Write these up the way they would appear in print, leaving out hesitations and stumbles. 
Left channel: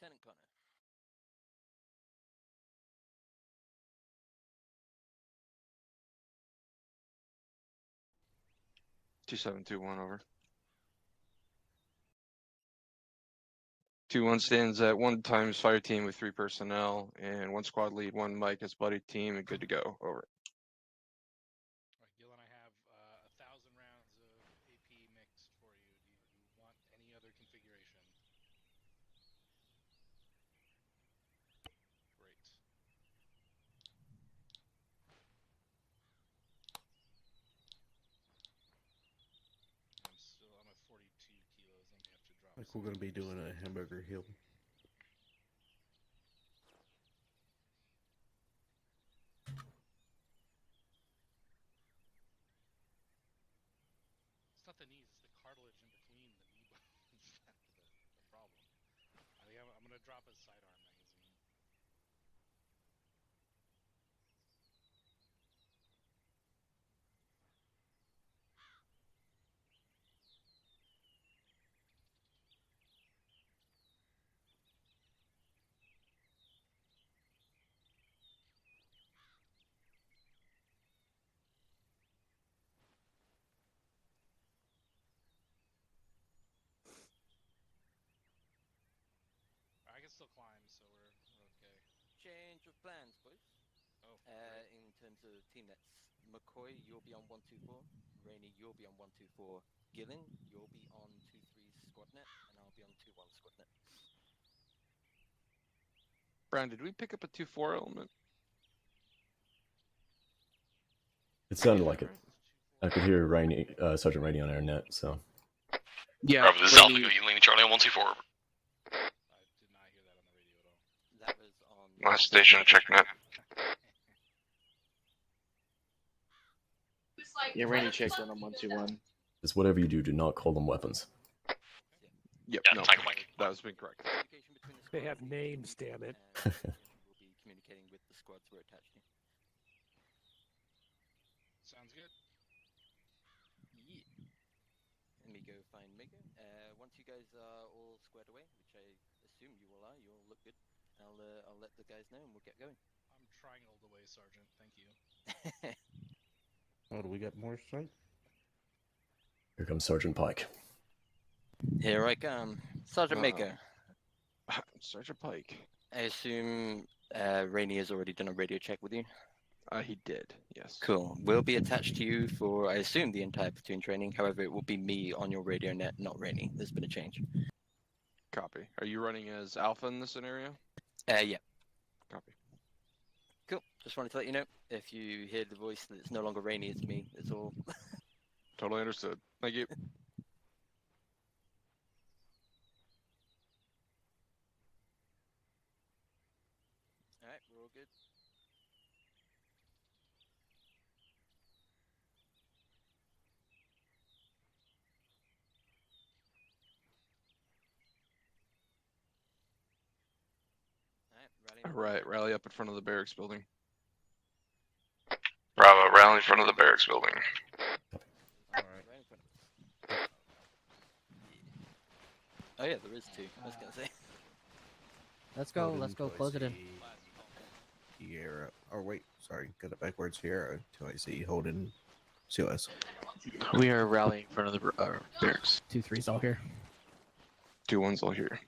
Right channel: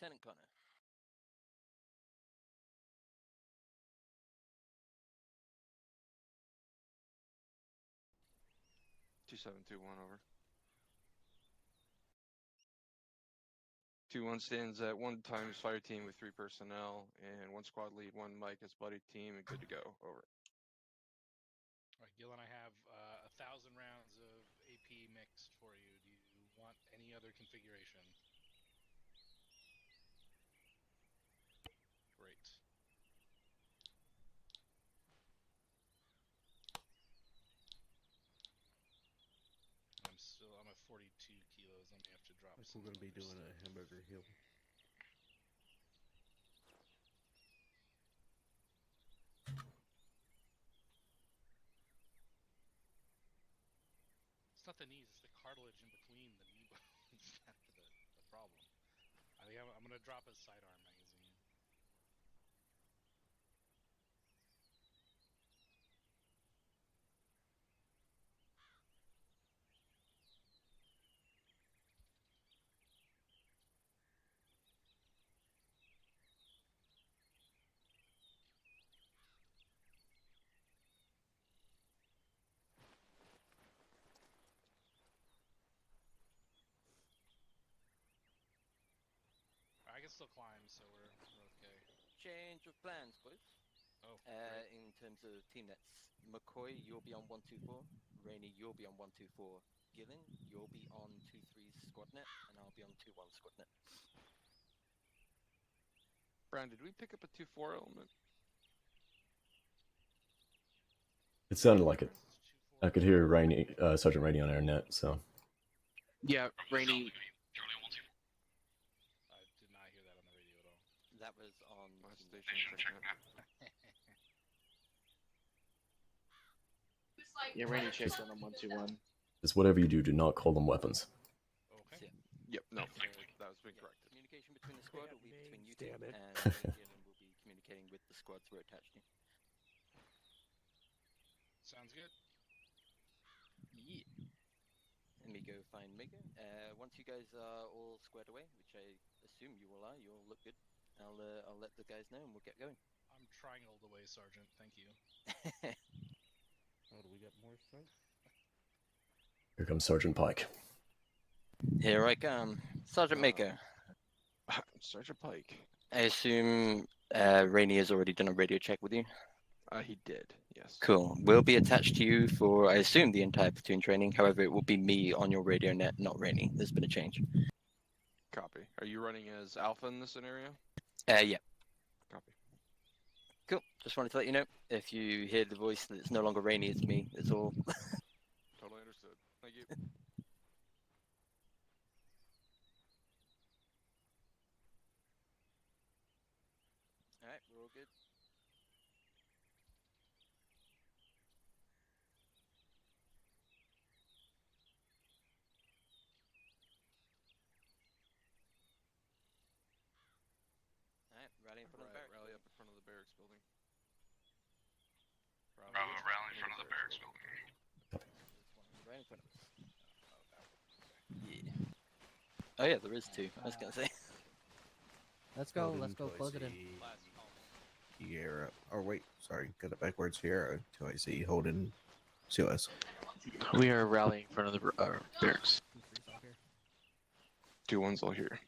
Lieutenant Connor. (2721) over. 2-1 stands at 1 times fire team with 3 personnel and 1 squad lead, 1 Mike as buddy team, and good to go. Over. All right, Gil and I have 1,000 rounds of AP mixed for you. Do you want any other configuration? Great. I'm at 42 kilos. I'm gonna have to drop. Like we're gonna be doing a hamburger hill. It's not the knees; it's the cartilage in between the knee bones. That's the problem. I'm gonna drop a sidearm magazine. I can still climb, so we're okay. Change of plans, boys. Oh. In terms of team nets, McCoy, you'll be on 124. Rainey, you'll be on 124. Gillen, you'll be on 2-3 squad net, and I'll be on 2-1 squad net. Brian, did we pick up a 2-4 element? It sounded like it. I could hear Rainey, Sergeant Rainey on our net, so. Yeah. Bravo, this is Alpha, you leaning Charlie on 124. I did not hear that on the radio at all. That was on... Last station, check net. Yeah, Rainey checked on 121. Just whatever you do, do not call them weapons. Okay. Yep, Yeah, no, Mike. that was incorrect. Communication between the They squads have will be names, muted, damn it. And Gillen will be communicating with the squads we're attached to. Sounds good. Yeah. Let me go find Mega. Once you guys are all squared away, which I assume you all are, you all look good. I'll let the guys know and we'll get going. I'm triangled away, Sergeant. Thank you. Oh, do we got more strength? Here comes Sergeant Pike. Here I come. Sergeant Maker. Sergeant Pike. I assume Rainey has already done a radio check with you? He did, yes. Cool. We'll be attached to you for, I assume, the entire platoon training. However, it will be me on your radio net, not Rainey. There's been a change. Copy. Are you running as Alpha in this scenario? Yeah. Copy. Cool. Just wanted to let you know, if you hear the voice that it's no longer Rainey, it's me. It's all. Totally understood. Thank you. Alright, we're all good. Alright, rally up in front of the barracks building. Bravo, rally in front of the barracks building. Right in front of us. Yeah. Oh yeah, there is 2. I was gonna say. Let's go close it in. Sierra. Oh wait, sorry, got it backwards. Sierra, 2IC, Holden, COS. We are rallying in front of the barracks. 2-3's all here. 2-1's all here.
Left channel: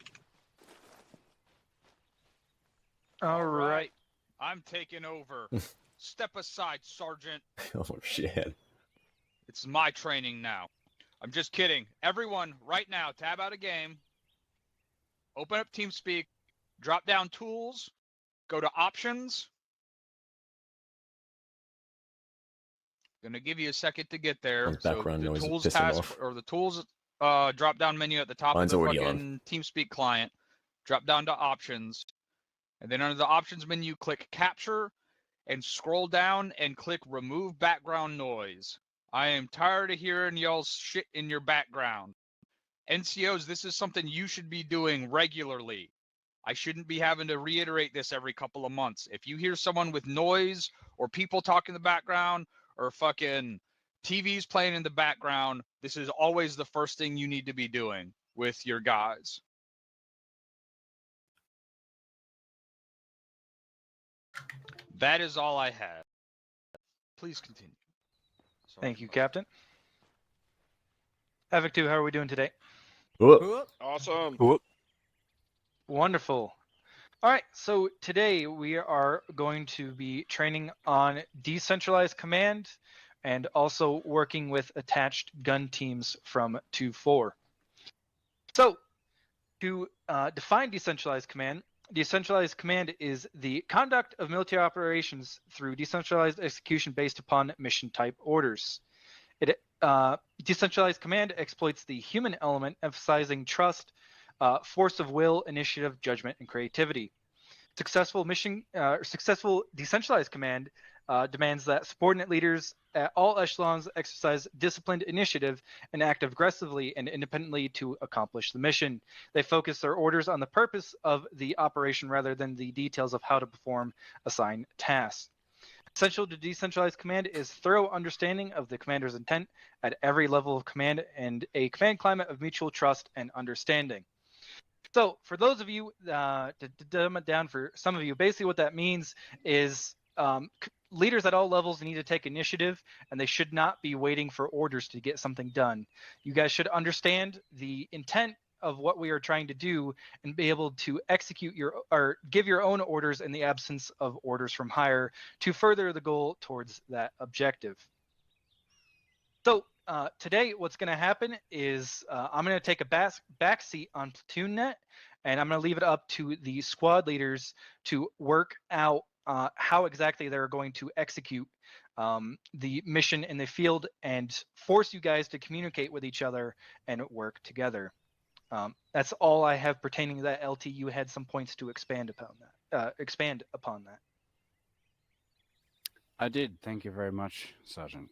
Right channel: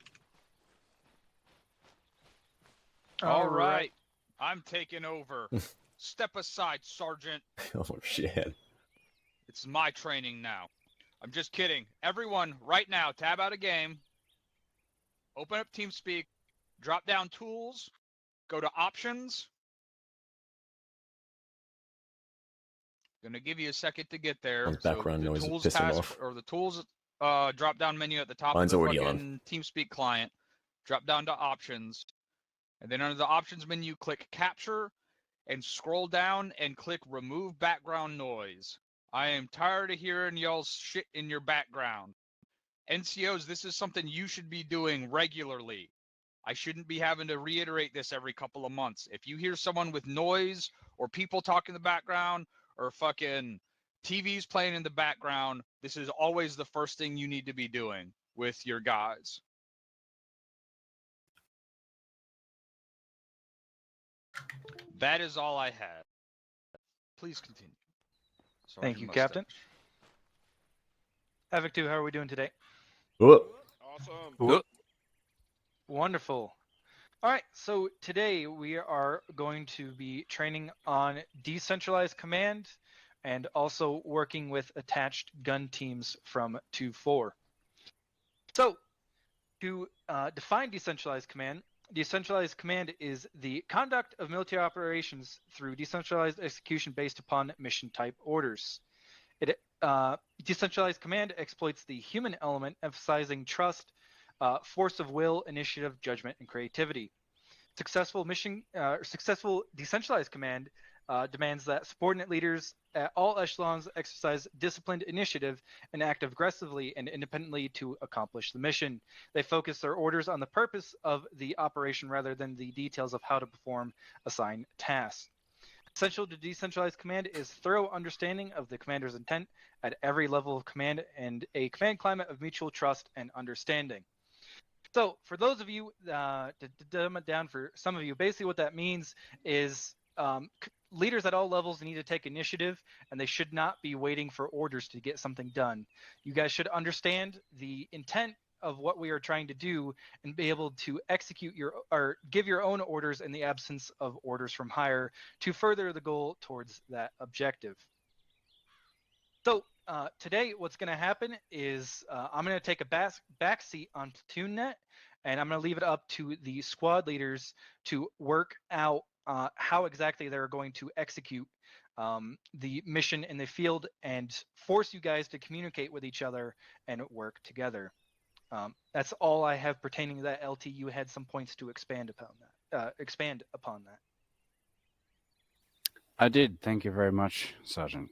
All right. I'm taking over. Step aside, Sergeant. Oh, shit. It's my training now. I'm just kidding. Everyone, right now, tab out a game. Open up TeamSpeak. Drop down tools. Go to options. Gonna give you a second to get there. Those background noise is tools pissing task, off. or the tools drop down menu at the top Mine's of the already fucking TeamSpeak client. Drop down to options. And then under the options menu, click capture and scroll down and click remove background noise. I am tired of hearing y'all's shit in your background. NCOs, this is something you should be doing regularly. I shouldn't be having to reiterate this every couple of months. If you hear someone with noise or people talking in the background or fucking TVs playing in the background, this is always the first thing you need to be doing with your guys. That is all I have. Please continue. Thank you, Sergeant Captain. Mustache. Havoc 2, how are we doing today? Whoop. Awesome. Wonderful. All right, so today we are going to be training on decentralized command and also working with attached gun teams from 2-4. So, to define decentralized command is the conduct of military operations through decentralized execution based upon mission type orders. Decentralized command exploits the human element, emphasizing trust, force of will, initiative, judgment, and creativity. Successful decentralized command demands that subordinate leaders at all echelons exercise disciplined initiative and act aggressively and independently to accomplish the mission. They focus their orders on the purpose of the operation rather than the details of how to perform assigned tasks. Essential to decentralized command is thorough understanding of the commander's intent at every level of command and a command climate of mutual trust and understanding. So for those of you, to dumb it down for some of you, basically what that means is leaders at all levels need to take initiative, and they should not be waiting for orders to get something done. You guys should understand the intent of what we are trying to do and be able to execute or give your own orders in the absence of orders from higher to further the goal towards that objective. So today what's going to happen is I'm going to take a back seat on Platoon Net, and I'm going to leave it up to the squad leaders to work out how exactly they're going to execute the mission in the field and force you guys to communicate with each other and work together. That's all I have pertaining to that. LT, you had some points to expand upon that. I did. Thank you very much, Sergeant.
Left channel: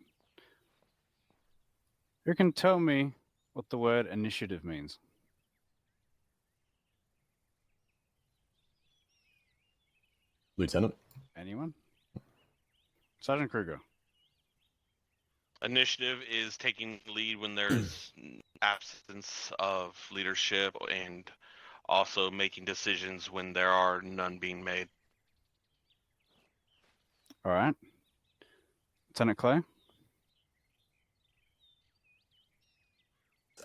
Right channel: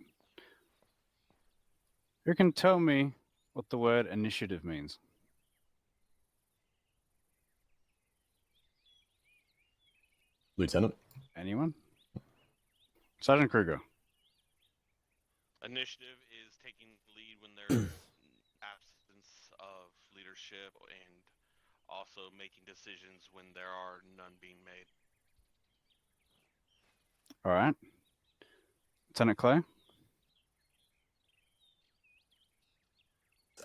Who can tell me what the word initiative means? Lieutenant. Anyone? Sergeant Kruger. Initiative is taking lead when there's absence of leadership and also making decisions when there are none being made. All right. Lieutenant Clay.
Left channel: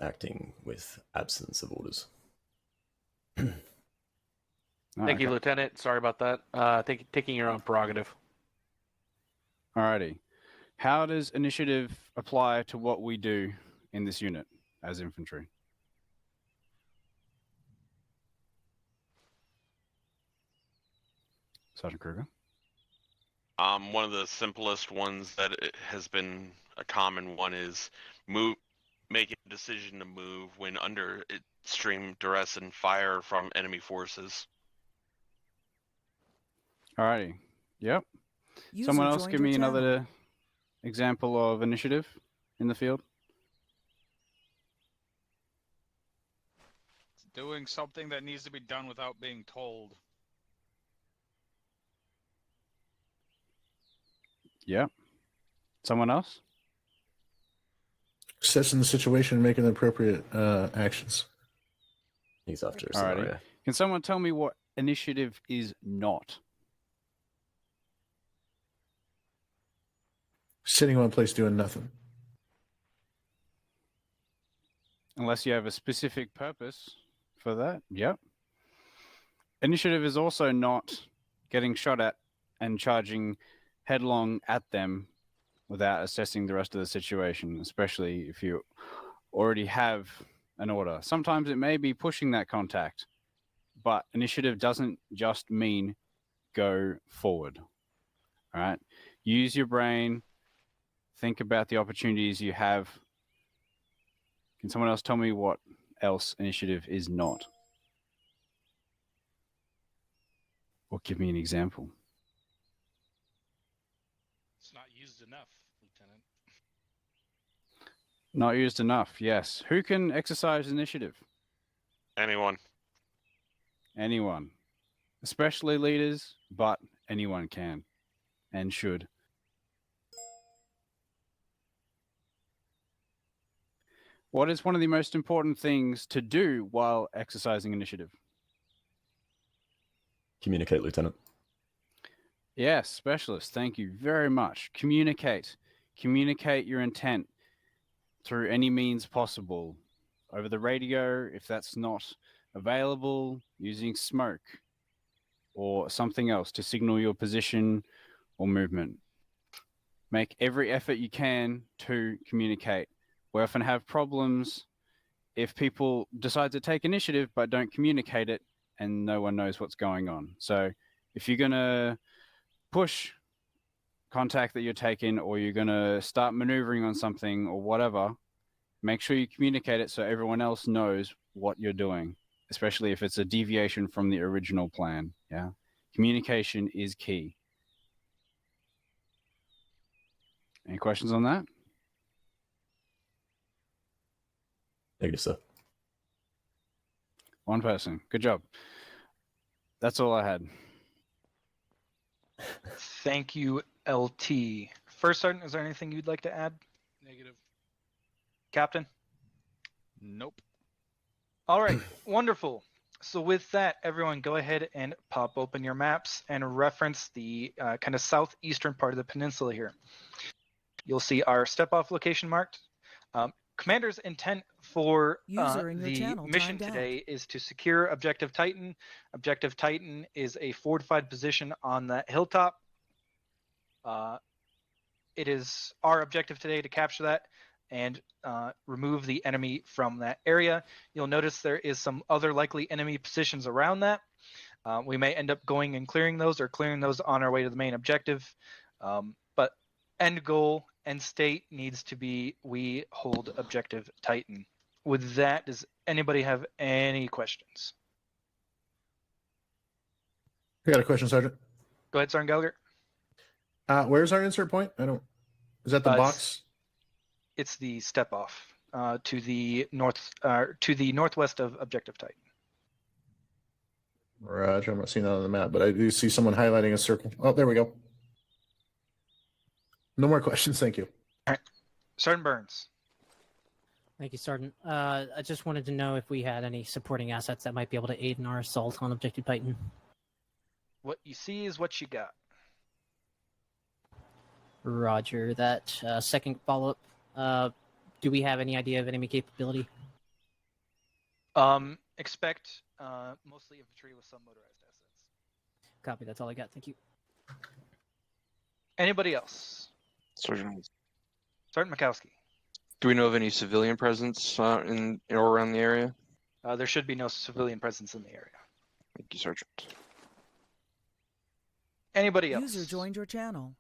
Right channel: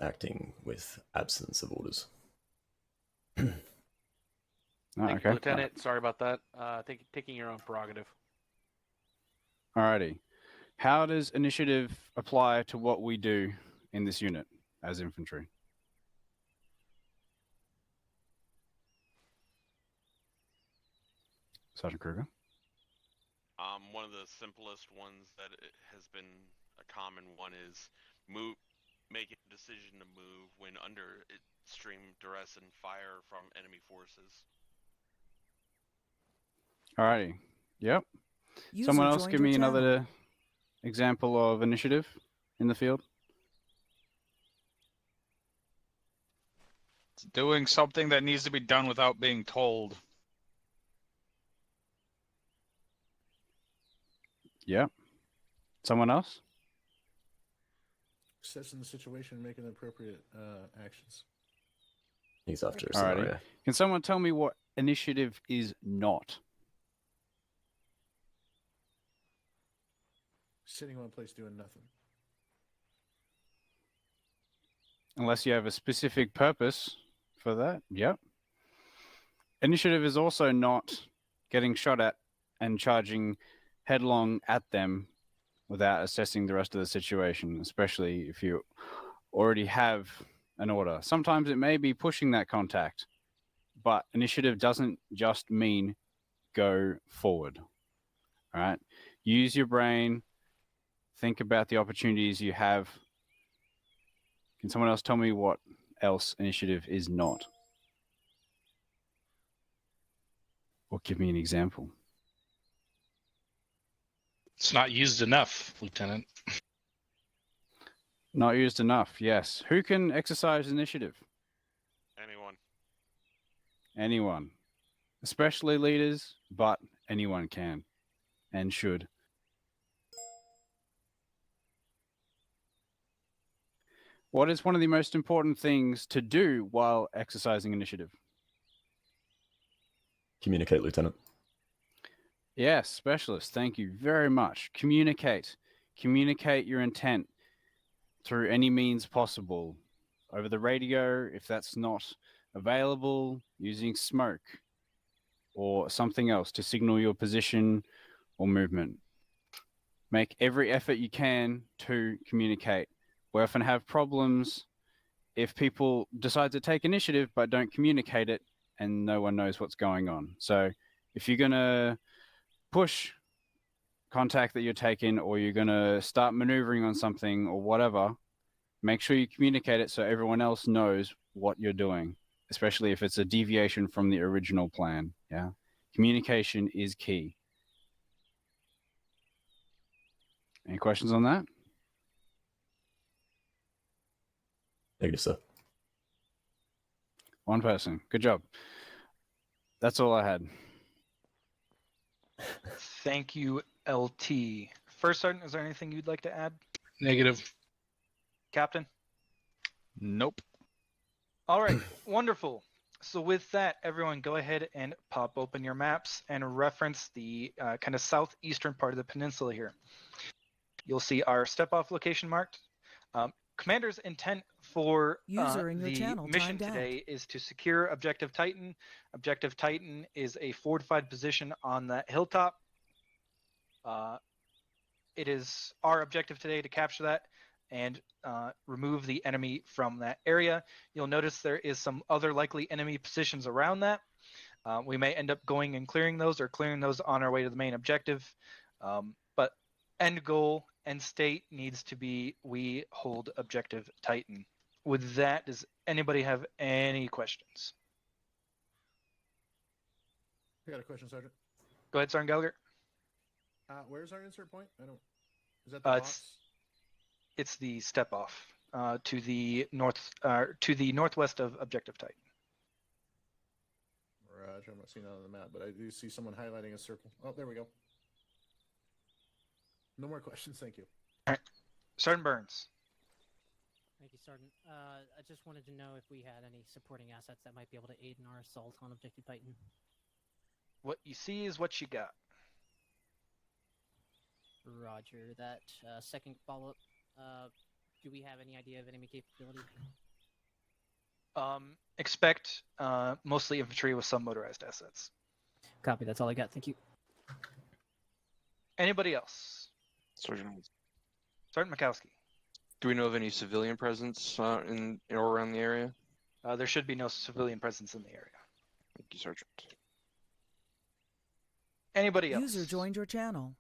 Acting with absence of orders. Thank you, Lieutenant. Sorry about that. Taking your own prerogative. Alrighty. How does initiative apply to what we do in this unit as infantry? Sergeant Kruger. One of the simplest ones that has been a common one is making a decision to move when under extreme duress and fire from enemy forces. Alrighty. Yep. Someone else give me another example of initiative in the field. It's doing something that needs to be done without being told. Yep. Someone else? Assessing the situation and making the appropriate actions. He's after a Alrighty. scenario. Can someone tell me what initiative is not? Sitting in one place doing nothing. Unless you have a specific purpose for that. Yep. Initiative is also not getting shot at and charging headlong at them without assessing the rest of the situation, especially if you already have an order. Sometimes it may be pushing that contact, but initiative doesn't just mean go forward. All right? Use your brain. Think about the opportunities you have. Can someone else tell me what else initiative is not? Or give me an example. It's not used enough, Lieutenant. Not used enough, yes. Who can exercise initiative? Anyone. Anyone. Especially leaders, but anyone can and should. What is one of the most important things to do while exercising initiative? Communicate, Lieutenant. Yes, specialist. Thank you very much. Communicate. Communicate your intent through any means possible. Over the radio, if that's not available, using smoke or something else to signal your position or movement. Make every effort you can to communicate. We often have problems if people decide to take initiative but don't communicate it and no one knows what's going on. So if you're going to push contact that you're taking or you're going to start maneuvering on something or whatever, make sure you communicate it so everyone else knows what you're doing, especially if it's a deviation from the original plan. Yeah. Communication is key. Any questions on that? Negative, sir. One person. Good job. That's all I had. Thank you, LT. First Sergeant, is there anything you'd like to add? Negative. Captain? Nope. All right, wonderful. So with that, everyone go ahead and pop open your maps and reference the kind of southeastern part of the peninsula here. You'll see our step-off location marked. Commander's intent for User in your the channel mission timed out. today is to secure Objective Titan. Objective Titan is a fortified position on that hilltop. It is our objective today to capture that and remove the enemy from that area. You'll notice there is some other likely enemy positions around that. We may end up going and clearing those or clearing those on our way to the main objective. But end goal, end state needs to be we hold Objective Titan. With that, does anybody have any questions? I got a question, Sergeant. Go ahead, Sergeant Gallagher. Where's our insert point? I don't. Is that the box? It's the step off to the northwest of Objective Titan. Roger, I'm not seeing that on the map, but I do see someone highlighting a circle. Oh, there we go. No more questions, thank you. All right, Sergeant Burns. Thank you, Sergeant. I just wanted to know if we had any supporting assets that might be able to aid in our assault on Objective Titan. What you see is what you got. Roger. That second follow-up, do we have any idea of enemy capability? Expect mostly infantry with some motorized assets. Copy, that's all I got. Thank you. Anybody else? Sergeant Mikowski. Do we know of any civilian presence in or around the area? There should be no civilian presence in the area. Thank you, Sergeant. Anybody else? User joined your channel.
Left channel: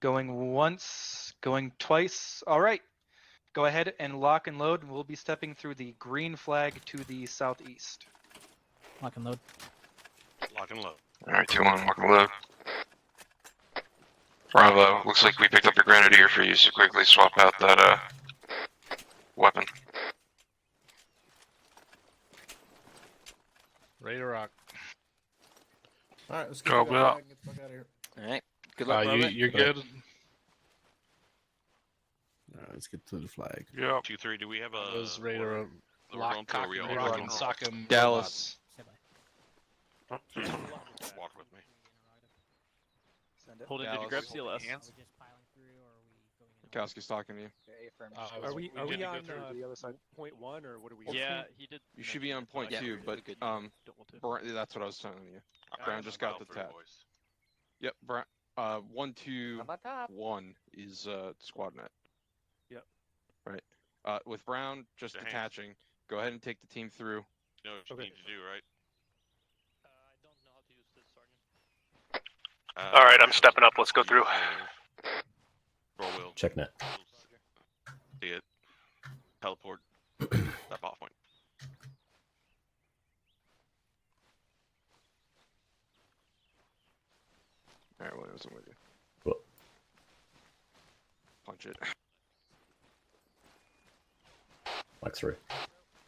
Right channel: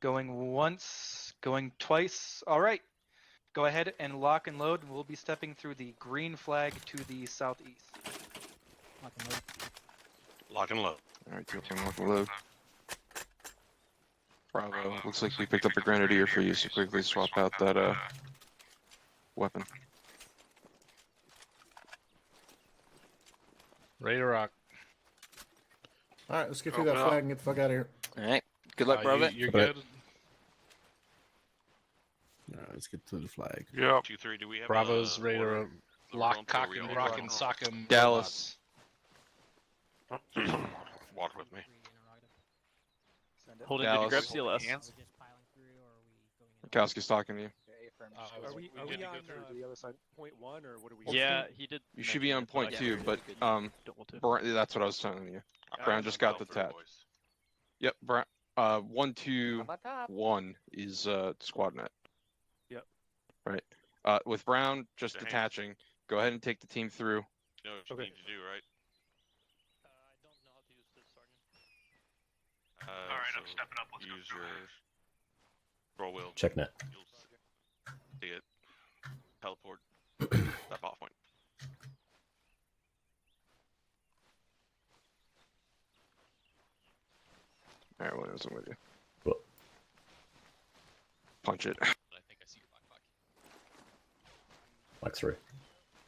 Going once, going twice. All right. Go ahead and lock and load. We'll be stepping through the green flag to the southeast. Lock and load. Lock and load. All right, 2-1, lock and load. Bravo, looks like we picked up the Grenadier for you, so quickly swap out that weapon. Ready to rock. All right, let's get through that flag and get the fuck out of here. All right. Good luck, brother. You're good. All right, let's get to the flag. Yeah. 2-3. Do we have Bravo's ready to lock, cock, and rock and sock him. Dallas. Walk with me. Holding, did you grab CLS? Mikowski's talking to you. Are we on the other side? point 1 or what are we? Yeah, he did. You should be on point 2, but that's what I was telling you. Brown just got the tat. Yep, Brown. 1-2-1 is squad net. Yep. Right. With Brown just detaching, go ahead and take the team through. You know what you need to do, right? I don't know how to use this, Sergeant. All right, I'm stepping up. Let's go through. Roll wheel. Check net. See it. Teleport. Step off point. Alright, what else am with you? What? Punch it. Like 3.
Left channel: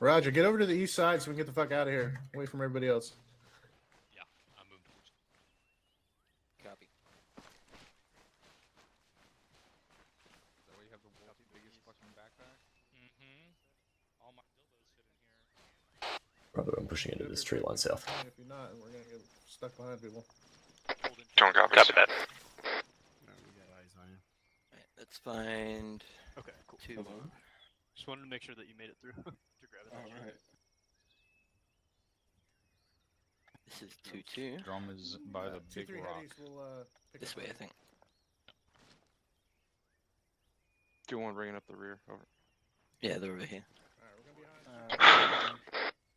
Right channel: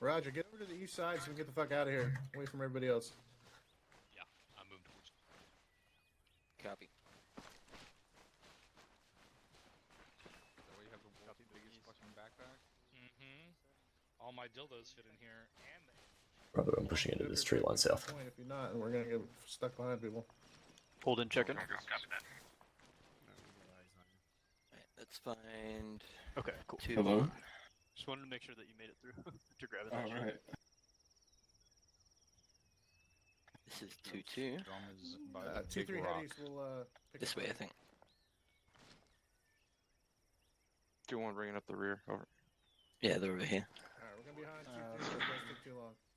Roger, get over to the east side so we can get the fuck out of here, away from everybody else. Yeah, I'm moved. Copy. So we have the world's biggest fucking backpack. All my dildos fit in here. Bravo, I'm pushing into this tree line south. If you're not, we're gonna get stuck behind people. Hold in Don't check. copy that. Right, let's find. Okay, cool. 2. Hello? Just wanted to make sure that you made it through to grab it. Alright. This is 2-2. Drum is by the 2-3 big rock. headies will pick This up way, I on- think. 2-1 bringing up the rear. Over. Yeah, they're over here.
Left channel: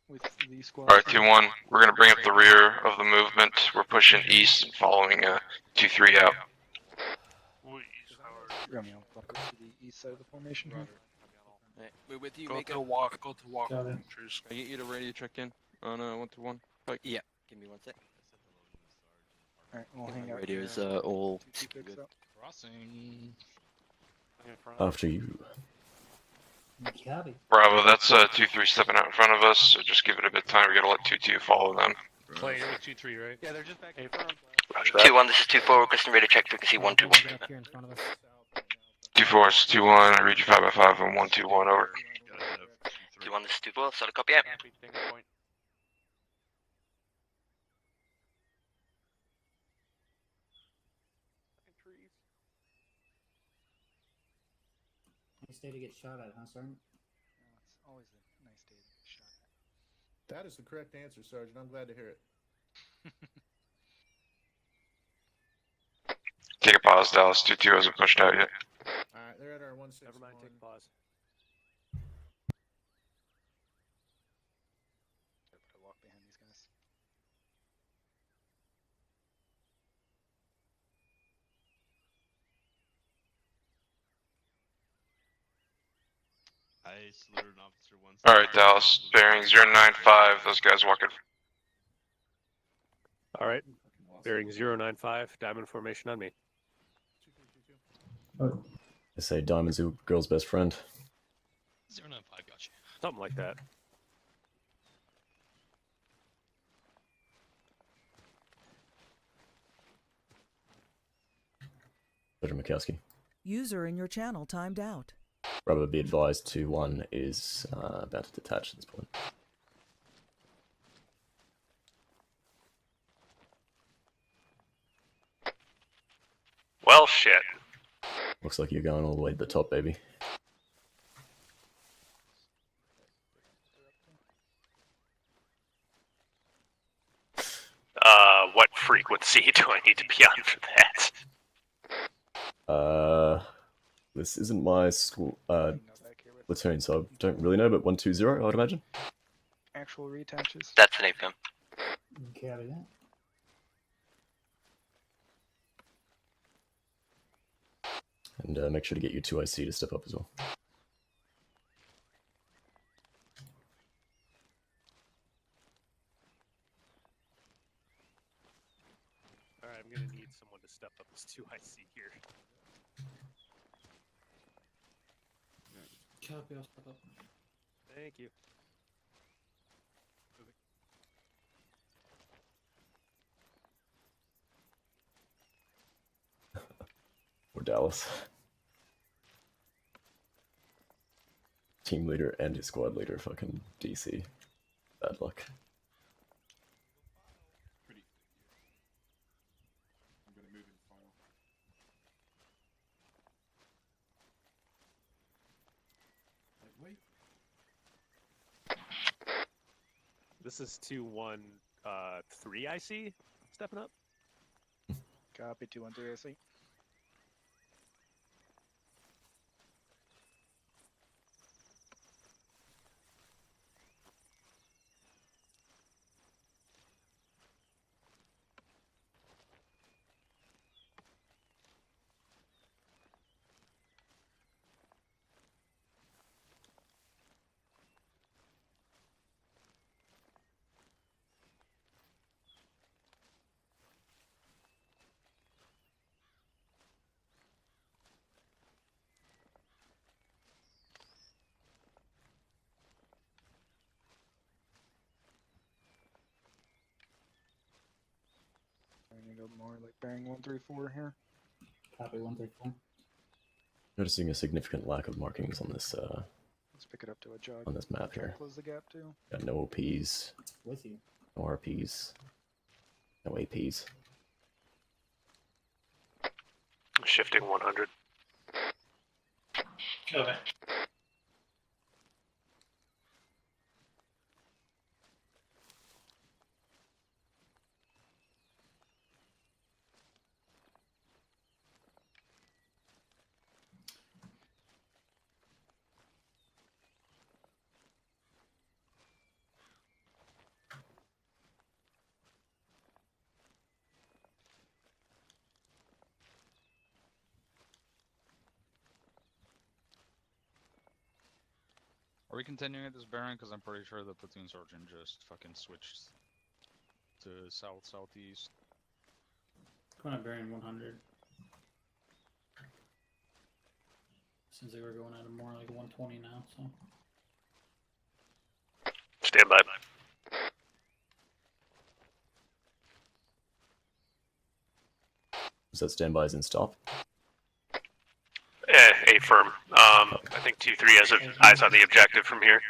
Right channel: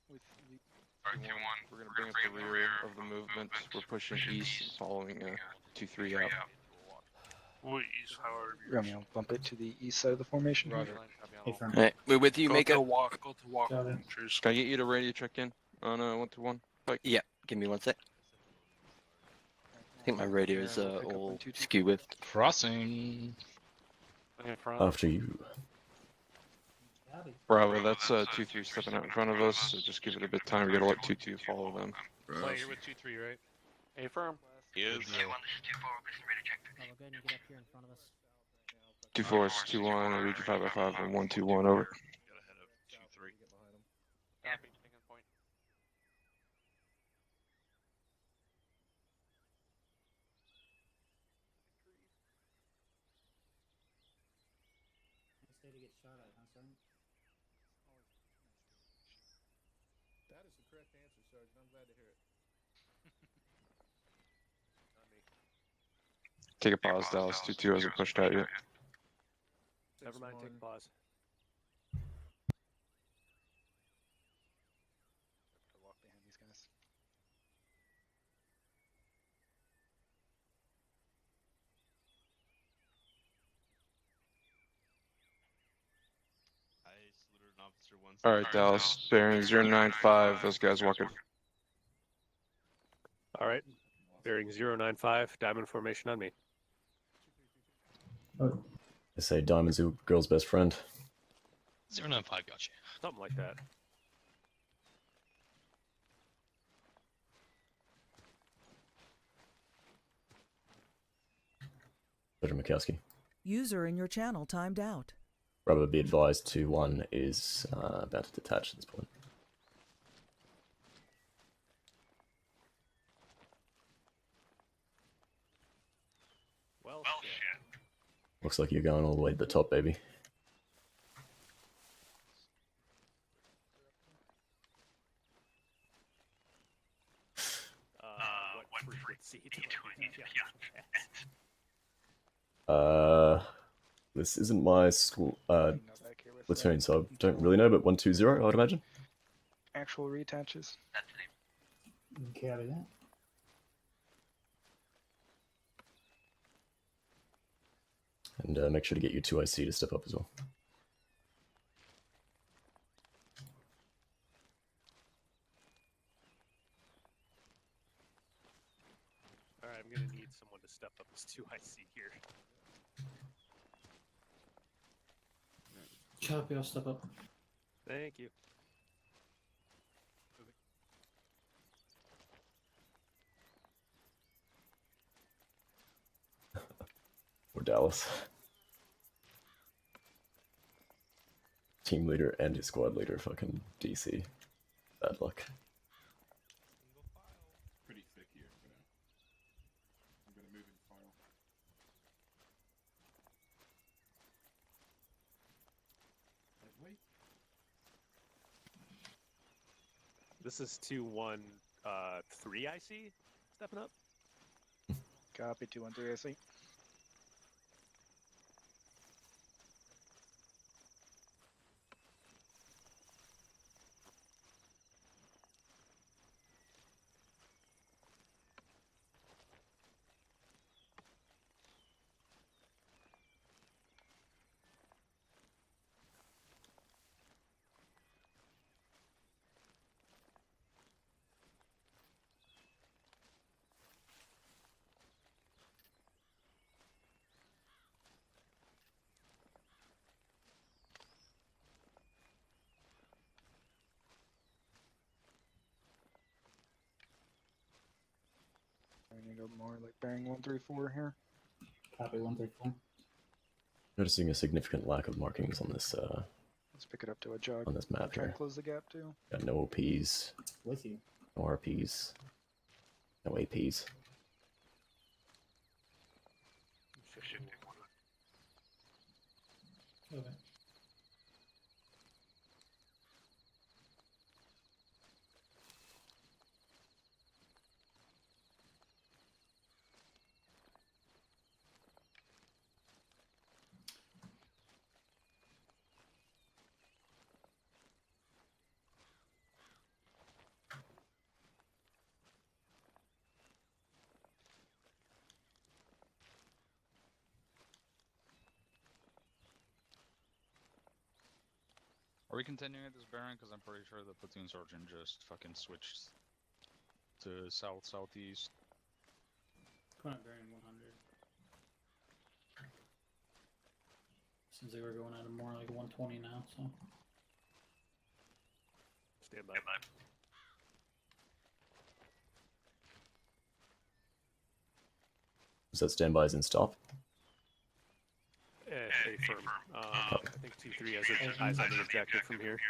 With the squad. Alright, 2-1. We're gonna bring up the rear of the movement. We're pushing east and following 2-3 out. Romeo, bump it to the east side of the formation. Roger. Alright, we're with you, Mika. Go to walk. Can I get you to radio check in on 1-1? Pike? Yeah, give me 1 sec. I think my radio is all skew with. Crossing. After you. Bravo, that's 2-3 stepping out in front of us, so just give it a bit of time. We're gonna let 2-2 follow them. Play with 2-3, right? Yeah, they're just back. Hey, firm. 2-1, this is 2-4, requesting radio check, frequency 121. Get up here in front of us. 2-4 is 2-1, I read you 5x5 and 1-2-1, over. 2-1, this is 2-4, solid copy out. Nice day to get shot at, huh, Sergeant? It's always a nice day to get shot at. That is the correct answer, Sergeant. I'm glad to hear it. Take a pause, Dallas. 2-2 hasn't pushed out yet. Alright, they're at our 161. Never mind, take a pause. I walk behind these guys. I saluted an officer once. Alright, Dallas. Bearing 095, those guys walking. Alright. Bearing 095, diamond formation on me. They say diamond's a girl's best friend. 095, gotcha. Something like that. Sergeant Mikowski. User in your channel timed out. Bravo, be advised 2-1 is about to detach at this point. Well, shit. Looks like you're going all the way to the top, baby. What frequency do I need to be on for that? This isn't my school, platoon, so I don't really know, but 120, I would imagine. Actual reattaches. That's an APM. Carry that. And make sure to get your 2IC to step up as well. Alright, I'm gonna need someone to step up this 2IC here. Copy, I'll step up. Thank you. Or Dallas. Team leader and his squad leader, fucking DC. Bad luck. Pretty thick here. I'm gonna move in final. This is 2-1, 3 IC stepping up. Copy, 213 IC. I need more like bearing 134 here. Copy, 134. Noticing a significant lack of markings on this Let's pick it up to a jog. on this map Try to here. close the gap too. Got no OPs, With you. no RPs, no APs. Shifting 100. Okay. Are we continuing at this bearing? Because I'm pretty sure the platoon sergeant just fucking switched to south-southeast. Going at bearing 100. Seems like we're going at a more like 120 now, so. Stand by. Is that standby as in stop? A firm. I think 2-3 has eyes on the objective from here.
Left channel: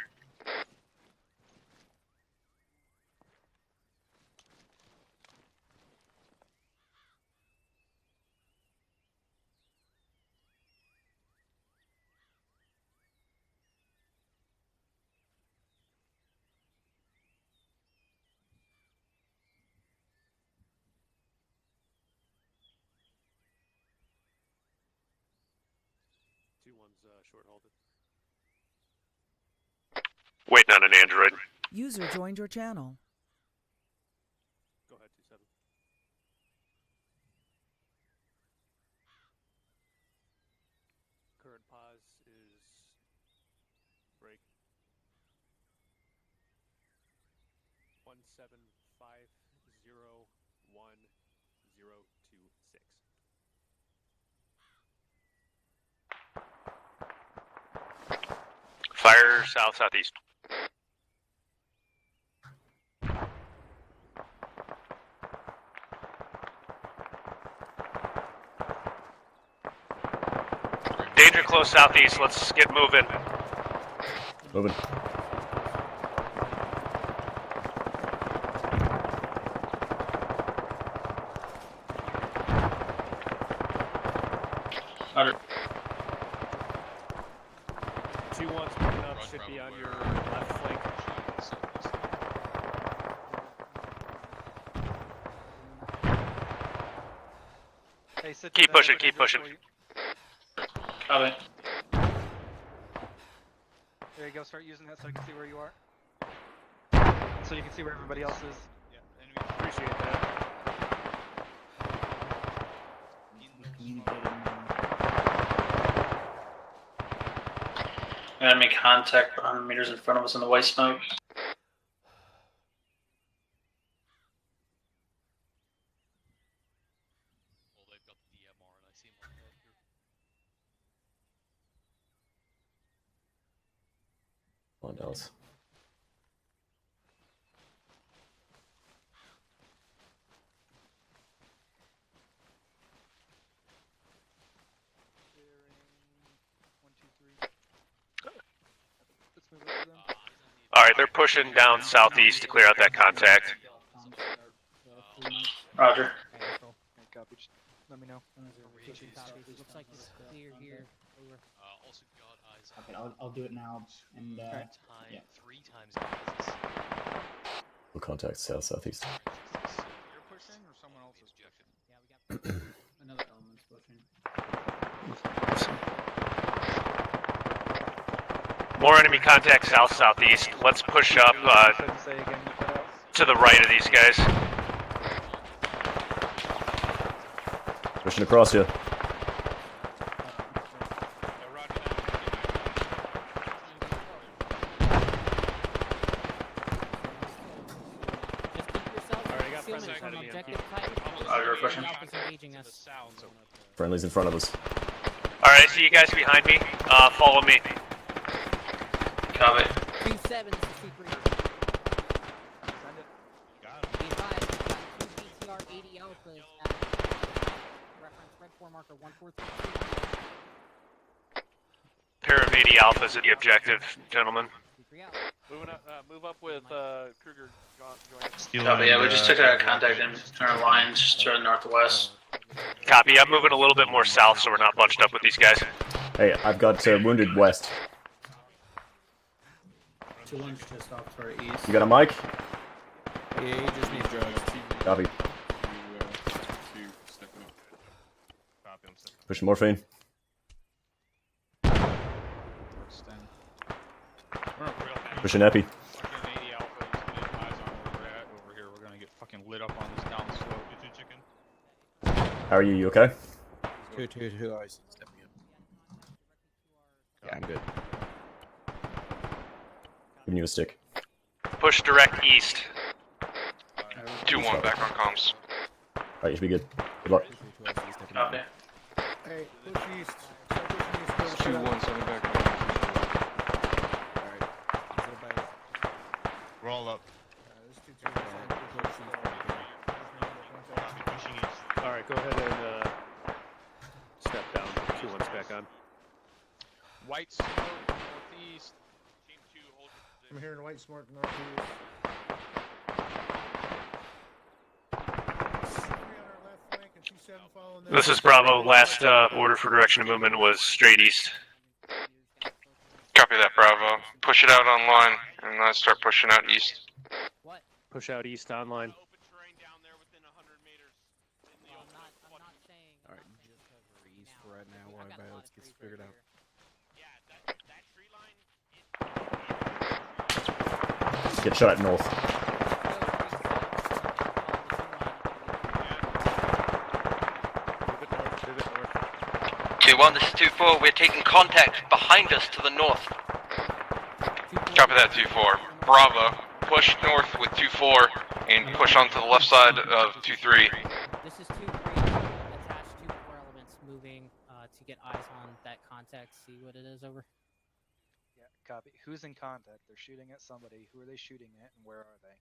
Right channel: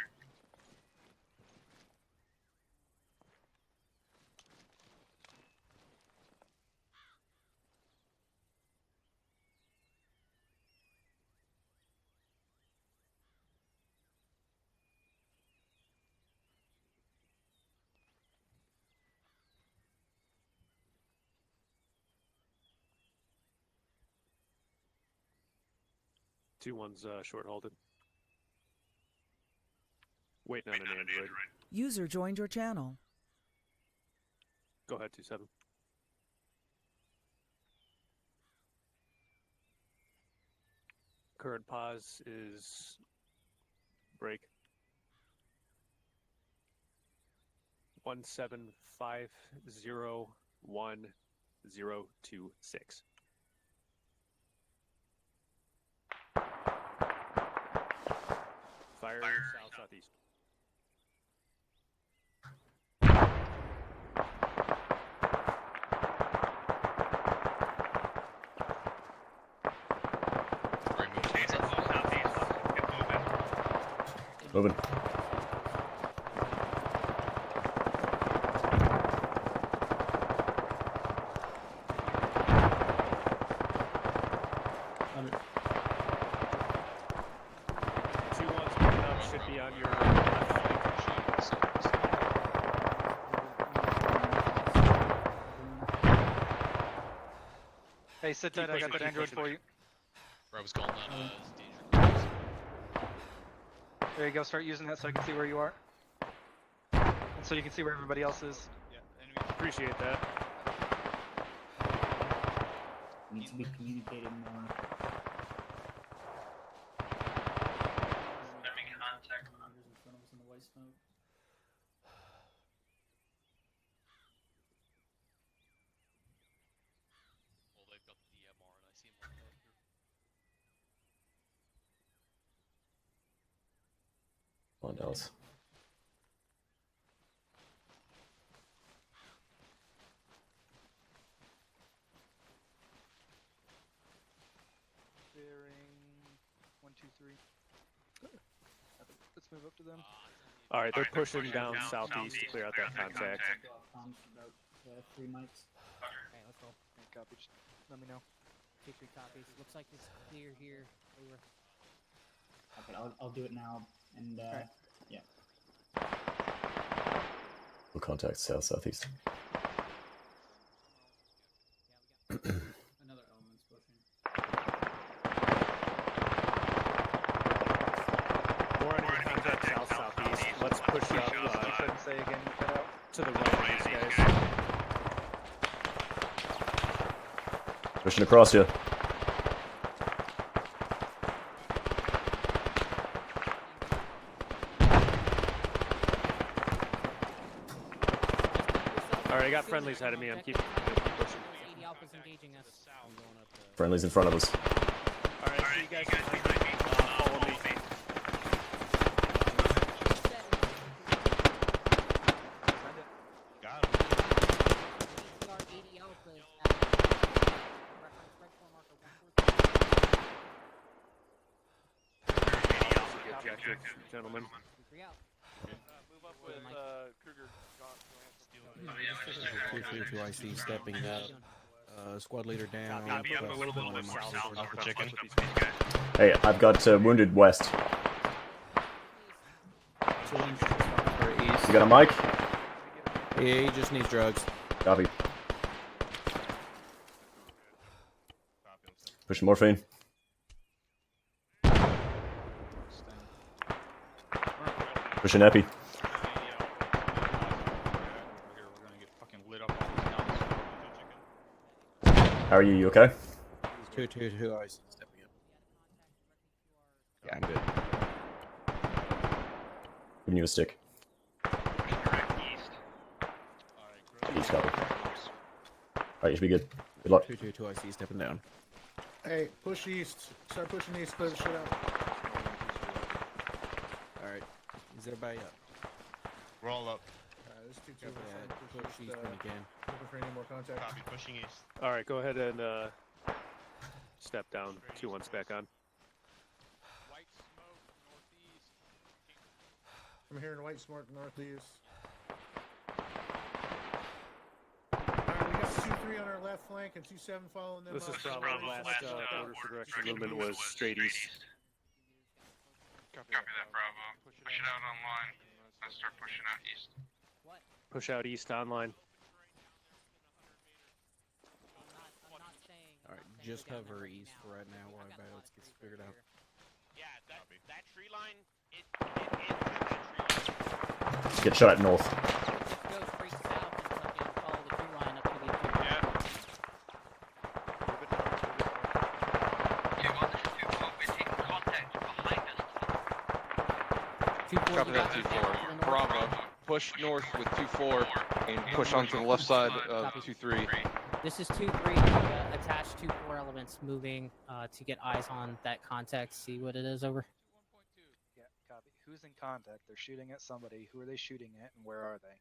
Two one's short halted. Waiting on an android. User joined your channel. Go ahead, 2-7. Current pause is break. 17501-026. Fire south-southeast. Danger close southeast. Let's get moving. Moving. On your left flank. Hey, sit Keep down, pushing, I'll keep do it pushing. for you. Copy. There you go. Start using that so I can see where you are. And so you can see where everybody else is. Appreciate that. Needs to be communicated now. Enemy contact 100 meters in front of us in the white smoke. Come on, Dallas. Alright, they're pushing down southeast to clear out that contact. Roger. Let me know. Looks like it's clear here. Over. Okay, I'll do it now. And yeah. We'll contact south-southeast. Another element's pushing. More enemy contact south-southeast. Let's push up to the right of these guys. Pushing across you. Alright, I got friendlies ahead of me. I'm keeping. Friendly's in front of us. Alright, I see you guys behind me. Follow me. Copy. Pair of 80 alphas at the objective, gentlemen. Move up with Copy, yeah, we just took a contact in our lines to the northwest. Copy, I'm moving a little bit more south so we're not bunched up with these guys. Hey, I've got wounded west. You got a mic? Yeah, he just needs drugs. Copy. Pushing morphine. Pushing epi. How are you? You okay? Two eyes. Yeah, I'm good. Giving you a stick. Push direct east. 2-1 back on comms. Alright, you should be good. Good luck. Hey, push east. Start pushing east. Clear the shit out. Alright. Is it about roll up? All right, go ahead and step down. 2-1's back on. White smoke northeast. I'm hearing white smoke northeast. This is Bravo. Last order for direction of movement was straight east. Copy that, Bravo. Push it out online, and then start pushing out east. Push out east online. Alright, just cover east for right now while let's get figured out. Get shot at north. 2-1, this is 2-4. We're taking contact behind us to the north. Copy that, 2-4. Bravo. Push north with 2-4 and push onto the left side of 2-3. This is 2-3. Attach 2-4 elements moving to get eyes on that contact. See what it is. Over. Yeah, copy. Who's in contact? They're shooting at somebody. Who are they shooting at, and where are they?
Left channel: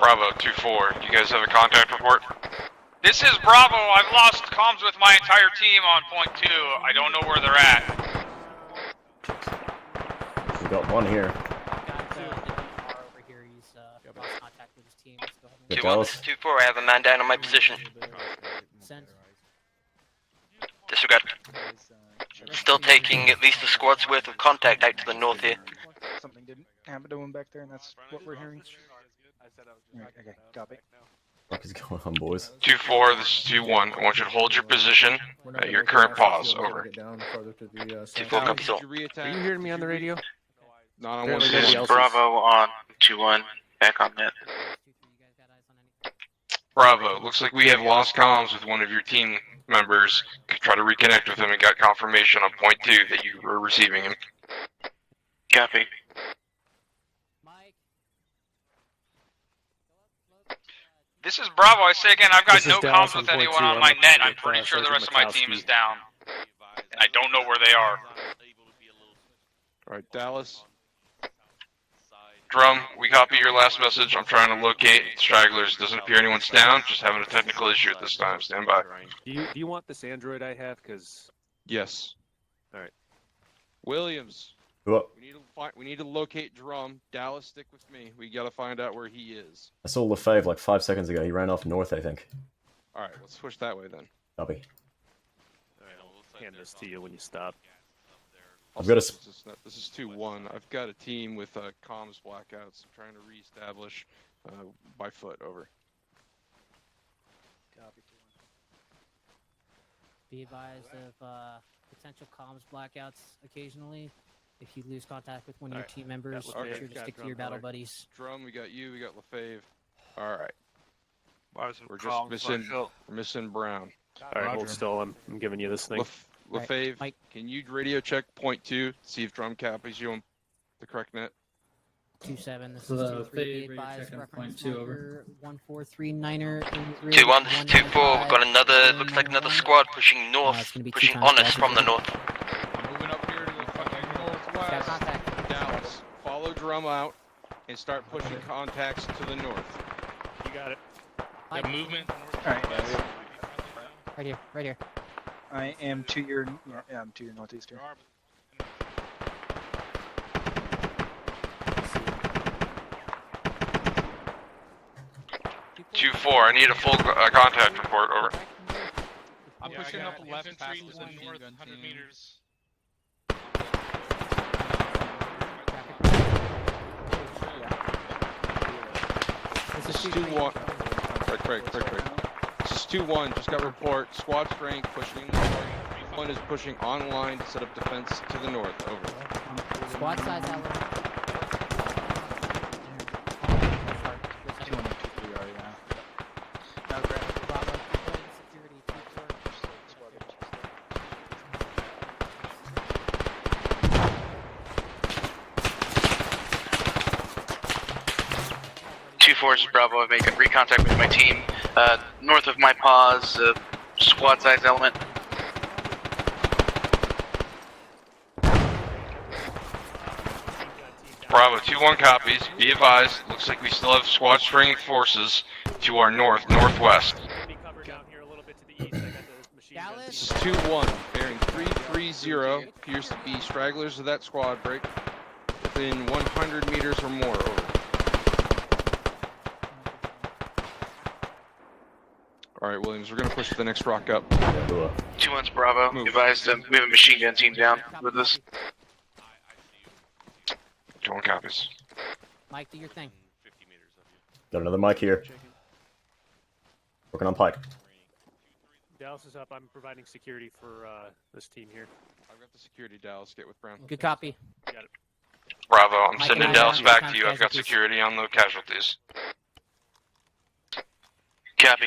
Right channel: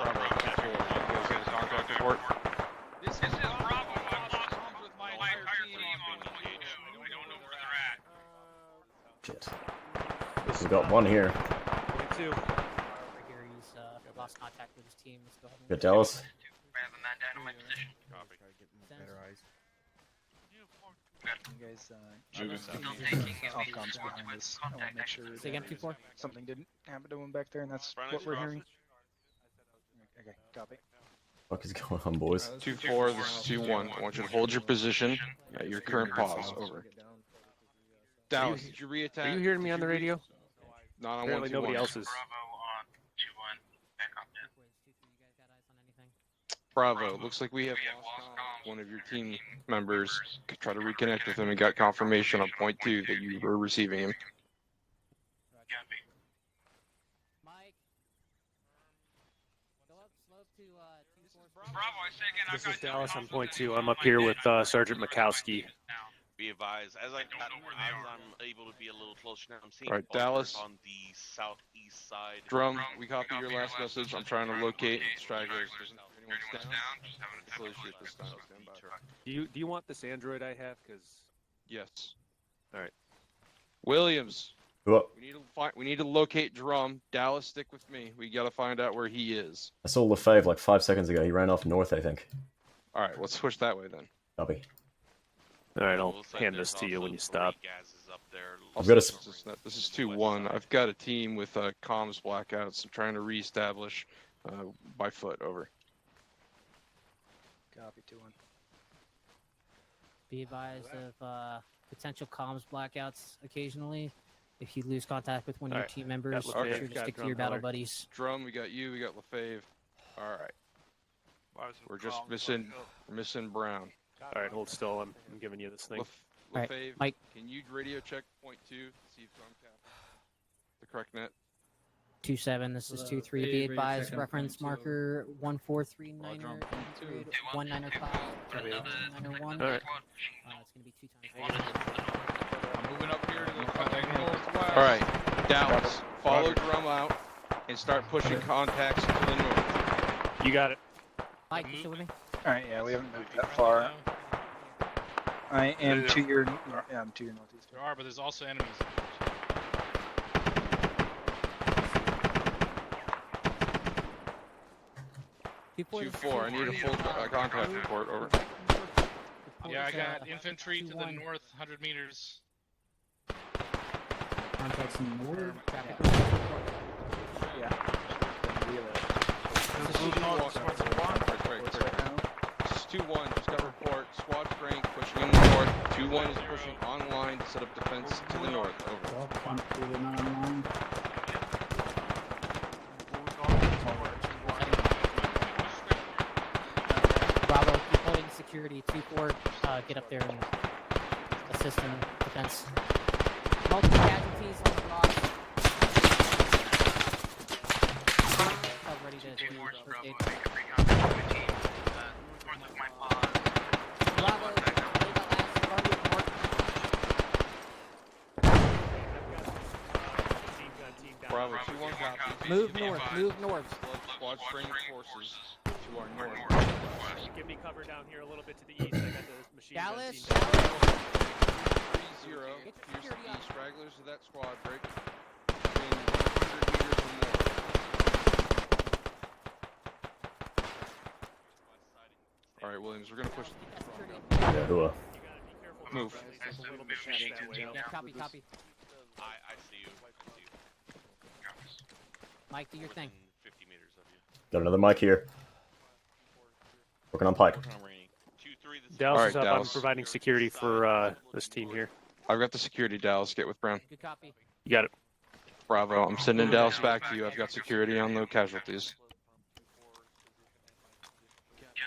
Bravo, 2-4. You guys have a contact report? This is Bravo. I've lost comms with my entire team on point 2. I don't know where they're at. We got one here. Over here, he's lost contact with his team. Let's go ahead and Good, Dallas. 2-4, I have a man down on my position. Send. Disregard. Still taking at least a squad's worth of contact out to the north here. Something didn't happen to him back there, and that's what we're hearing. Right, okay, copy. What is going on, boys? 2-4, this is 2-1. I want you to hold your position at your current pause. Over. Dallas, are you hearing me on the radio? Not on one This is Bravo on 2-1. Back on net. Bravo, looks like we have lost comms with one of your team members. Try to reconnect with him and got confirmation on point 2 that you were receiving him. Copy. This is Bravo. I say again, I've got This is no Dallas comms on with point anyone 2. on I'm my up here net. I'm with pretty sure the Sergeant rest of my team is down. And I don't know where they are. Alright, Dallas. Drum, we copy your last message. I'm trying to locate stragglers. Doesn't appear anyone's down. Just having a technical issue at this time. Stand by. Do you want this android I have? Because Yes. all right. Williams. What? We need to locate Drum. Dallas, stick with me. We gotta find out where he is. I saw Lefebvre like 5 seconds ago. He ran off north, I think. Alright, let's switch that way then. Copy. All right, I'll hand this to you when you stop. I've got a. This is 2-1. I've got a team with comms blackouts. I'm trying to reestablish by foot. Over. Copy 2-1. Be advised of potential comms blackouts occasionally. If you lose contact with one of your team members, make sure to stick to your battle buddies. Drum, we got you. We got Lefebvre. All right. We're just missing Brown. All right, hold still. I'm giving you this thing. Lefebvre, Mike. can you radio check point 2? See if Drum copies you on the correct net. 2-7. This is 2-3. Be advised. Reference marker 143-9er. 2-1, this is 2-4. We've got another, looks like another squad pushing north, pushing on us from the north. Moving up here to the fucking northwest. Alright, Dallas, follow Drum out and start pushing contacts to the north. You got it. Moving. Alright, yeah, we haven't moved that far. Right here, right here. I am to your, yeah, I'm to your northeast. There are, but there's also enemies. 2-4. I need a full contact report. Over. Yeah, I got infantry to the north, 100 meters. This is 2-1. This is 2-1. Just got report. Squad Frank pushing north. 2-1 is pushing online to set up defense to the north. Over. Squad side down. Bravo, deploying security. 2-4, get up there and assist in defense. 2-4 is Bravo. I make recontact with my team. North of my pause, squad size element. Bravo, 2-1 copies. Be advised, looks like we still have squad string forces to our northwest. This is 2-1. Bearing 330. Appears to be stragglers of that squad break. Within 100 meters or more. Over. Alright, Williams, we're gonna push the next rock up. 2-1's Bravo. Be advised, we have a machine gun team down with us. 2-1 copies. Mike, do your thing. Got another mic here. Working on Pike. Alright, Dallas is up. Dallas. I'm providing security for this team here. I've got the security, Dallas. Get with Brown. Good copy. You got it. Bravo, I'm sending Dallas back to you. I've got security on the casualties. Copy.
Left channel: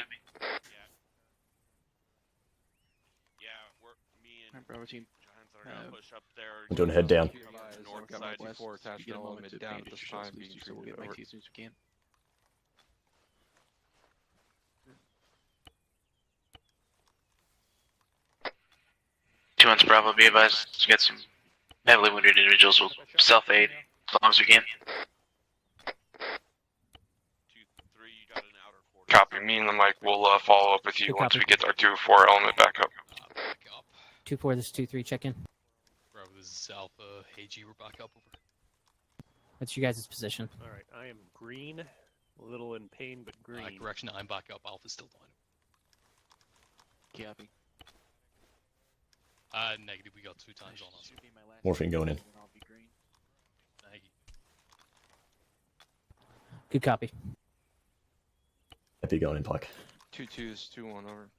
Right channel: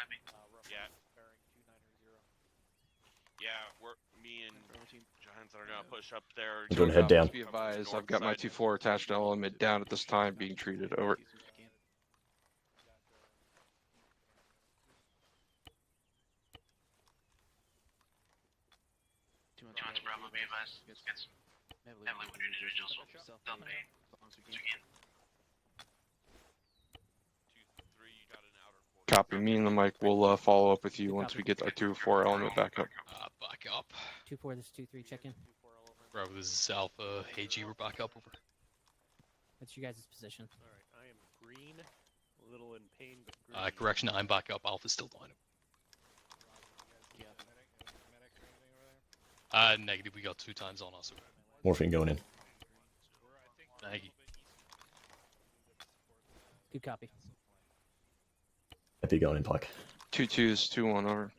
Bravo team. Giants are gonna push up there. I'm doing a head down. Be advised, I've got my 2-4 attached element down at this time, being treated. Over. 2-1's Bravo. Be advised, let's get some heavily wounded individuals. We'll self-aid as long as we can. Copy, me and the mic will follow up with you once we get our 2-4 element back up. 2-4, this is 2-3, check in. Bravo, this is Alpha. Hey G, we're back up. Over. What's your guys' position? Alright, I am green. A little in pain, but green. Correction, I'm back up. Alpha's still down. Negative. We got 2 times on us. Morphine going in. Thank you. Good copy. Epi going in, Pike. 2-2s, 2-1. Over.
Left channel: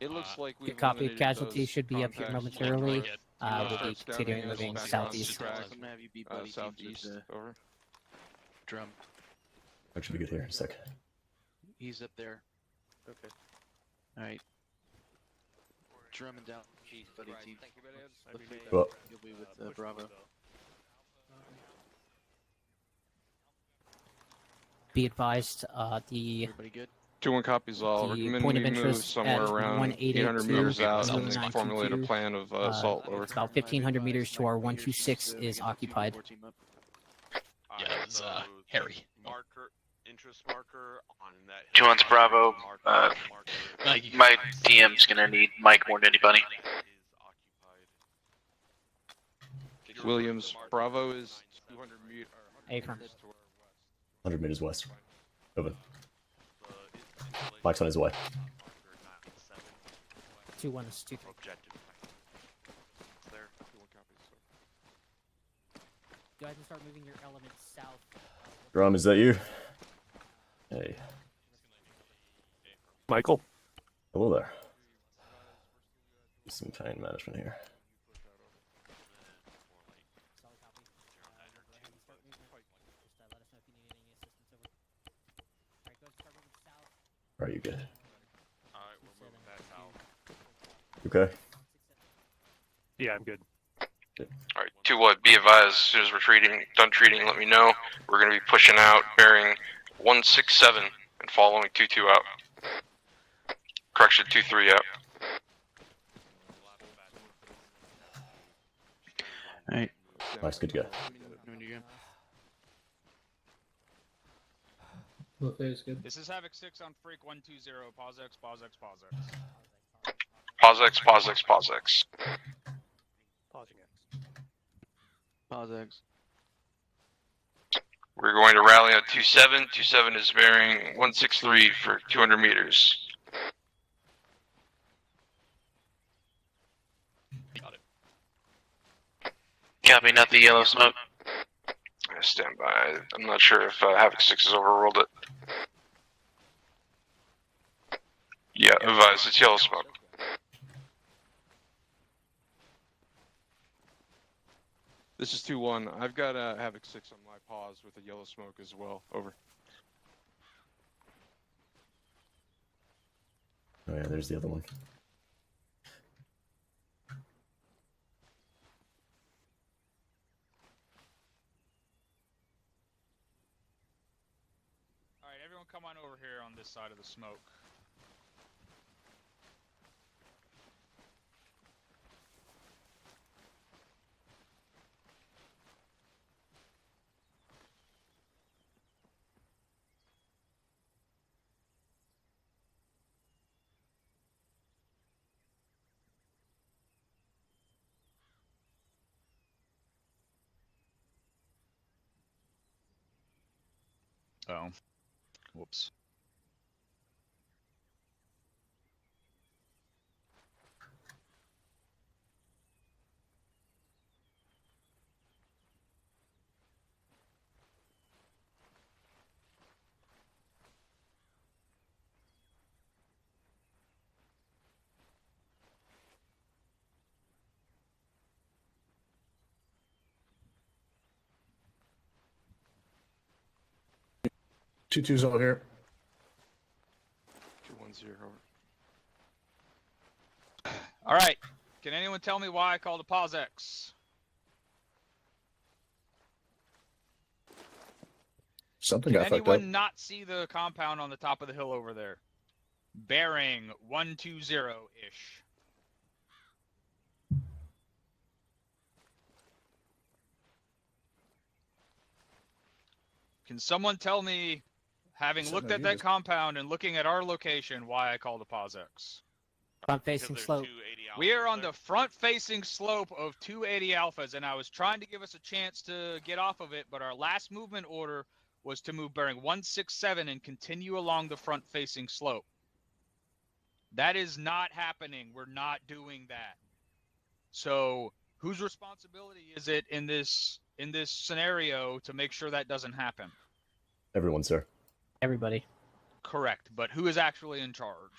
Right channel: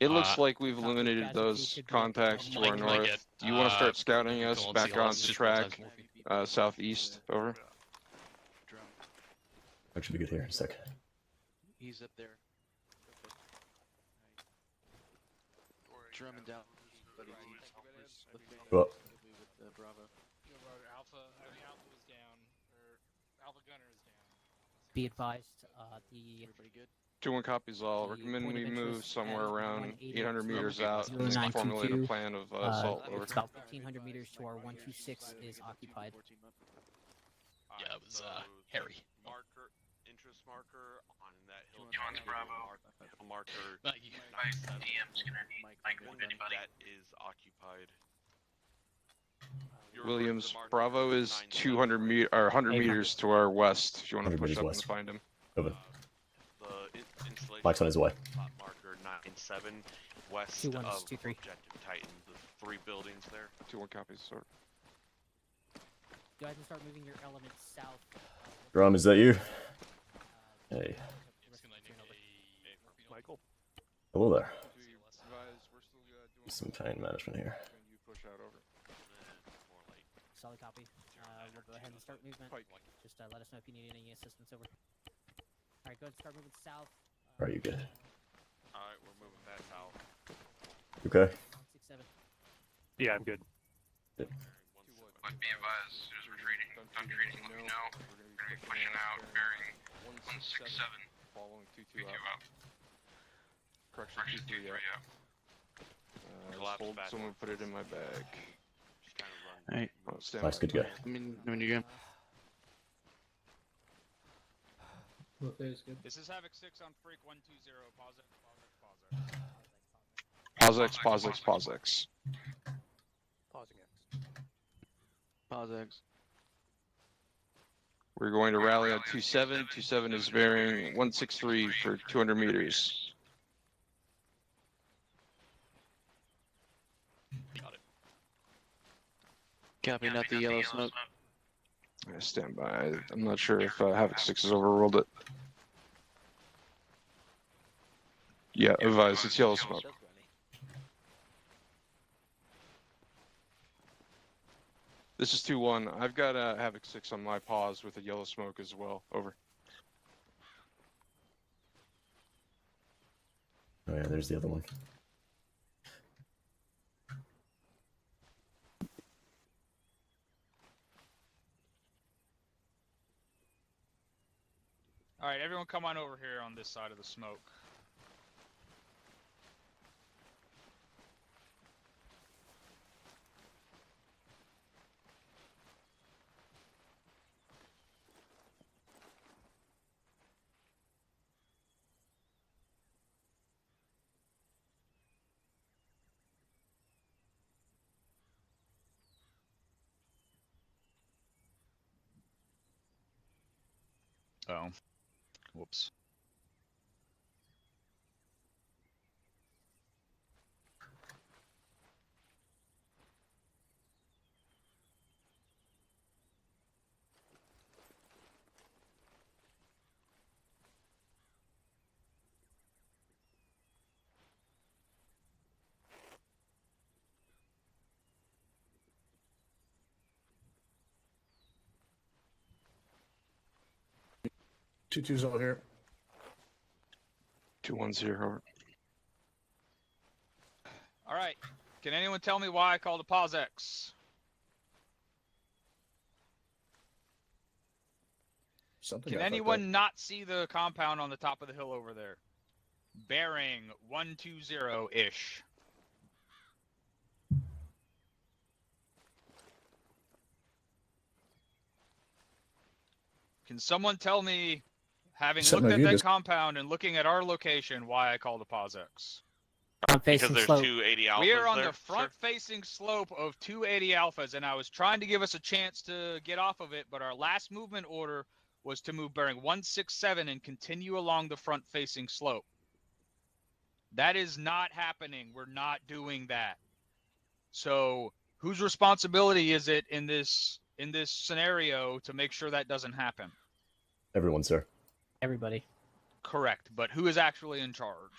It looks like we've copy. eliminated Casualties those should be up here contacts. momentarily. Do you want to start scouting taking us everything back on the southeast. track, southeast? Over. Drum. That should be good here in a sec. He's up there. Okay. Alright. Drum and down. Buddy team. Well. You'll be with Bravo. Be advised, the 2-1 copies all. The Recommend point we of move interest somewhere at around 800 meters out and formulate a plan of assault. Over. It's about 1,500 meters to our 126 is occupied. Yeah, it's Harry. Interest marker on that. 2-1's Bravo. My DM's gonna need Mike more than anybody. Williams, Bravo is 200 or 100 meters to our west. If you want to 100 push meters up west. and find him. Over. Mike's on his way. 2-1 is 2-3. 3 buildings there. 2-1 copies. Sorry. Go ahead and start moving your elements south. Drum, is that you? Hey. Michael. Hello there. Some pain management here. Solid copy. We'll go ahead and start movement. Just let us know if you need any assistance over. Alright, go ahead and start moving south. Are you good? Alright, we're moving back out. Okay. Yeah, I'm good. Alright, 2-1, be advised, as soon as we're done treating, let me know. We're going to be pushing out, bearing 167 and following 2-2 out. Correction, 2-3 out. Someone put it in my bag. Alright. Nice, good to go. When you go. This is Havoc 6 on Freak 120. PauseEx. PauseEx. Pausing it. PauseEx. We're going to rally at 27. 27 is bearing 163 for 200 meters. Copy, not the yellow smoke. I stand by. I'm not sure if Havoc 6 has overruled it. Yeah, advise, it's yellow smoke. This is 2-1. I've got Havoc 6 on my pause with a yellow smoke as well. Over. Oh yeah, there's the other one. All right, everyone, come on over here on this side of the smoke. Oh, whoops. Two twos over here. 2-1-0. Over. All right. Can anyone tell me why I called a PauseEx? Something Can got fucked up. anyone not see the compound on the top of the hill over there? Bearing 120-ish. Can someone tell me, having Something looked at you that just- compound and looking at our location, why I called a PauseEx? Because there's 280 alphas. We are on there, the front-facing slope of 280 alphas, and I was trying to give us a chance to get off of it, but our last movement order was to move bearing 167 and continue along the front-facing slope. That is not happening. We're not doing that. So whose responsibility is it in this scenario to make sure that doesn't happen? Everyone, sir. Everybody. Correct, but who is actually in charge?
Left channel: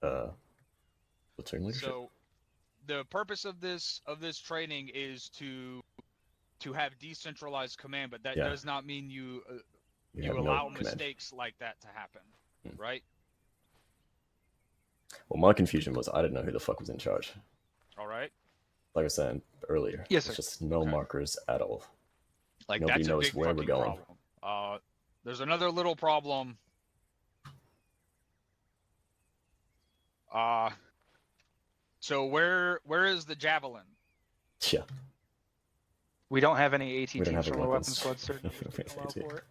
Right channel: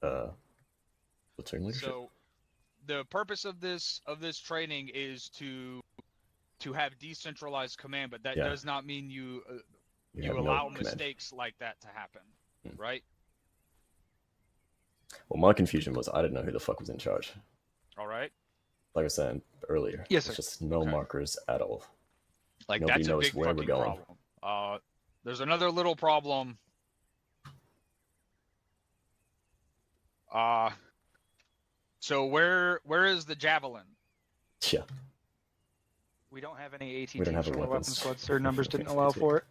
Platoon leadership. So the purpose of this training is to have decentralized command, but that Yeah. does not mean you You have no allow command. mistakes like that to happen, right? Well, my confusion was I didn't know who the fuck was in charge. All right. Like I was saying earlier, Yes, there's sir. just no markers at all. Like Nobody that's knows a big where we're fucking going. problem. There's another little problem. So where is the javelin? Yeah. We don't have any AT We don't have teams a from our weapon weapons. squad, sir. Numbers didn't allow AT. for it.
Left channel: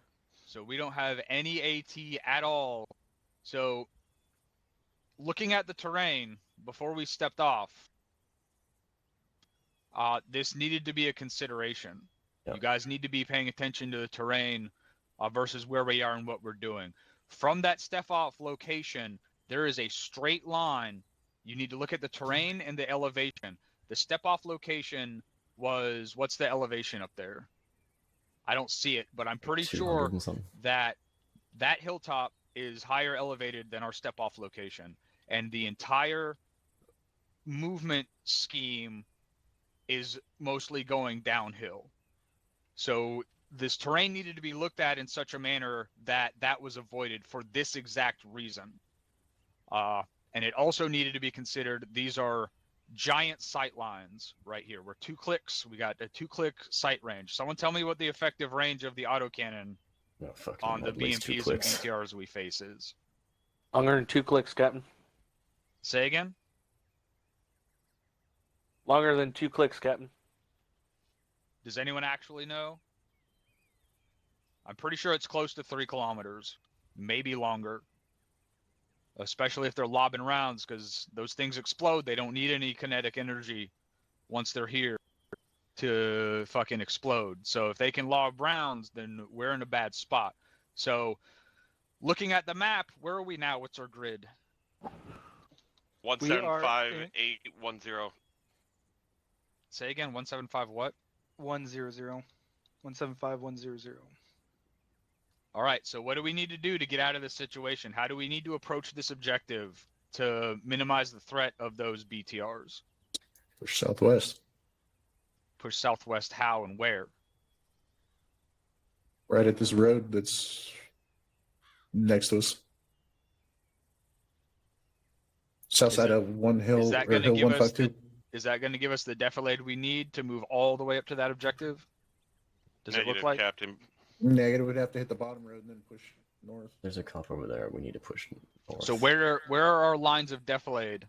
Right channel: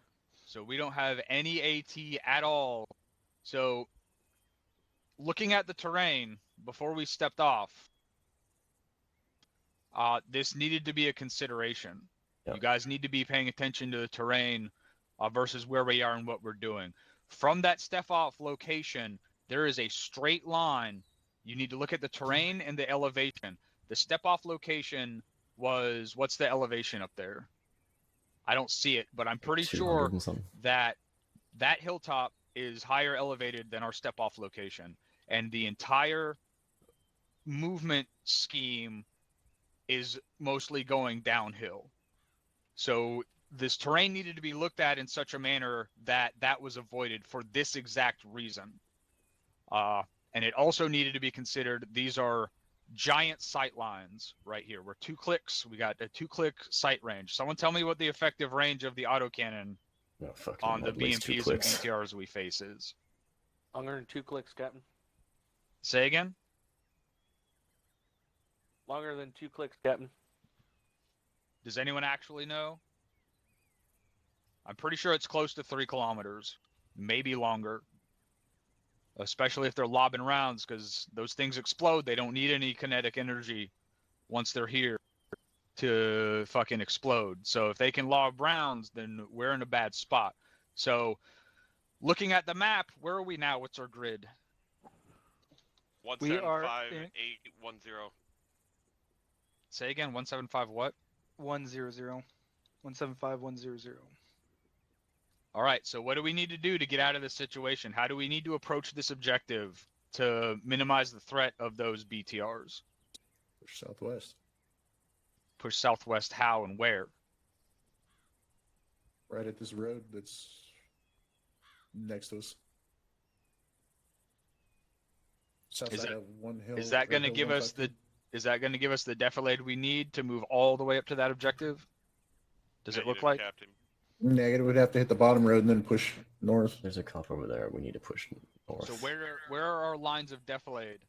So we don't have any AT at all. So looking at the terrain before we stepped off, this needed to be a consideration. Yep. You guys need to be paying attention to the terrain versus where we are and what we're doing. From that step off location, there is a straight line. You need to look at the terrain and the elevation. The step off location was, what's the elevation up there? I don't see it, but I'm pretty 200 sure and something. that that hilltop is higher elevated than our step off location. And the entire movement scheme is mostly going downhill. So this terrain needed to be looked at in such a manner that that was avoided for this exact reason. And it also needed to be considered, these are giant sight lines right here. We're 2 clicks. We got a 2-click sight range. Someone tell me what the effective range of the autocannon on the at least 2 BMPs and clicks. BTRs we face is. Longer than 2 clicks, Captain. Say again? Longer than 2 clicks, Captain. Does anyone actually know? I'm pretty sure it's close to 3 kilometers, maybe longer. Especially if they're lobbing rounds, because those things explode. They don't need any kinetic energy once they're here. to fucking explode. So if they can lob rounds, then we're in a bad spot. So looking at the map, where are we now? What's our grid? 175-810. Say again, 175 what? 100. 175 100. All right, so what do we need to do to get out of this situation? How do we need to approach this objective to minimize the threat of those BTRs? Push southwest. Push southwest how and where? Right at this road that's next to us. South side of one hill. Is that going to Hill give us 152. is that going to give us the defilade we need to move all the way up to that objective? Does it look Negative, like? Captain. Negative. We'd have to hit the bottom road and then push north. There's a cop over there. We need to push north. So where are our lines of defilade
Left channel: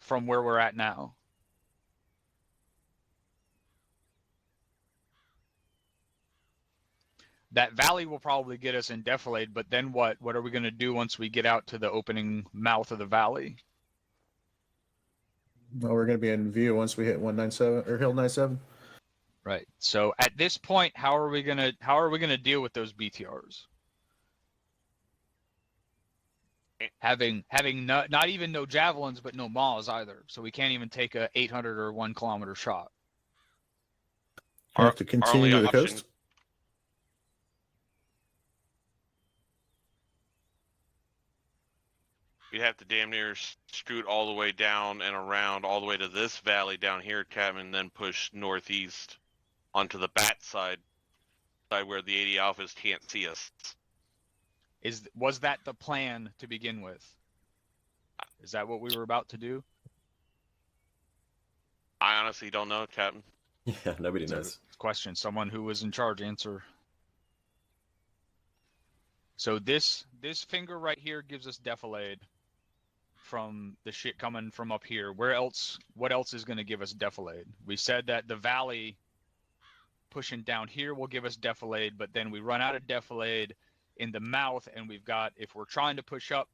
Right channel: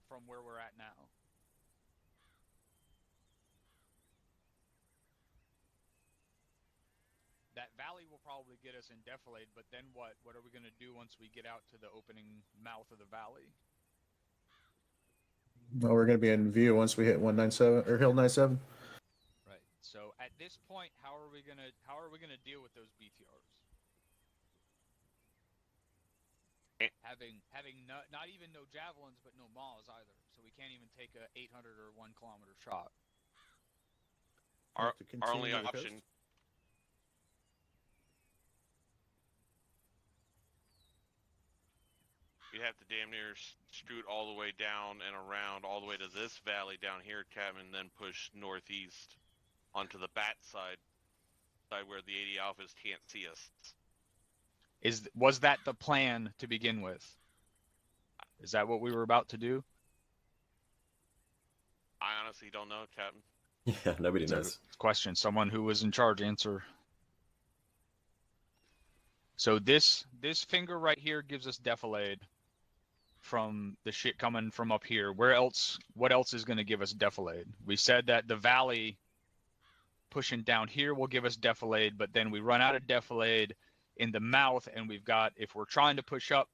from where we're at now? That valley will probably get us in defilade, but then what? What are we going to do once we get out to the opening mouth of the valley? Well, we're going to be in view once we hit 197 or Hill 97. Right. So at this point, how are we gonna deal with those BTRs? Having not even no javelins, but no maws either. So we can't even take a 800 or 1 kilometer shot. Have to continue to the coast. We'd have to damn near scoot all the way down and around all the way to this valley down here, Captain, and then push northeast onto the bat side where the 80 Alphas can't see us. Was that the plan to begin with? Is that what we were about to do? I honestly don't know, Captain. Yeah, nobody knows. Question. Someone who was in charge answer. So this finger right here gives us defilade from the shit coming from up here. What else is going to give us defilade? We said that the valley pushing down here will give us defilade, but then we run out of defilade in the mouth, and we've got, if we're trying to push up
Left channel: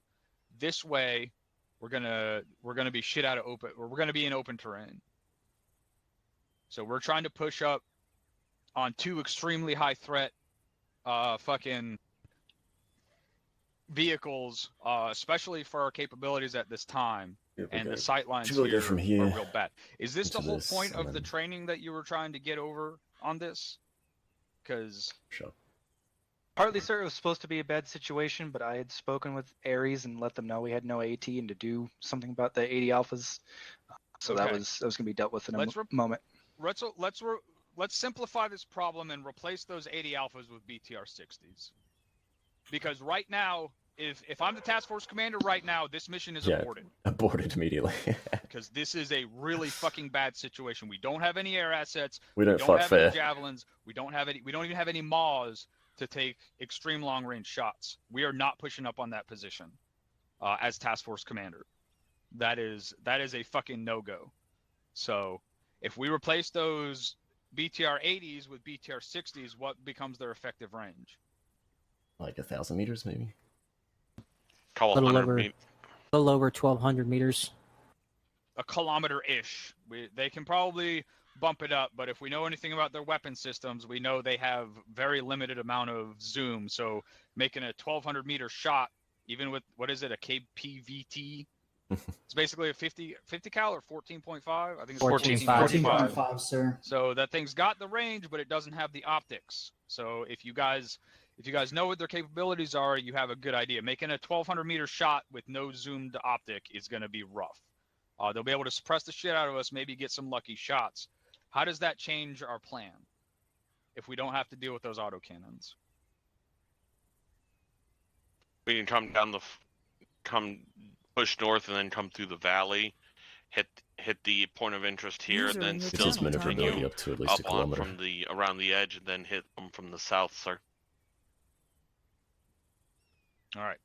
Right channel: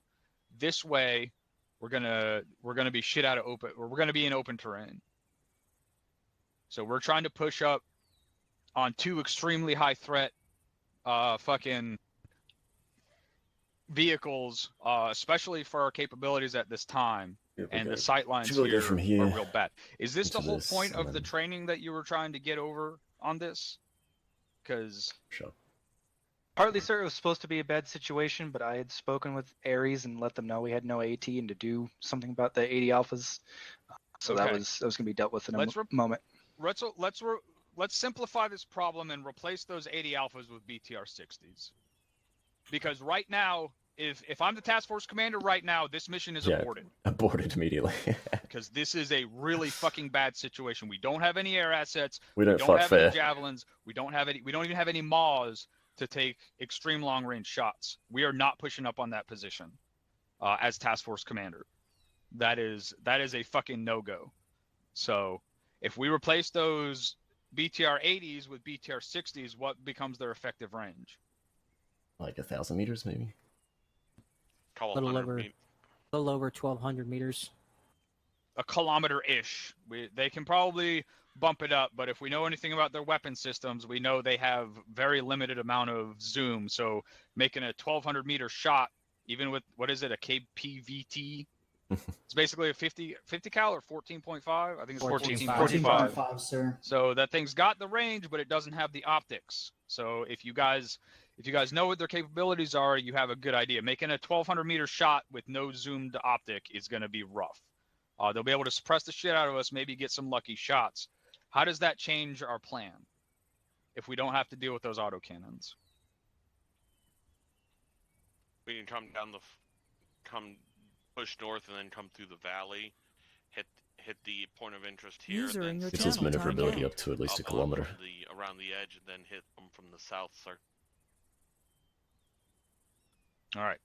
this way, we're gonna be shit out of open, or we're gonna be in open terrain. So we're trying to push up on 2 extremely high threat fucking vehicles, especially for our capabilities at this time. Yeah, and okay. the sight lines Should we here go from are here real bad. Is this the into whole this, point and of the then- training that you were trying to get over on this? Because Sure. Partly, sir, it was supposed to be a bad situation, but I had spoken with Ares and let them know we had no AT and to do something about the 80 Alphas. So that Okay. was going to be dealt with in a Let's moment. let's simplify this problem and replace those 80 Alphas with BTR 60s. Because right now, if I'm the task force commander right now, this mission is Yeah, aborted. aborted immediately. Because this is a really fucking bad situation. We don't have any air assets. We don't fight have fair. any javelins. We don't even have any maws to take extreme long range shots. We are not pushing up on that position as task force commander. That is a fucking no go. So if we replace those BTR 80s with BTR 60s, what becomes their effective range? Like 1,000 meters, maybe. Call Little 100 over, meters. little over 1,200 meters. A kilometer-ish. They can probably bump it up, but if we know anything about their weapon systems, we know they have very limited amount of zoom. So making a 1,200 meter shot, even with, what is it, a KPVT? It's basically a 50 cal or 14.5. I think it's 14.5. 14.5, sir. So that thing's got the range, but it doesn't have the optics. So if you guys know what their capabilities are, you have a good idea. Making a 1,200 meter shot with no zoomed optic is going to be rough. They'll be able to suppress the shit out of us, maybe get some lucky shots. How does that change our plan if we don't have to deal with those autocannons? We can come push north and then come through the valley, hit the point of interest here, User in and your Gets its channel maneuverability timed up to at least a up on kilometer. from around the edge, and then hit them from the south, sir. All right.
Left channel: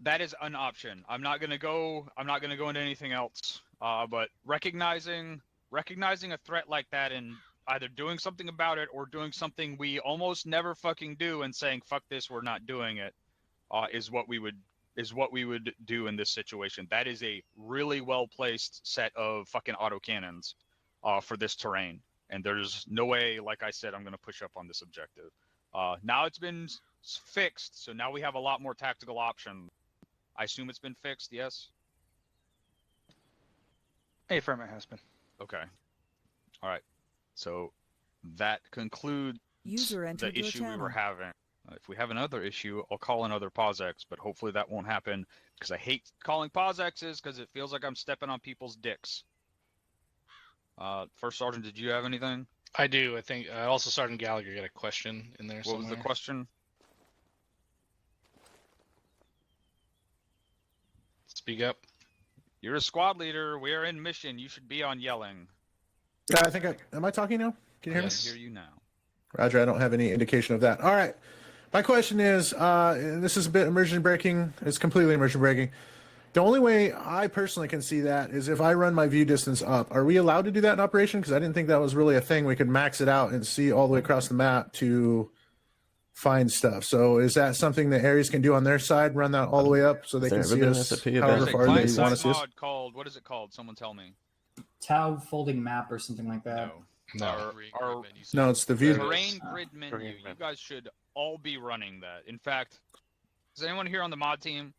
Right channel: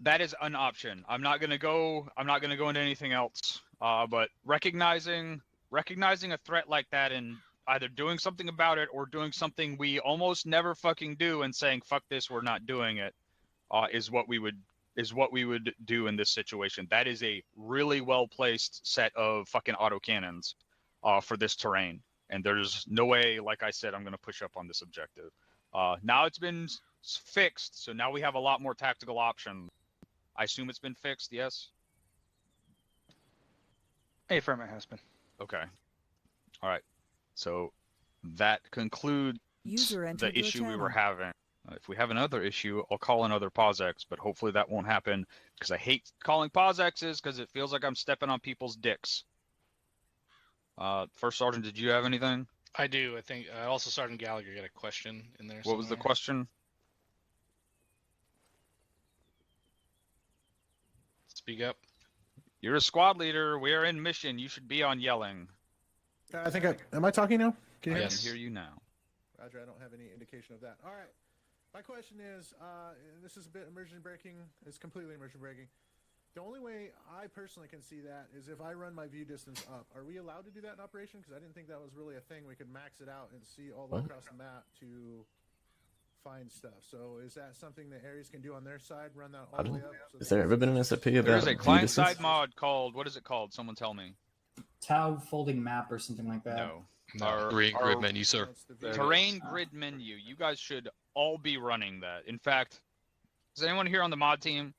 That is an option. I'm not gonna go into anything else. But recognizing a threat like that and either doing something about it or doing something we almost never fucking do and saying fuck this, we're not doing it, is what we would is what we would do in this situation. That is a really well placed set of fucking autocannons for this terrain. And there's no way, like I said, I'm going to push up on this objective. Now it's been fixed, so now we have a lot more tactical options. I assume it's been fixed, yes? Affirm, it has been. Okay. All right. So that concludes User the entered your issue we were channel. having. If we have another issue, I'll call another PauseEx, but hopefully that won't happen because I hate calling PauseXs because it feels like I'm stepping on people's dicks. First Sergeant, did you have anything? I do. I think also Sergeant Gallagher got a question in there. What was the question? Speak up. You're a squad leader. We are in mission. You should be on yelling. Yeah, I think am I talking now? Can you hear I me? can hear you now. Roger, I don't have any indication of that. All right. My question is, this is a bit immersion breaking. It's completely immersion breaking. The only way I personally can see that is if I run my view distance up. Are we allowed to do that in operation? Because I didn't think that was really a thing. We could max it out and see all the way across the map to find stuff. So is that something that Ares can do on their side? Run that all the way up so they can see us? SAP There's event? a client-side mod called, what is it called? Someone tell me. Tau folding map or something like that. Our grid menu, sir. No, it's the view. Terrain grid menu. You guys should all be running that. In fact, is anyone here on the mod team?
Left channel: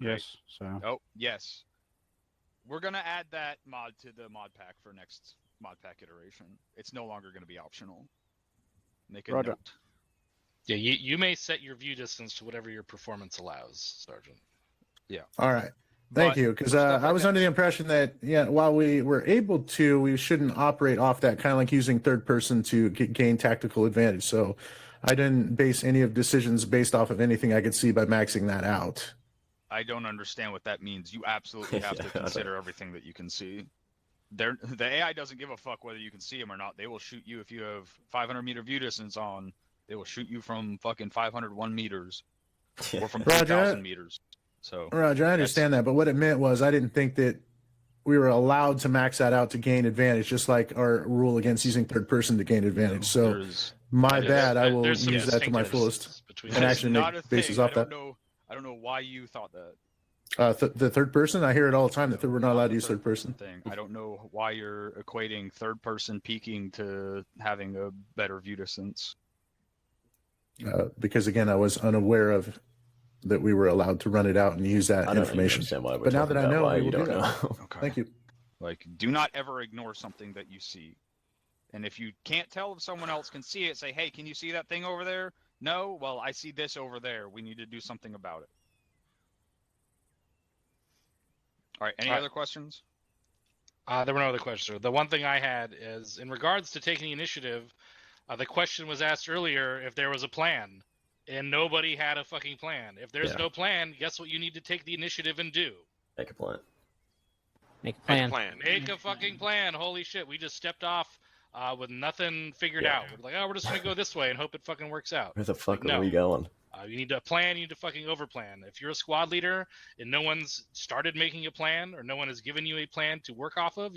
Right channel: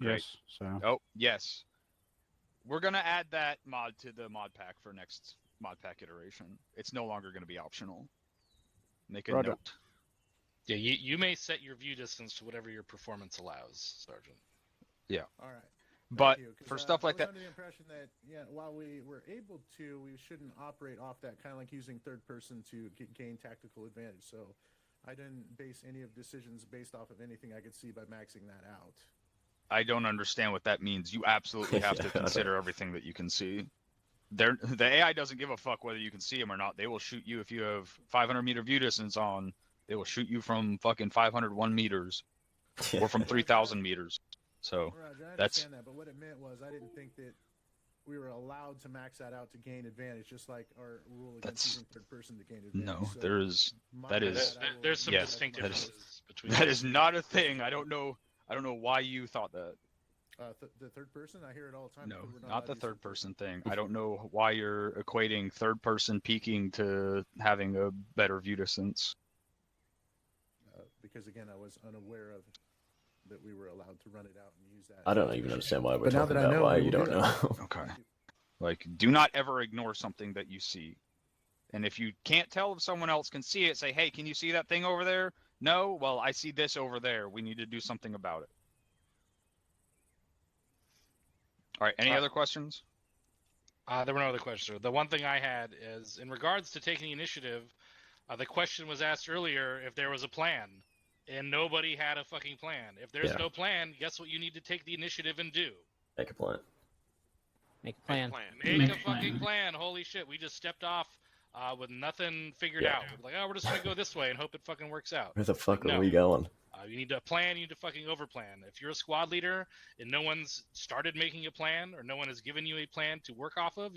Yes. So. Oh, yes. We're gonna add that mod to the mod pack for next mod pack iteration. It's no longer gonna be optional. Make a Roger. note. Yeah, you may set your view distance to whatever your performance allows, Sergeant. Yeah. All right. Thank But you. Because for stuff I like was that- under the impression that, while we were able to, we shouldn't operate off that, kind of like using third person to gain tactical advantage. So I didn't base any of decisions based off of anything I could see by maxing that out. I don't understand what that means. You absolutely have to Yeah, consider everything that you can see. The AI doesn't give a fuck whether you can see them or not. They will shoot you if you have 500 meter view distance on. They will shoot you from fucking 501 meters or from Roger. 3,000 meters. So Roger, I understand that, but what it meant was I didn't think that we were allowed to max that out to gain advantage, just like our rule against using third person to gain advantage. So my bad. I will there's some use that to my distinctive fullest. differences between That is Actually not make a bases thing. I off don't that. know. I don't know why you thought that. The third person, I hear it all the time that we're not allowed the to use third person. thing. I don't know why you're equating third person peeking to having a better view distance. Because again, I was unaware of that we were allowed to run it out and use that I don't even information. understand why we're But now talking that I about know, why I will you do don't that. know. Okay. Thank you. Like, do not ever ignore something that you see. And if you can't tell if someone else can see it, say, hey, can you see that thing over there? No? Well, I see this over there. We need to do something about it. All right, any other questions? There were no other questions. The one thing I had is, in regards to taking the initiative, the question was asked earlier if there was a plan, and nobody had a fucking plan. If there's Yeah. no plan, guess what you need to take the initiative and do? Make a plan. Make a plan. Make a fucking plan. Holy shit, we just stepped off with nothing figured Yeah. out. We're like, oh, we're just going to go this way and hope it fucking works out. Where the fuck No. are we going? You need to plan, you need to fucking overplan. If you're a squad leader and no one's started making a plan or no one has given you a plan to work off of,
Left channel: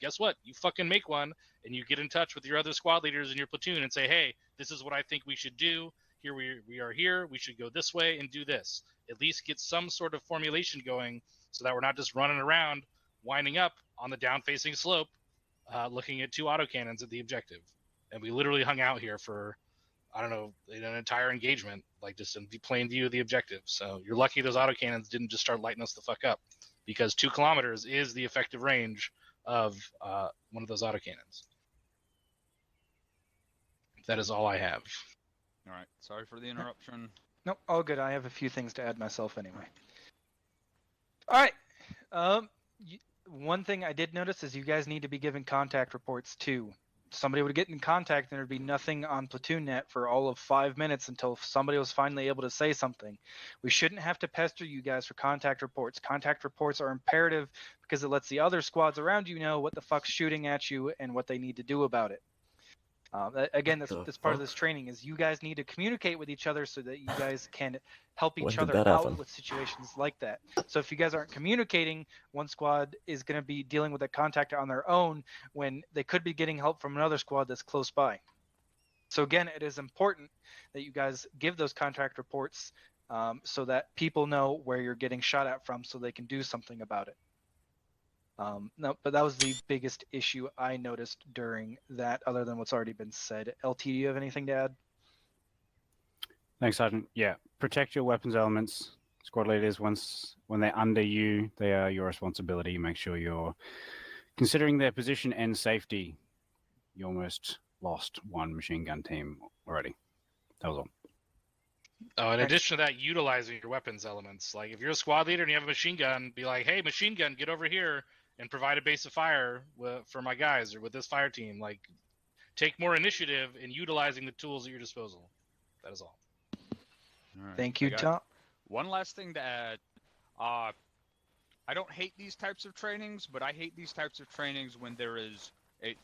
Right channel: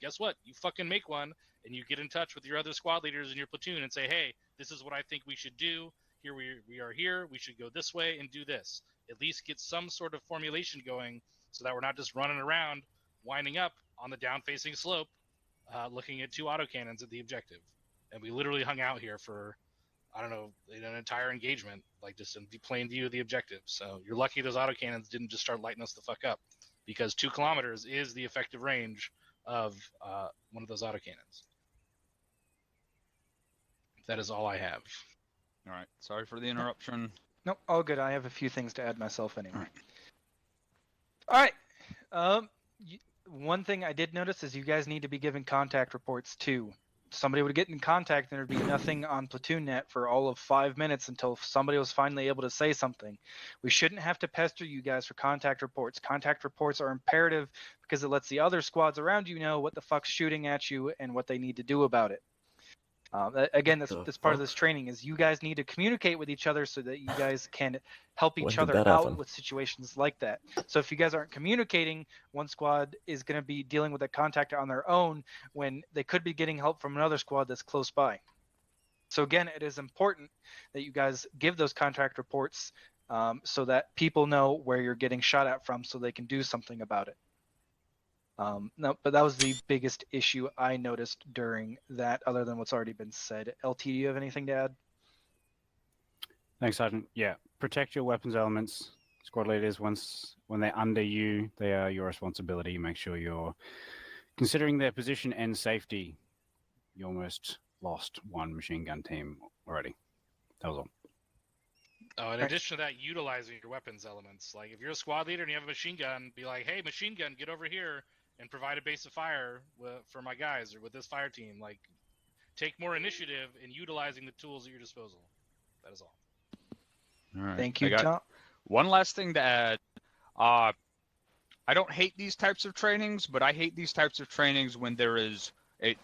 guess what? You fucking make one and you get in touch with your other squad leaders in your platoon and say, hey, this is what I think we should do. Here we are here. We should go this way and do this. At least get some sort of formulation going so that we're not just running around, winding up on the down-facing slope, looking at two autocannons at the objective. And we literally hung out here for, I don't know, an entire engagement, like just in plain view of the objective. So you're lucky those autocannons didn't just start lighting us the fuck up, because 2 kilometers is the effective range of one of those autocannons. That is all I have. All right, sorry for the interruption. Nope, all good. I have a few things to add myself anyway. All right. One thing I did notice is you guys need to be giving contact reports too. Somebody would get in contact and there'd be nothing on PlatoonNet for all of 5 minutes until somebody was finally able to say something. We shouldn't have to pester you guys for contact reports. Contact reports are imperative because it lets the other squads around you know what the fuck's shooting at you and what they need to do about it. Again, this part of this training is you guys need to communicate with each other so that you guys can help When each did other that out happen? with situations like that. So if you guys aren't communicating, one squad is going to be dealing with a contact on their own when they could be getting help from another squad that's close by. So again, it is important that you guys give those contact reports so that people know where you're getting shot at from, so they can do something about it. No, but that was the biggest issue I noticed during that, other than what's already been said. LT, do you have anything to add? Thanks, Sergeant. Yeah, protect your weapons elements. Squad leaders, when they're under you, they are your responsibility. Make sure you're considering their position and safety. You almost lost one machine gun team already. That was all. Oh, in addition to that, utilizing your weapons elements. Like, if you're a squad leader and you have a machine gun, be like, hey, machine gun, get over here and provide a base of fire for my guys or with this fire team. Like, take more initiative in utilizing the tools at your disposal. That is all. All right. Thank you, I got Tom. One last thing to add. I don't hate these types of trainings, but I hate these types of trainings when there is I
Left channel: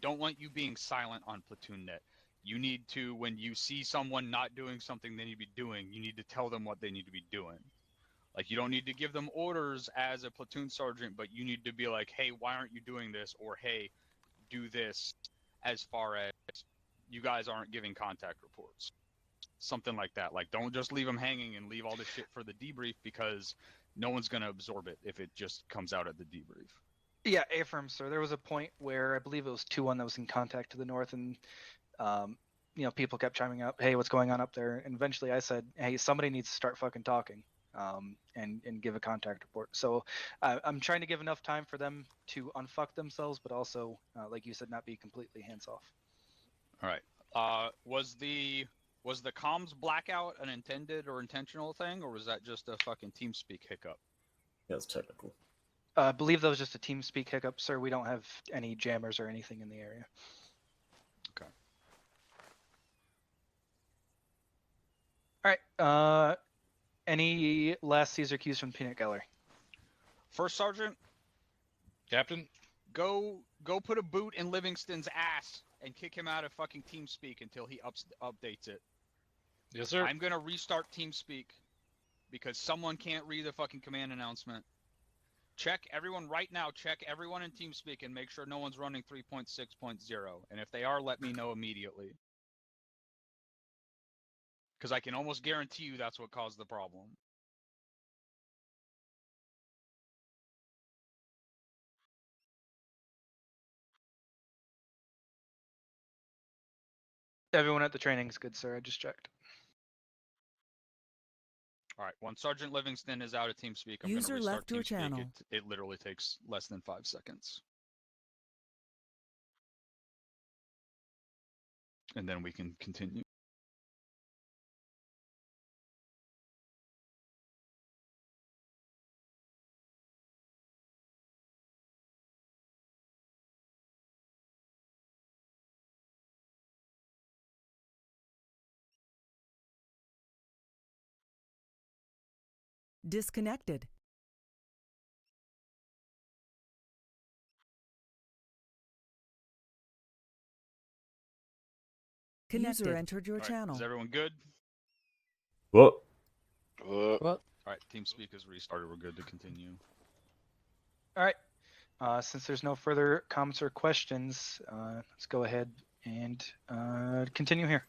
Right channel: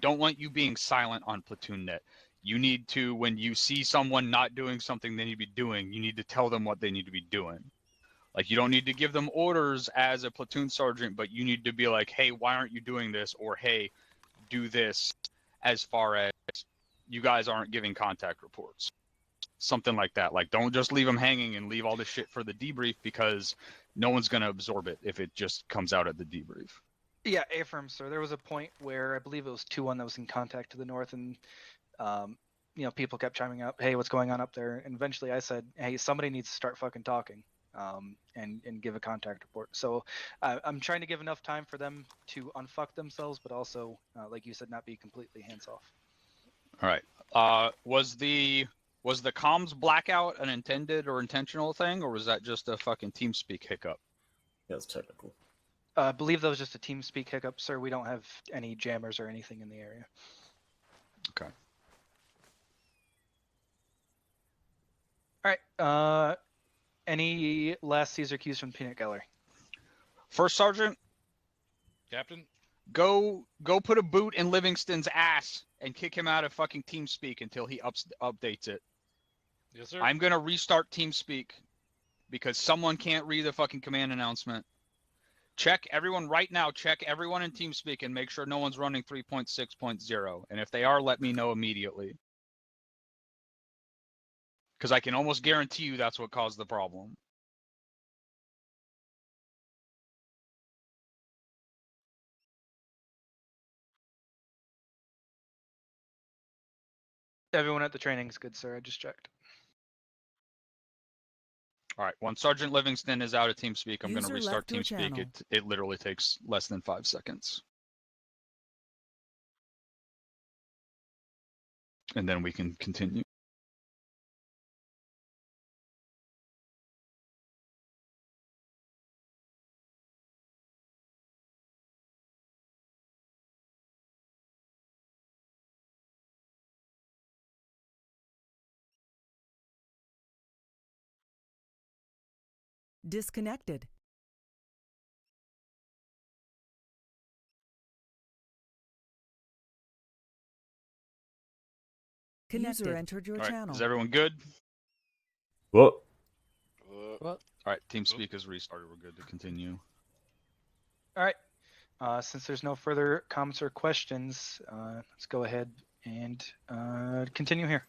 don't want you being silent on Platoon Net. You need to, when you see someone not doing something they need to be doing, you need to tell them what they need to be doing. Like, you don't need to give them orders as a platoon sergeant, but you need to be like, hey, why aren't you doing this? Or, hey, do this, as far as you guys aren't giving contact reports. Something like that. Like, don't just leave them hanging and leave all this shit for the debrief, because no one's going to absorb it if it just comes out at the debrief. Yeah, affirm, sir. There was a point where I believe it was 2-1 that was in contact to the north, and people kept chiming up, hey, what's going on up there? And eventually I said, hey, somebody needs to start fucking talking, and give a contact report. So I'm trying to give enough time for them to unfuck themselves, but also, like you said, not be completely hands off. All right. Was the comms blackout an intended or intentional thing, or was that just a fucking TeamSpeak hiccup? Yeah, it's technical. I believe that was just a TeamSpeak hiccup, sir. We don't have any jammers or anything in the area. Okay. All right. Any last Caesar cues from the Peanut Gallery? First Sergeant, Captain, go put a boot in Livingston's ass and kick him out of fucking TeamSpeak until he updates it. Yes, sir. I'm gonna restart TeamSpeak because someone can't read the fucking command announcement. Check everyone right now. Check everyone in TeamSpeak and make sure no one's running 3.6.0. And if they are, let me know immediately. Because I can almost guarantee you that's what caused the problem. Everyone at the training is good, sir. I just checked. All right. Once Sergeant Livingston is out of TeamSpeak, I'm going to User restart left your TeamSpeak. channel. It literally takes less than 5 seconds. And then we can continue. Disconnected. Connected. User entered your All right, channel. is everyone good? What? All right, TeamSpeak is restarted. We're good to continue. All right. Since there's no further comments or questions, let's go ahead and continue here.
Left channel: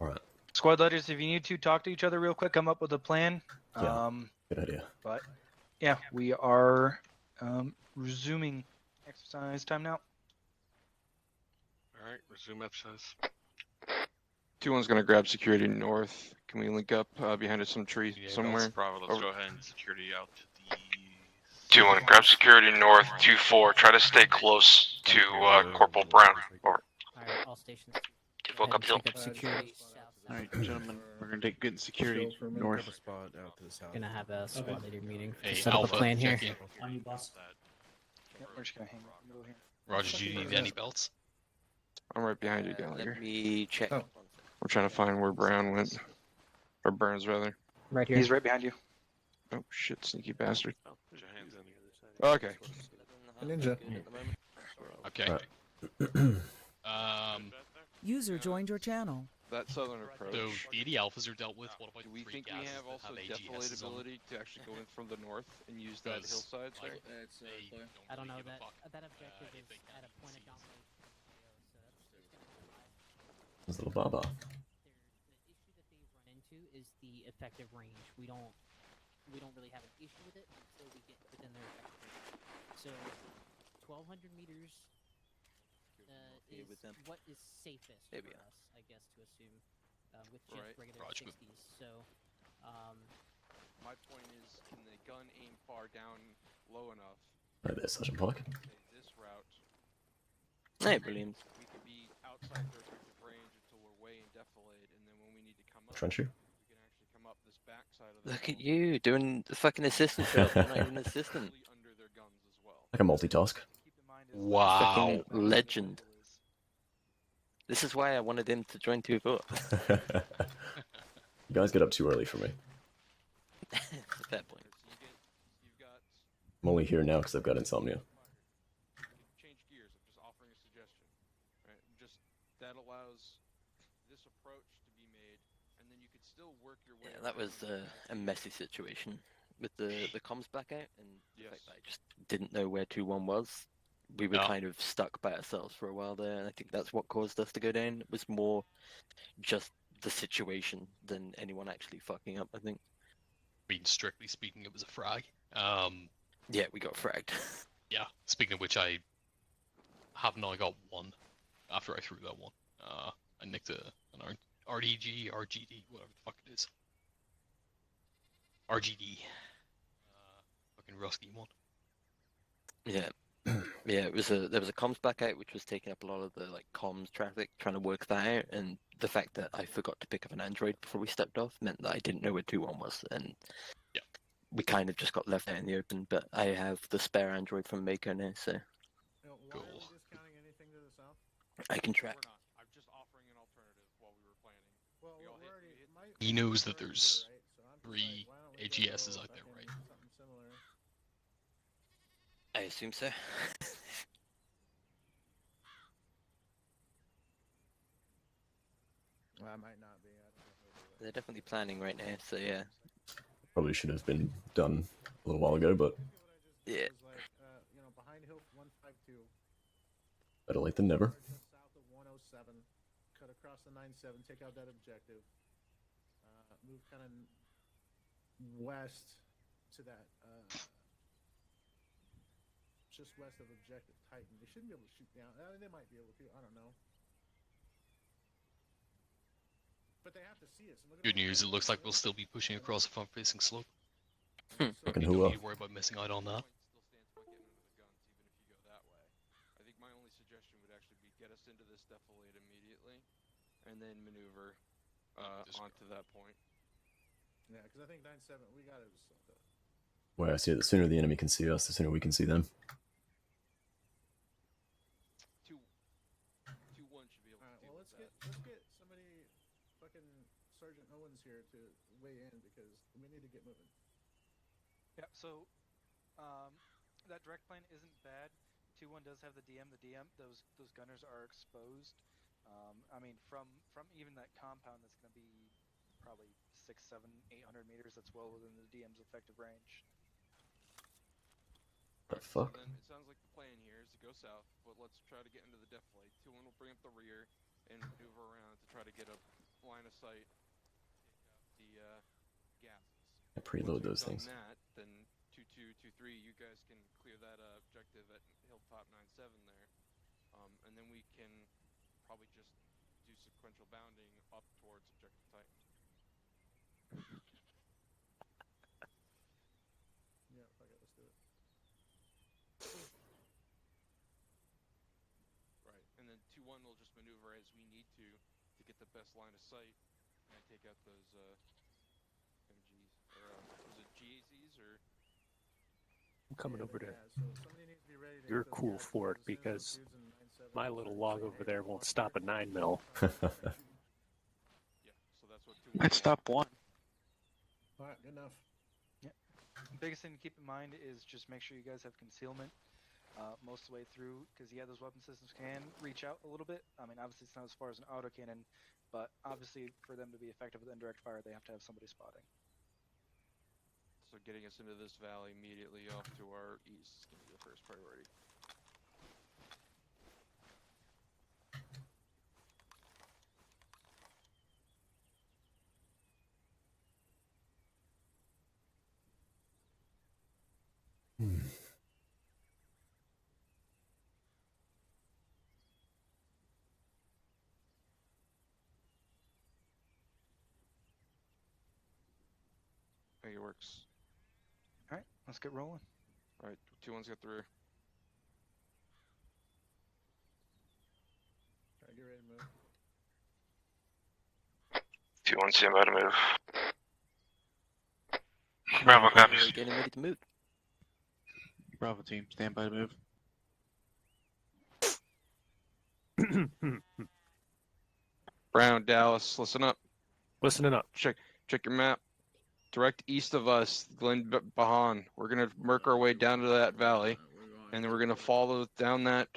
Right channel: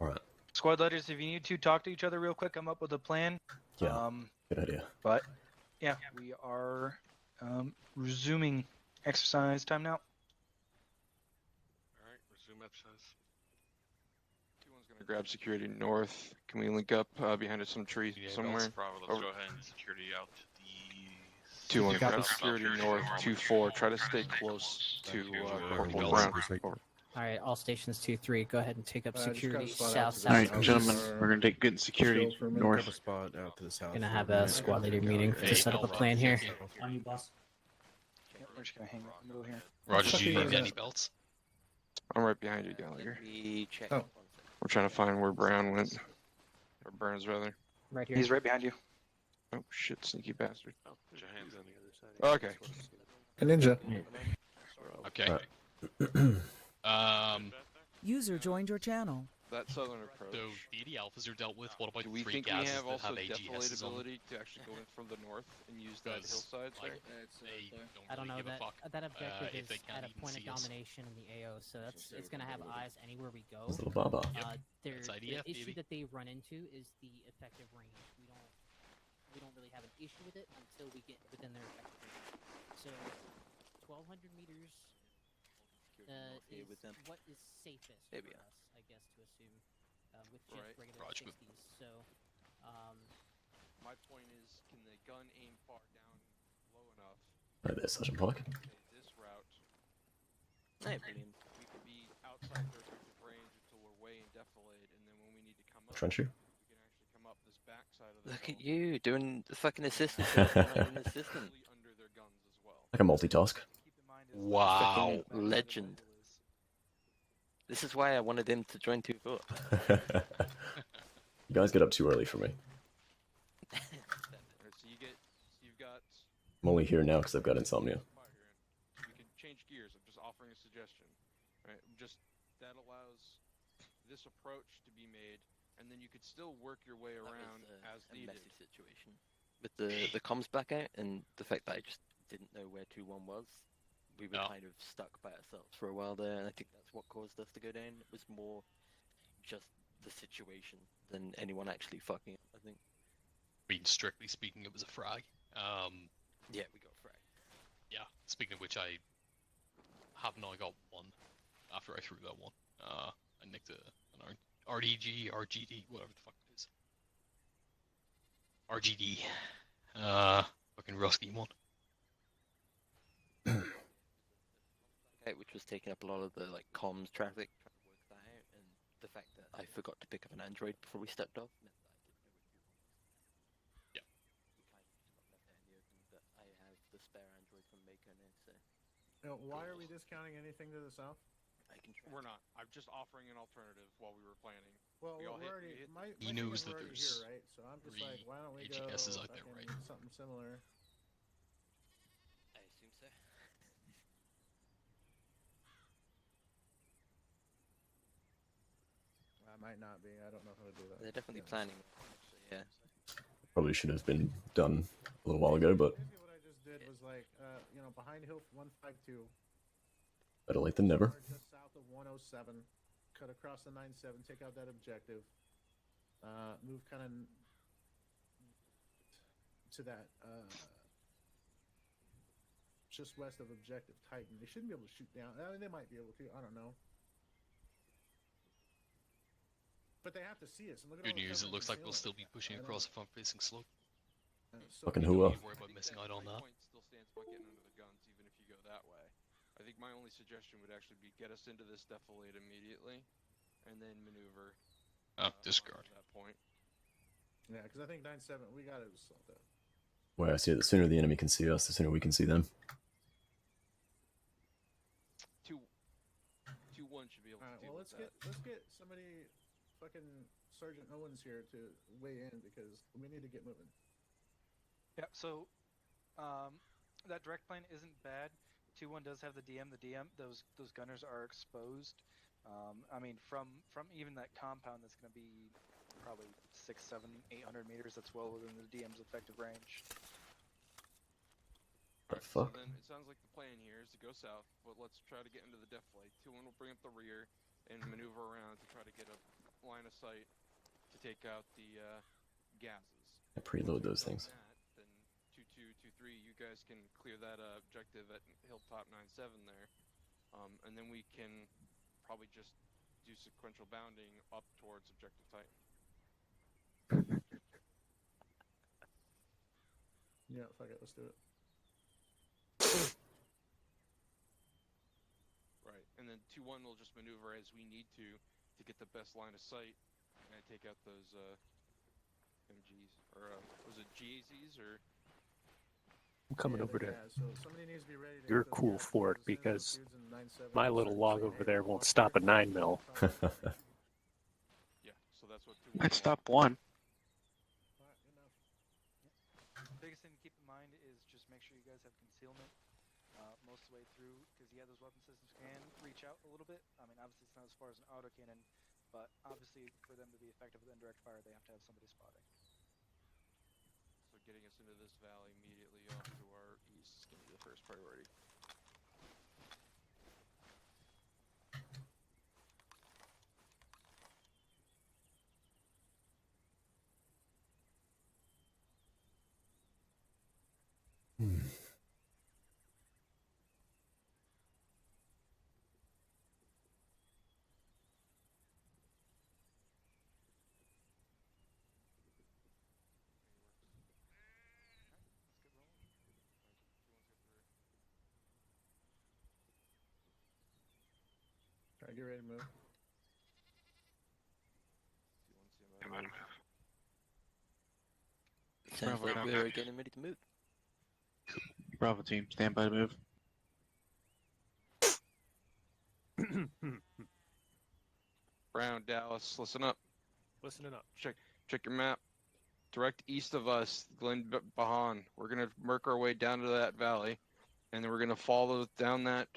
All right. Squad leaders, if you need to talk to each other real quick, come up with a plan. Yeah. Good idea. But yeah, we are resuming exercise time now. All right, resume exercise. 2-1's gonna grab security north. Can we link up behind some tree somewhere? Bravo, let's go ahead and security out to the 2-1, grab security north. 2-4, try to stay close to Corporal Brown. Alright, all stations 2-3, go ahead and take up security south. Alright, gentlemen, we're gonna take good security north. Gonna have a squad leader meeting to set up a plan here. On you, boss. Yep, we're just gonna hang out in the middle here. Roger, do you need any belts? I'm right behind you, Gallagher. Let me check. Oh. We're trying to find where Brown went. Or Burns, rather. Right here. He's right behind you. Oh, shit, sneaky bastard. Oh, there's your hands on the other side. Okay. A ninja. Okay. User joined your channel. that southern approach. So the 80 alphas are dealt with. What about Do we three think we gases have that also have AGSs on them? defilatability to actually go in from the north and use that Because, hillside like, there? I don't know give a that fuck, that objective if they is can't at a even point of see us. domination in the AO, so it's gonna have eyes anywhere we go. This little baba. The That's IDF, issue baby. that they run into is the effective range. We don't really have an issue with it until we get within their effective range. So 1,200 meters is with them. what is safest There for we are. us, I guess, to assume, with Right. just regular Roger. 60s. So, My point is, can the gun aim far down low enough? Right there, Sergeant Pollock. Okay, this route. Hey, brilliant. We could be outside their effective range until we're way in defilade, and then when we need to come up, Trencher. we can actually come up this back side of the Look hill. at you doing the fucking assistant. Not even an assistant. Under their guns as well. I can multitask. Fucking legend. This is why I wanted him to join 2-4. You guys get up too early for me. Fair point. So you've got. I'm only here now because I've got insomnia. You can change gears. I'm just offering a suggestion, right? Just that allows this approach to be made, and then you could still work your way around. That was as a needed. messy situation with the comms back out and the fact that I just didn't know where 2-1 was. We were kind of stuck by ourselves for a while there, and I think that's what caused us to go down. It was more just the situation than anyone actually fucking up, I think. I mean, strictly speaking, it was a frag. Yeah, we got fragged. Yeah, speaking of which, I have now got one after I threw that one. I nicked an RDG, RGD, whatever the fuck it is. RGD. Fucking rusty one. Yeah. Yeah, there was a comms back out which was taking up a lot of the like comms traffic, trying to work that out, and the fact that I forgot to pick up an Android before we stepped off meant that I didn't know where 2-1 was, and we kind of just got left out in the open. But I have the spare Android from Mako now, so Why are we discounting anything to the south? I can track. We're not. I'm just offering an alternative while we were planning. Well, We all we're hit- already. He knows that we're already there's here, right? So I'm just 3 like, why don't we AGSs go out there, right? fucking Something similar. I assume so. I might not be. I don't know how to do that. They're definitely planning right now, so yeah. Probably should have been done a little while ago, but Yeah. It was like, behind hill 152. better late than never. Just south of 107, cut across the 97, take out that objective. Move kind of west to that, just west of objective Titan. They shouldn't be able to shoot down. I mean, they might be able to. I don't know. But they have to see us. And look at Good all the news, it fucking looks like we'll hills. still be pushing across the front-facing slope. Fucking You who don't up? need to worry about missing out on that. Still stands by getting under the guns, even if you go that way. I think my only suggestion would actually be get us into this defilade immediately, and then maneuver discard. onto that point. Yeah, because I think 97, we got to assault that. Where I see it, the sooner the enemy can see us, the sooner we can see them. 2-1 should be able to deal Well, with let's get somebody, fucking Sergeant Owens here to weigh in because we need to get moving. Yeah, so that direct plane isn't bad. 2-1 does have the DM. Those gunners are exposed. I mean, from even that compound, that's going to be probably 600, 700, 800 meters. That's well within the DM's effective range. The fuck? So then it sounds like the plan here is to go south, but let's try to get into the defilade. 2-1 will bring up the rear and maneuver around to try to get a line of sight to take out the gases. I preload those Once things. we've done that, then 2-2, 2-3, you guys can clear that objective at Hilltop 97 there, and then we can probably just do sequential bounding up towards Objective Titan. Yeah, fuck it, let's do it. Right, and then 2-1 will just maneuver as we need to get the best line of sight and take out those MGs, or was it GAZs, or? I'm coming over there. So somebody needs to be ready to You're hit those cool gases for it as soon as because those dudes in 97 my start little log saying, over "Hey, there watch won't out, stop at guys." 9 mil. Yeah, so that's what 2-1 Let's stop one. All right, good enough. Yeah. The biggest thing to keep in mind is just make sure you guys have concealment most of the way through, because those weapon systems can reach out a little bit. I mean, obviously it's not as far as an autocannon, but obviously for them to be effective with indirect fire, they have to have somebody spotting. So getting us into this valley immediately off to our east is going to be the first priority. I think it works. All right, let's get rolling. All right, 2-1's got the rear. Try to get ready to move. 2-1, stand by to move. Sounds Bravo, like copies. we're getting ready to move. Bravo team, stand by to move. Brown, Dallas, listen up. Listening up. Check your map. Direct east of us, Glen Bahan. We're gonna work our way down to that valley, and then we're gonna follow down that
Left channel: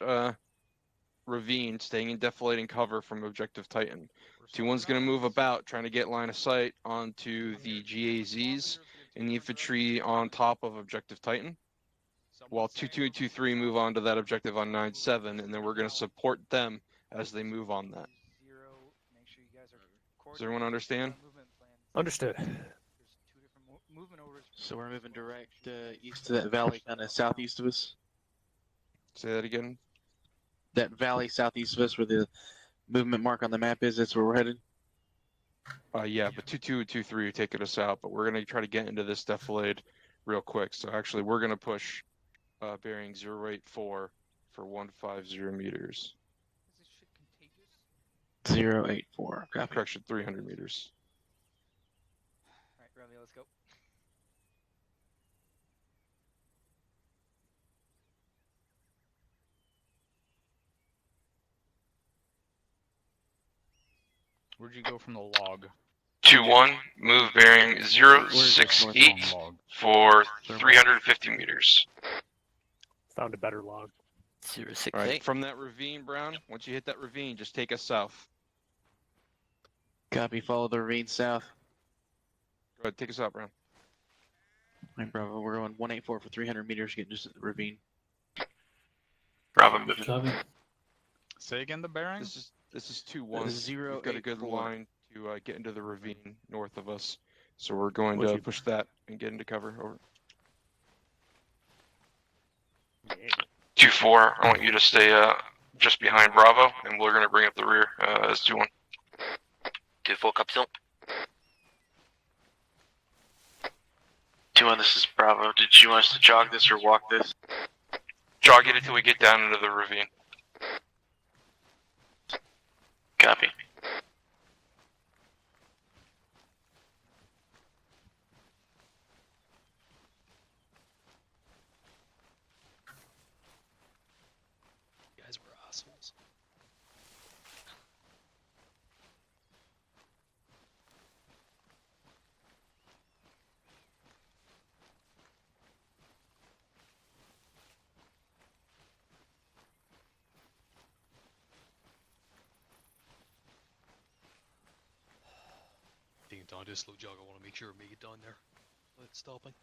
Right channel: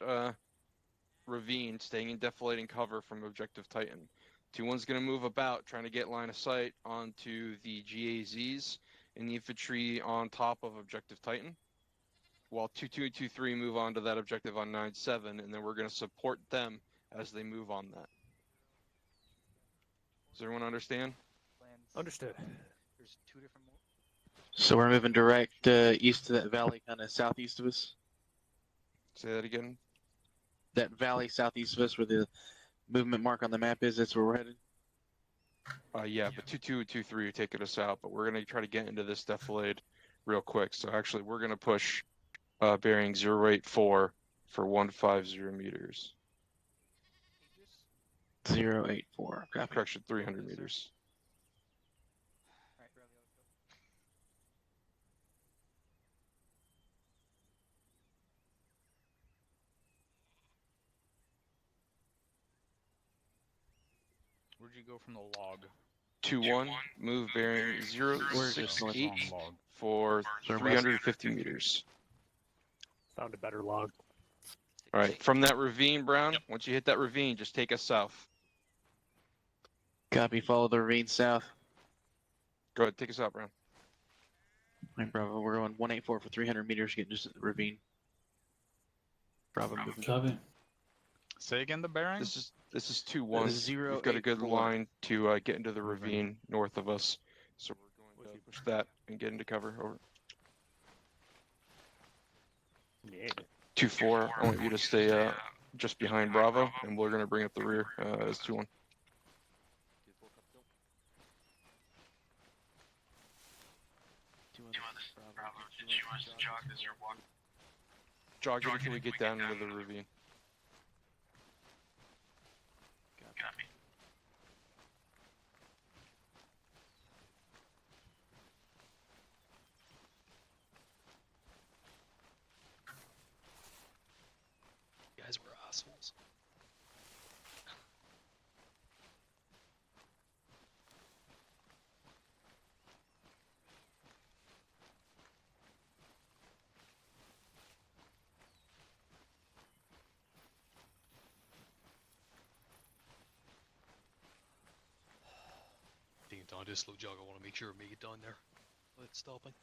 ravine, staying in deflating cover from Objective Titan. 2-1's gonna move about, trying to get line of sight onto the GAZs and the infantry on top of Objective Titan, while 2-2 and 2-3 move on to that objective on 9-7, and then we're gonna support them as they move on that. Does everyone understand? Understood. So we're moving direct east to that valley, kind of southeast of us. Say that again. That valley southeast of us, where the movement mark on the map is. That's where we're headed. Yeah, but 2-2 and 2-3 are taking us out, but we're gonna try to get into this defilade real quick. So actually, we're gonna push bearing 084 for 150 meters. 084. Copy. Correction, 300 meters. All right, Romeo, let's go. Where'd you go from the log? 2-1, move bearing 068 for 350 meters. Found a better log. 068. All right, from that ravine, Brown, once you hit that ravine, just take us south. Copy. Follow the ravine south. Go ahead, take us out, Brown. All right, Bravo. We're going 184 for 300 meters, getting just at the ravine. Bravo, moving. Copy. Say again the bearing? This is 2-1. We've got a good 084. line to get into the ravine north of us, so we're going to push that and get into cover. Over. Yeah. 2-4, I want you to stay just behind Bravo, and we're going to bring up the rear as 2-1. 2-4, copy. 2-1, this is Bravo. Did you want us to jog this or walk this? Jog it until we get down into the ravine. Copy. You guys were assholes. Taking time to slow jog, I want to make sure I make it down there. Let's stopping.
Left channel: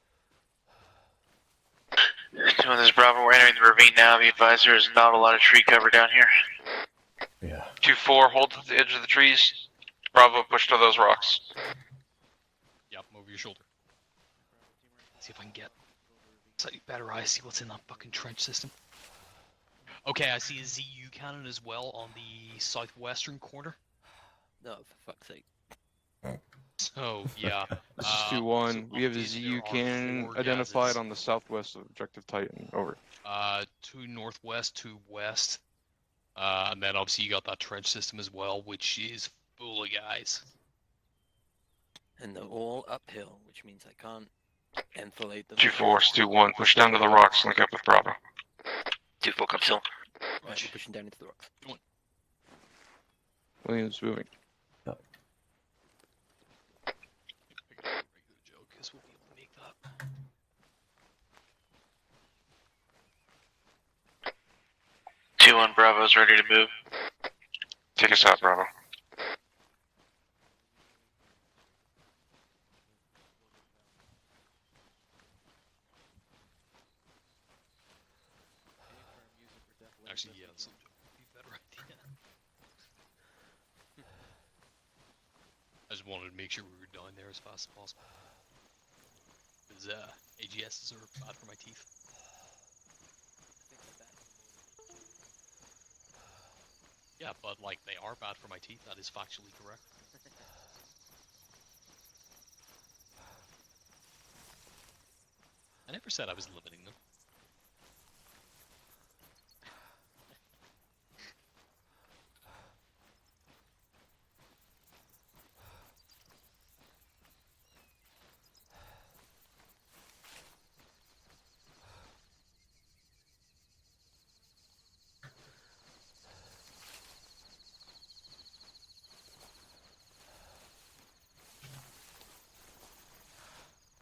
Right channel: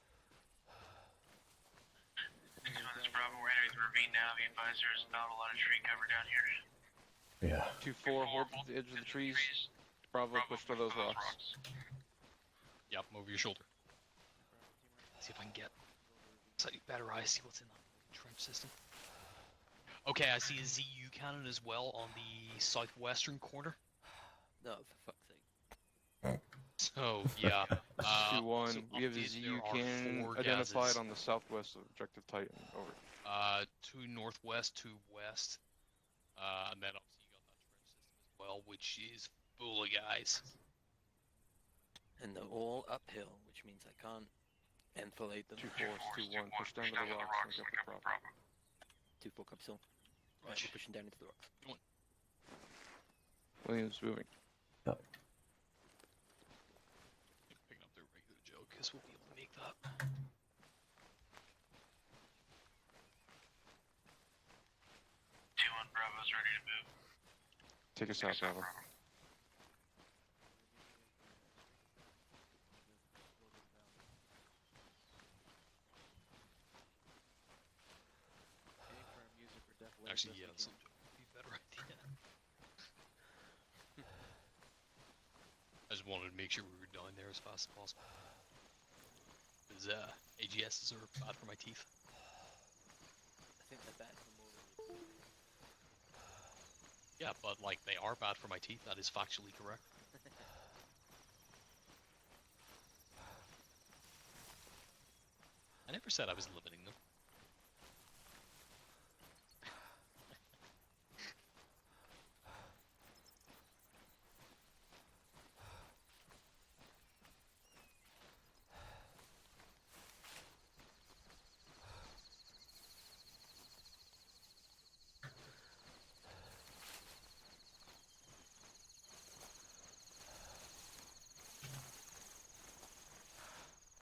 2-1, this is Bravo. We're entering the ravine now. Be advised there is not a lot of tree cover down here. Yeah. 2-4, hold to the edge of the trees. Bravo, push to those rocks. Yep, over your shoulder. See if I can get slightly better eyes, see what's in that fucking trench system. Okay, I see a ZU cannon as well on the southwestern corner. No, for fuck's sake. So, yeah. This is 2-1. We have a there ZU are cannon 4 identified gases. on the southwest of Objective Titan. Over. 2 northwest, 2 west. And then obviously you got that trench system as well, which is full of guys. And they're all uphill, which means I can't enfilade them. 2-4, 2-1, push down to the rocks, link up with Bravo. 2-4, copy. Right, we're pushing down into the rocks. Williams moving. Yep. Pick up a regular joke, because we'll be able to make that. Two on Bravo's ready to move. Take us out, Bravo. Actually, yeah, this would be a better idea. I just wanted to make sure we were down there as fast as possible. Because AGSs are bad for my teeth. Yeah, but like they are bad for my teeth. That is factually correct. I never said I was limiting them.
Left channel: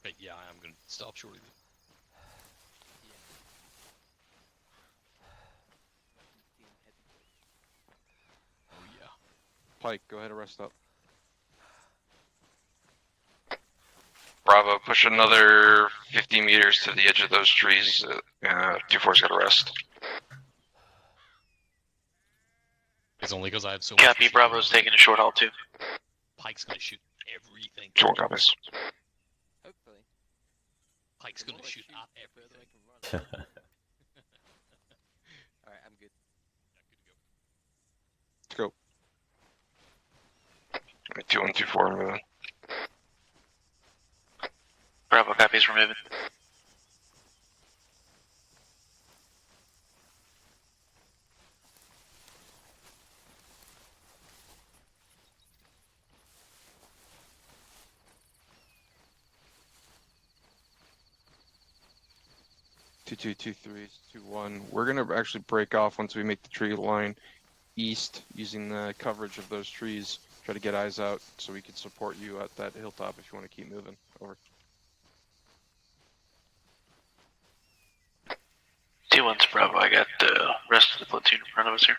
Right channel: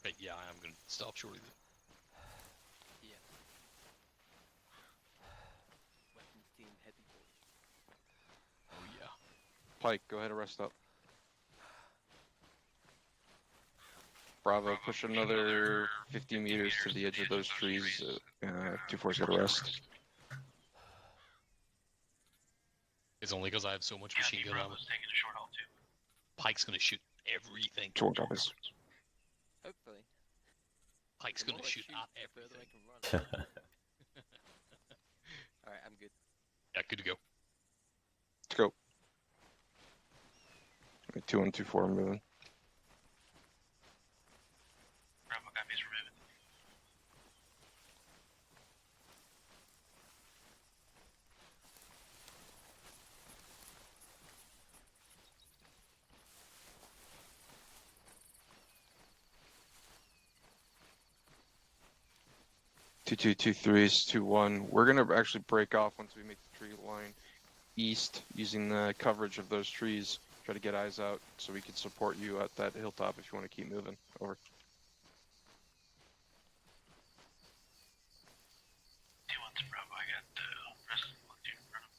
But yeah, I am going to stop shortly. Oh yeah. Pike, go ahead and rest up. Bravo, push another 50 meters to the edge of those trees. 2-4's got to rest. It's only because I have so much. Copy, Bravo's taking a short haul too. Pike's going to shoot everything. Short copies. Hopefully. Pike's going to shoot at everything. Alright, I'm good. Yeah, good to go. Let's go. 2-1-2-4 moving. Bravo copies, we're moving. Two 2-3s, 2-1. We're gonna actually break off once we make the tree line east, using the coverage of those trees. Try to get eyes out so we can support you at that hilltop if you want to keep moving. Over. 2-1's Bravo. I got the rest of the platoon in front of us here.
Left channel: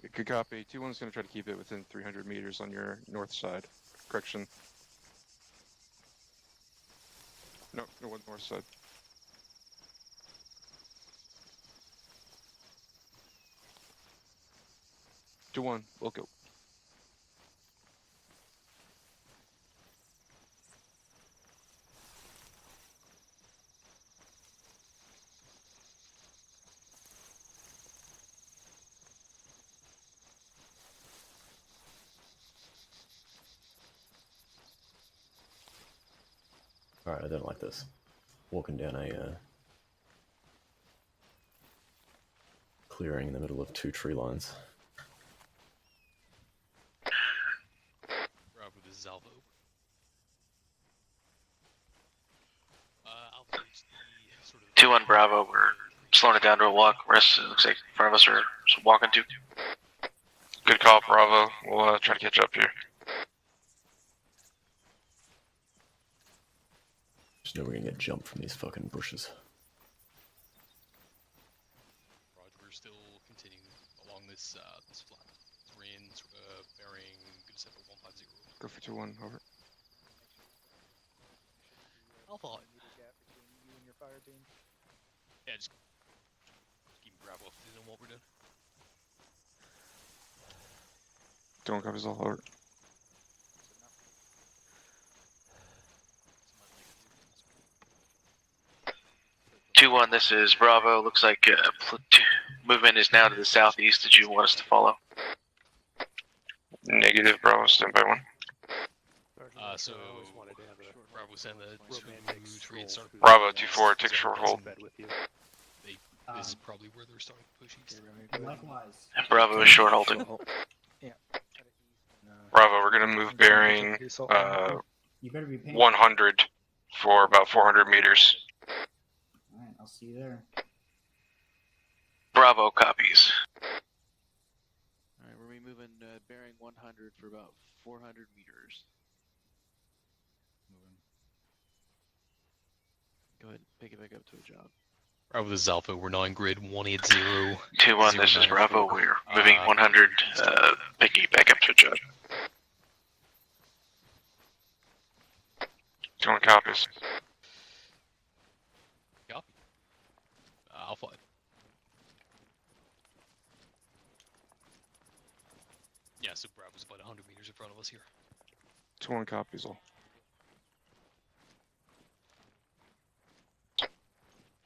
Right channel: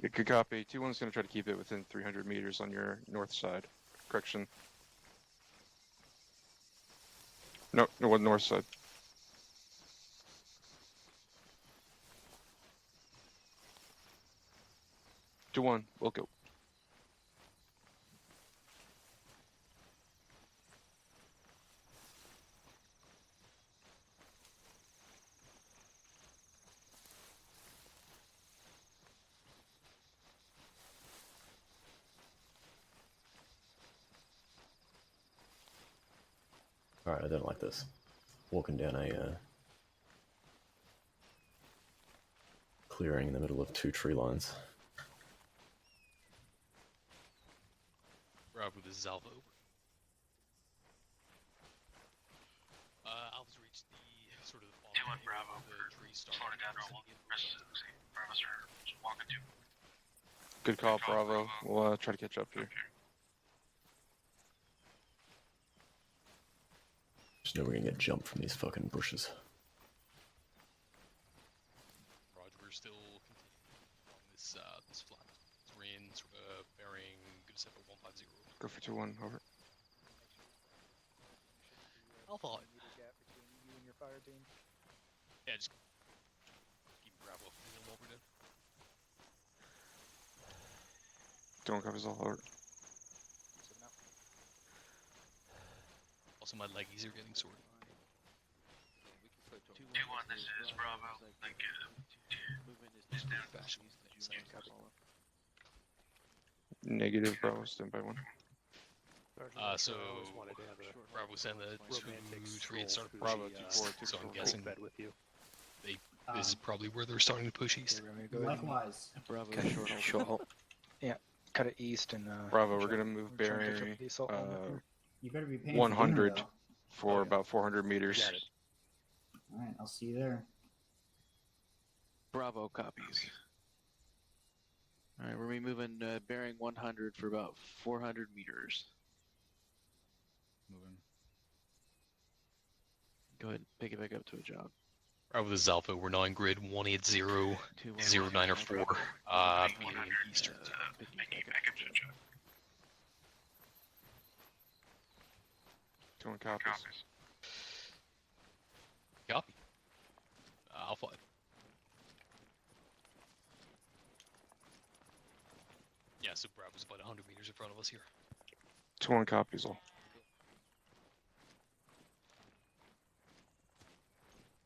Yeah, good copy. 2-1's gonna try to keep it within 300 meters on your north side. Correction. No, north side. 2-1, we'll go. Alright, I don't like this. Walking down a clearing in the middle of two tree lines. Bravo, this is Alpha. Alpha is the sort of... 2-1 Bravo, we're slowing it down to a walk. Rest looks like in front of us are walking too. Good call, Bravo. We'll try to catch up here. Just know we're gonna get jumped from these fucking bushes. Roger, we're still continuing along this this flat terrain, sort of bearing good set for 150. Go for 2-1, over. Alpha. Gap between you and your fire beam. Yeah, just keep Bravo on what we're doing. Don't cover all over. Also, my leggies are getting sorted. 2-1, this is Bravo. Looks like movement is now to the southeast. Did you want us to follow? Negative, Bravo, stand by 1. So Bravo send the trade start. Bravo 2-4, take a short hold. This is probably where they're starting to push east. Likewise. Bravo is short hold too. Yeah, cut it east and. Bravo, we're gonna move bearing You better be paying 100 for about 400 meters. Alright, I'll see you there. Bravo copies. Alright, we're moving bearing 100 for about 400 meters. Moving. Go ahead and pick it back up to a job. Bravo, this is Alpha. We're now in grid 180. 2-1, this is Bravo. We're moving 100, picking back up to a job. 2-1 copies. so Bravo's about 100 meters in front of us here. 21 copies all.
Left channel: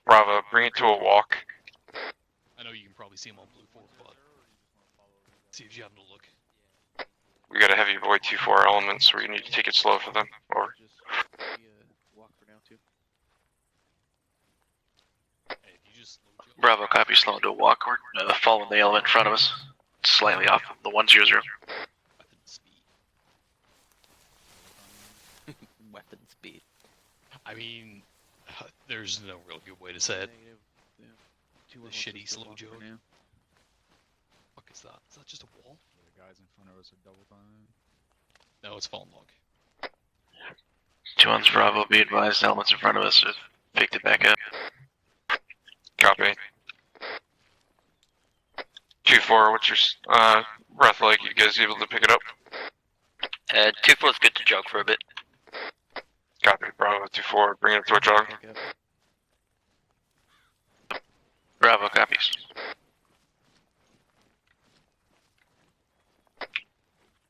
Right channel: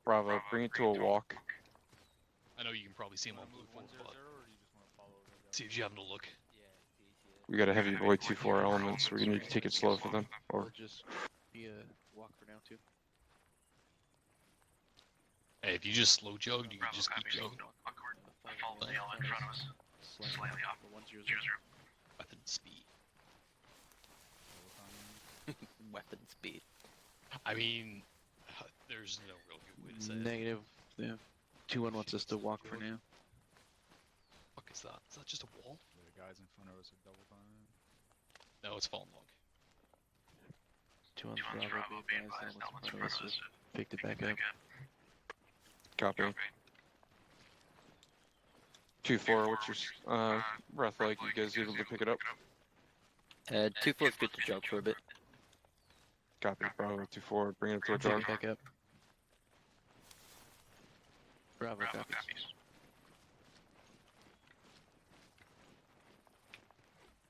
Bravo, bring it to a walk. I know you can probably see him on Blue 4, but see if you happen to look. We got a heavy boy 2-4 element, so we need to take it slow for them. Or Just be a walk for now too. Hey, if you just slow Joe. Bravo, copy, slow to a walk. We're following the element in front of us. Slightly off the 100. Weapon speed. I mean, there's no real good way to say it. Negative. Yeah. 2-1 wants Shitty us to slow walk Joe. for now. Fuck is that? Is that just a wall? The guys in front of us are double time. No, it's fallen log. 2-1's Bravo, be advised, elements in front of us have picked it back up. copy. 2-4, what's your breath like? You guys able to pick it up? 2-4's good to jog for a bit. Copy, Bravo 2-4, bring it to a jog. Bravo, copies.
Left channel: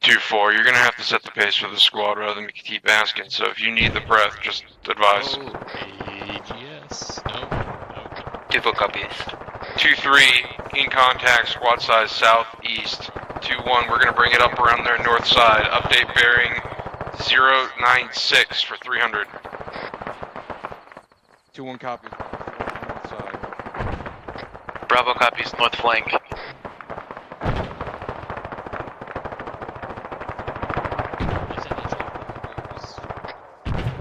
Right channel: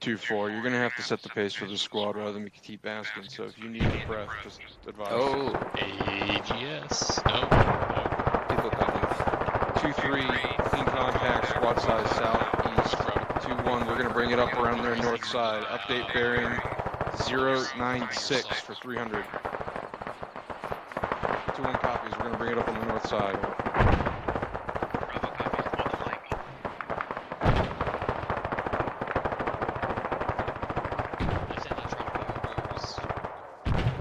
2-4, you're gonna have to set the pace for the squad rather than keep asking, so if you need the breath, just advise. Yes. 2-4 copies. 2-3, in contact, squad size southeast. 2-1, we're gonna bring it up around their north side. Update bearing 096 for 300. 2-1 copies, we're gonna bring it up on the north side. Bravo copies, north flank.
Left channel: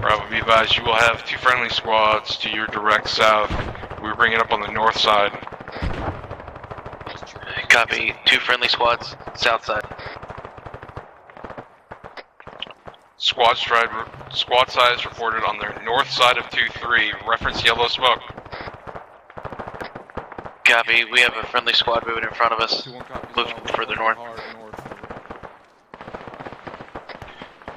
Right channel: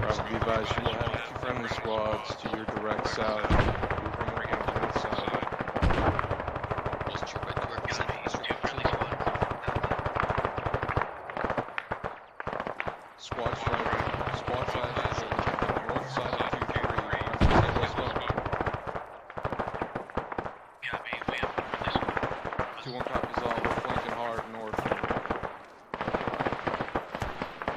Bravo, be advised, you will have 2 friendly squads to your direct south. We're bringing it up on the north side. Copy, 2 friendly squads, south side. Squad size reported on the north side of 2-3. Reference yellow smoke. Copy, we have a friendly squad moving in front of us. 2-1 copies Looking further north.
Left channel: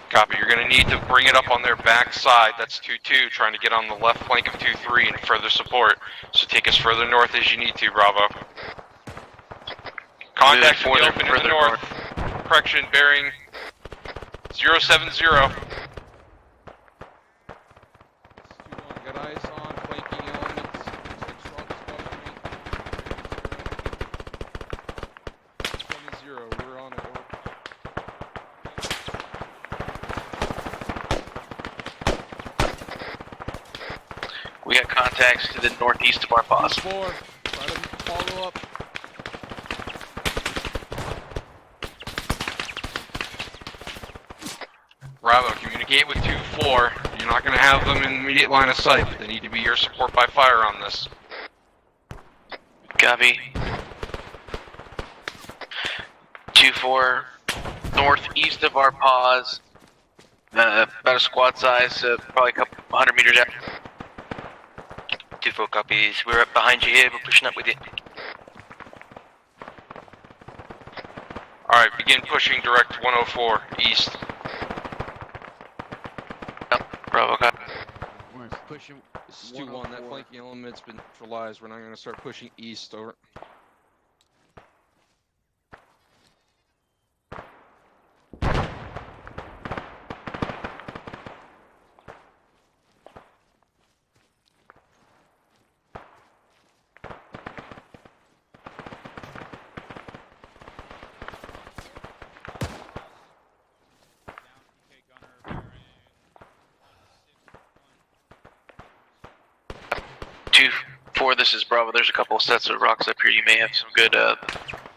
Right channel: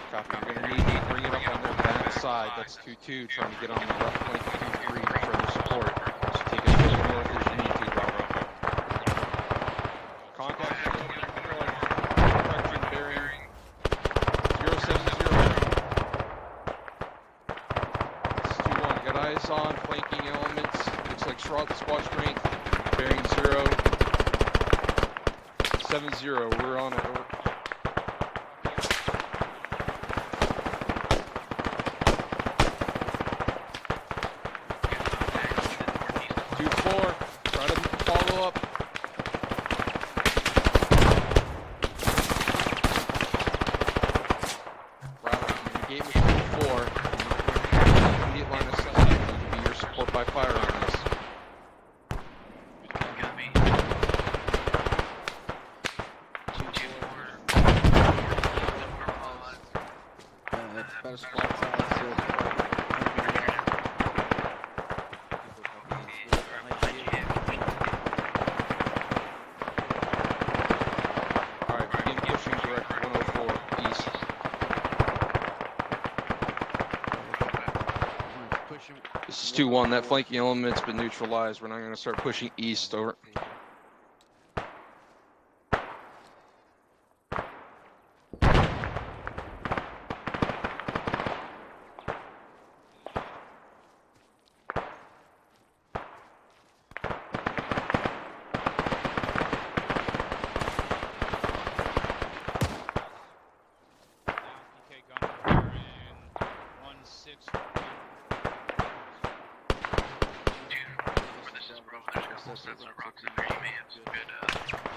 Copy, you're gonna need to bring it up on their back side. That's 2-2, trying to get on the left flank of 2-3 and further support. So take us further north as you need to, Bravo. Contact in the open in the north. Correction, bearing 070. 2-1, got eyes on flanking elements. Looks like squad strength. Bearing 070. We're on a hold. We got contacts to the northeast of our pause. 4, try to follow up. Bravo, communicate with 2-4. You're not going to have them in immediate line of sight. They need to be your support by fire on this. Copy. 2-4, northeast of our pause. About a squad size, probably a couple 100 meters out. 2-4 copies. We're up behind you here. We're pushing up with you. Alright, begin pushing direct 104 east. Bravo, copy. This is 2-1, that flanking element's been neutralized. We're not going to start pushing east over. This is Bravo. There's a couple of sets of rocks up here. You may have some good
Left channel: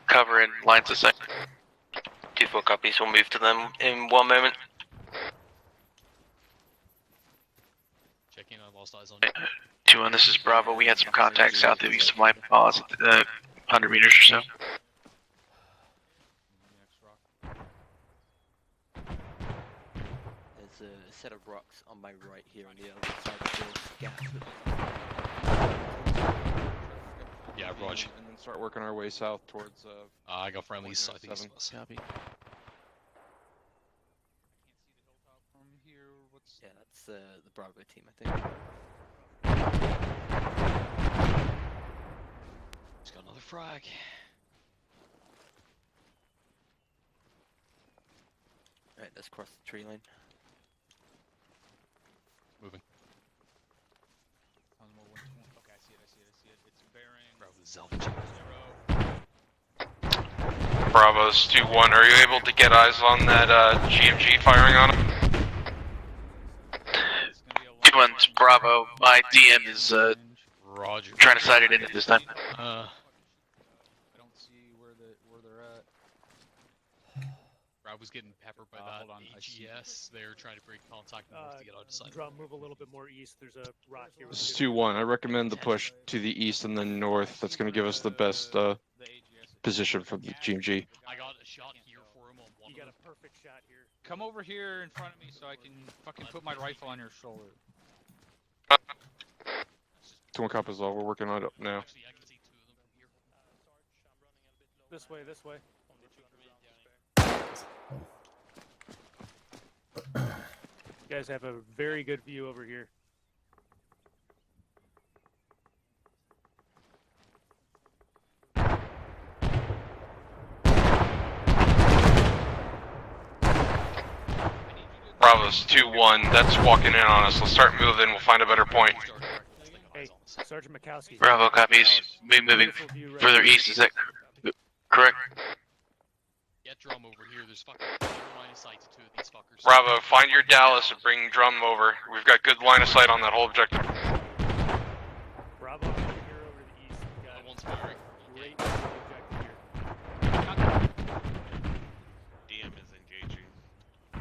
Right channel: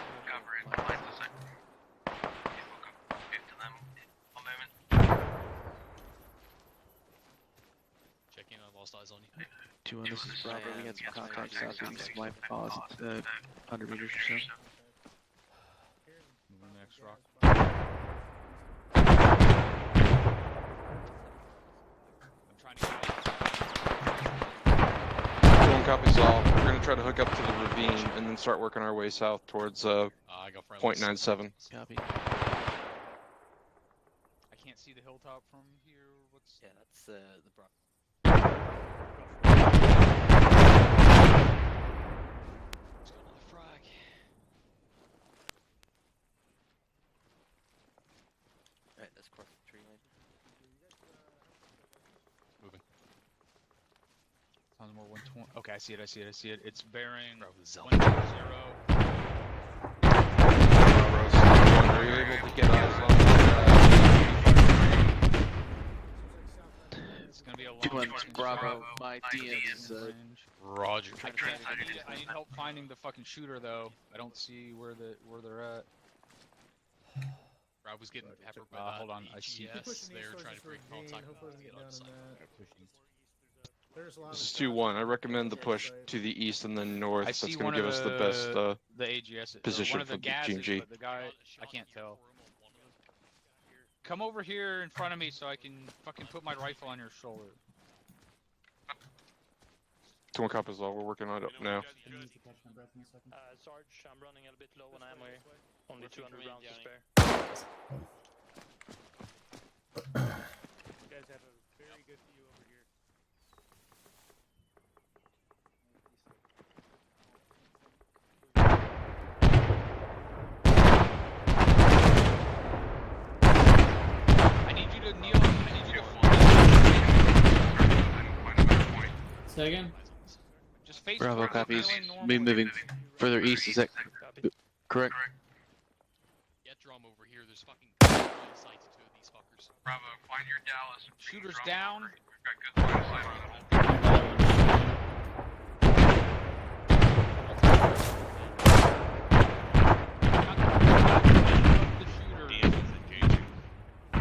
cover and lines of sight. 2-4 copies. We'll move to them in 1 moment. Checking, I lost eyes on 2-1, this is Bravo. We had some contacts south of east of my pause at 100 meters or so. Set of rocks on my right here. Copies all. We're going to try to hook up to the ravine and then start working our way south towards I got friendly 0.97. Copy. I can't see the hilltop from here. What's... Yeah, that's the Bravo team, I think. Just got another frag. just crossed the tree line. Moving. Okay, I see it. It's bearing. Bravo's 2-1. Are you able to get eyes on that GMG firing on him? 2-1's Bravo. My DM is Roger. trying to sight it in at this time. I need to fucking shoot her though. I don't see where they're at. Bravo's getting peppered by that AGS. They're trying to break contact with us to get out of sight. Drum, move a little bit more east. There's a rock here. This is 2-1. I recommend the push to the east and then north. That's going to give us the best position for the GMG. The guy, I can't tell. You got a perfect shot here. Come over here in front of me so I can fucking put my rifle on your shoulder. 2-1 cop is all. We're working on it now. Sarge, I'm running a bit low. This way. Only 200 rounds to spare. You guys have a very good view over here. Bravo's 2-1. That's walking in on us. Let's start moving. We'll find a better point. Say again? Hey, Sergeant McCaskey. Bravo copies. Be moving further east. Is that correct? Get drum over here. There's fucking line of sight to two of these fuckers. Bravo, find your Dallas and bring drum over. We've got good line of sight on that whole objective.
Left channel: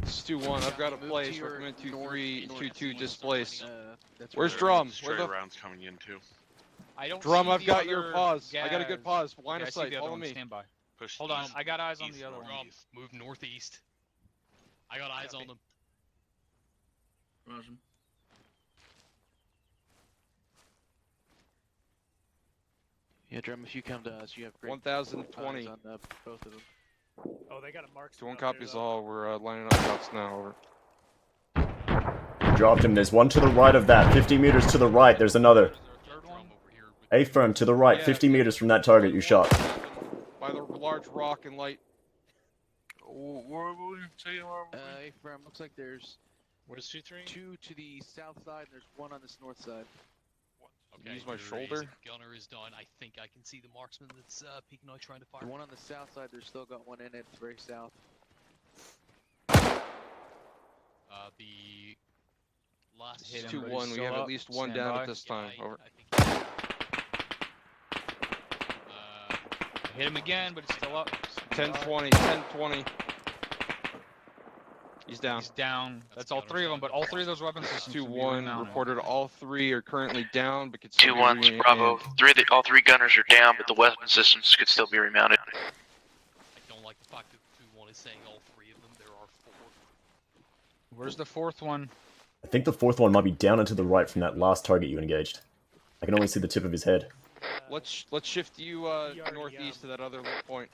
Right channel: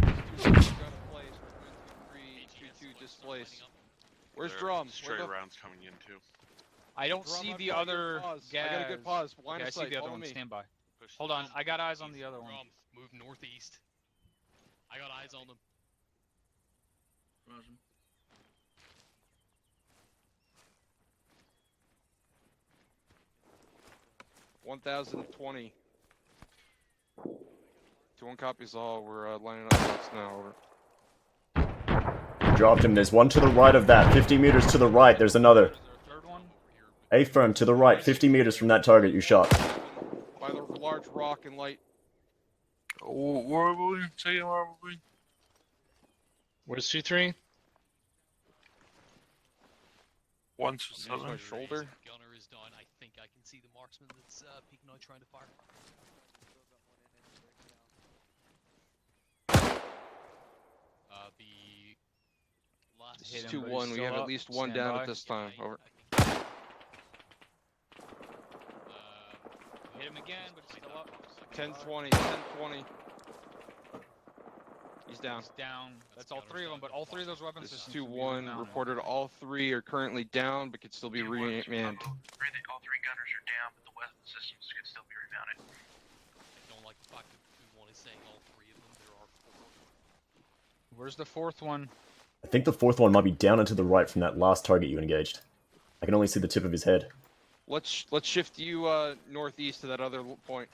This is 2-1. I've got a place. Recommend 2-3, 2-2 displace. Where's drum? Where the rounds coming in too? I don't drum? see I've the got other your pause. gas. I got a good pause. Line Okay, of I see sight. the other Follow one. me. Stand by. Push Hold on, I got eyes on the other one. Move northeast. I got eyes on them. Yeah, Drum, if you come to us, you have great 1020. eyes on both of them. Oh, they got a mark. 2-1 copies all. We're lining up shots now. Over. Dropped him. There's one to the right of that. 50 meters to the right. There's another. Third one? A firm to the right. 50 meters from that target you shot. By the large rock and light. Where are we? A firm. Looks like there's Where's 2-3? 2 to the south side. There's 1 on this north side. One Use my shoulder. Gunner is done. I think I can see the marksman that's peeking out trying to fire. The one on the south side, there's still got 1 in it. It's very south. The last This is 2-1. We have at least 1 down at this time. Over. Hit him again, but it's still up. 10-20. 10-20. He's down. He's down. That's all 3 of them, but all 3 of those weapons systems. 2-1. Reported all 3 are currently down, but could still be 2-1's Bravo. All 3 gunners are down, but the weapon systems could still be remounted. I don't like the fact that 2-1 is saying all 3 of them. There are 4. Where's the 4th one? I think the 4th one might be down and to the right from that last target you engaged. I can only see the tip of his head. Let's shift you northeast to that other point.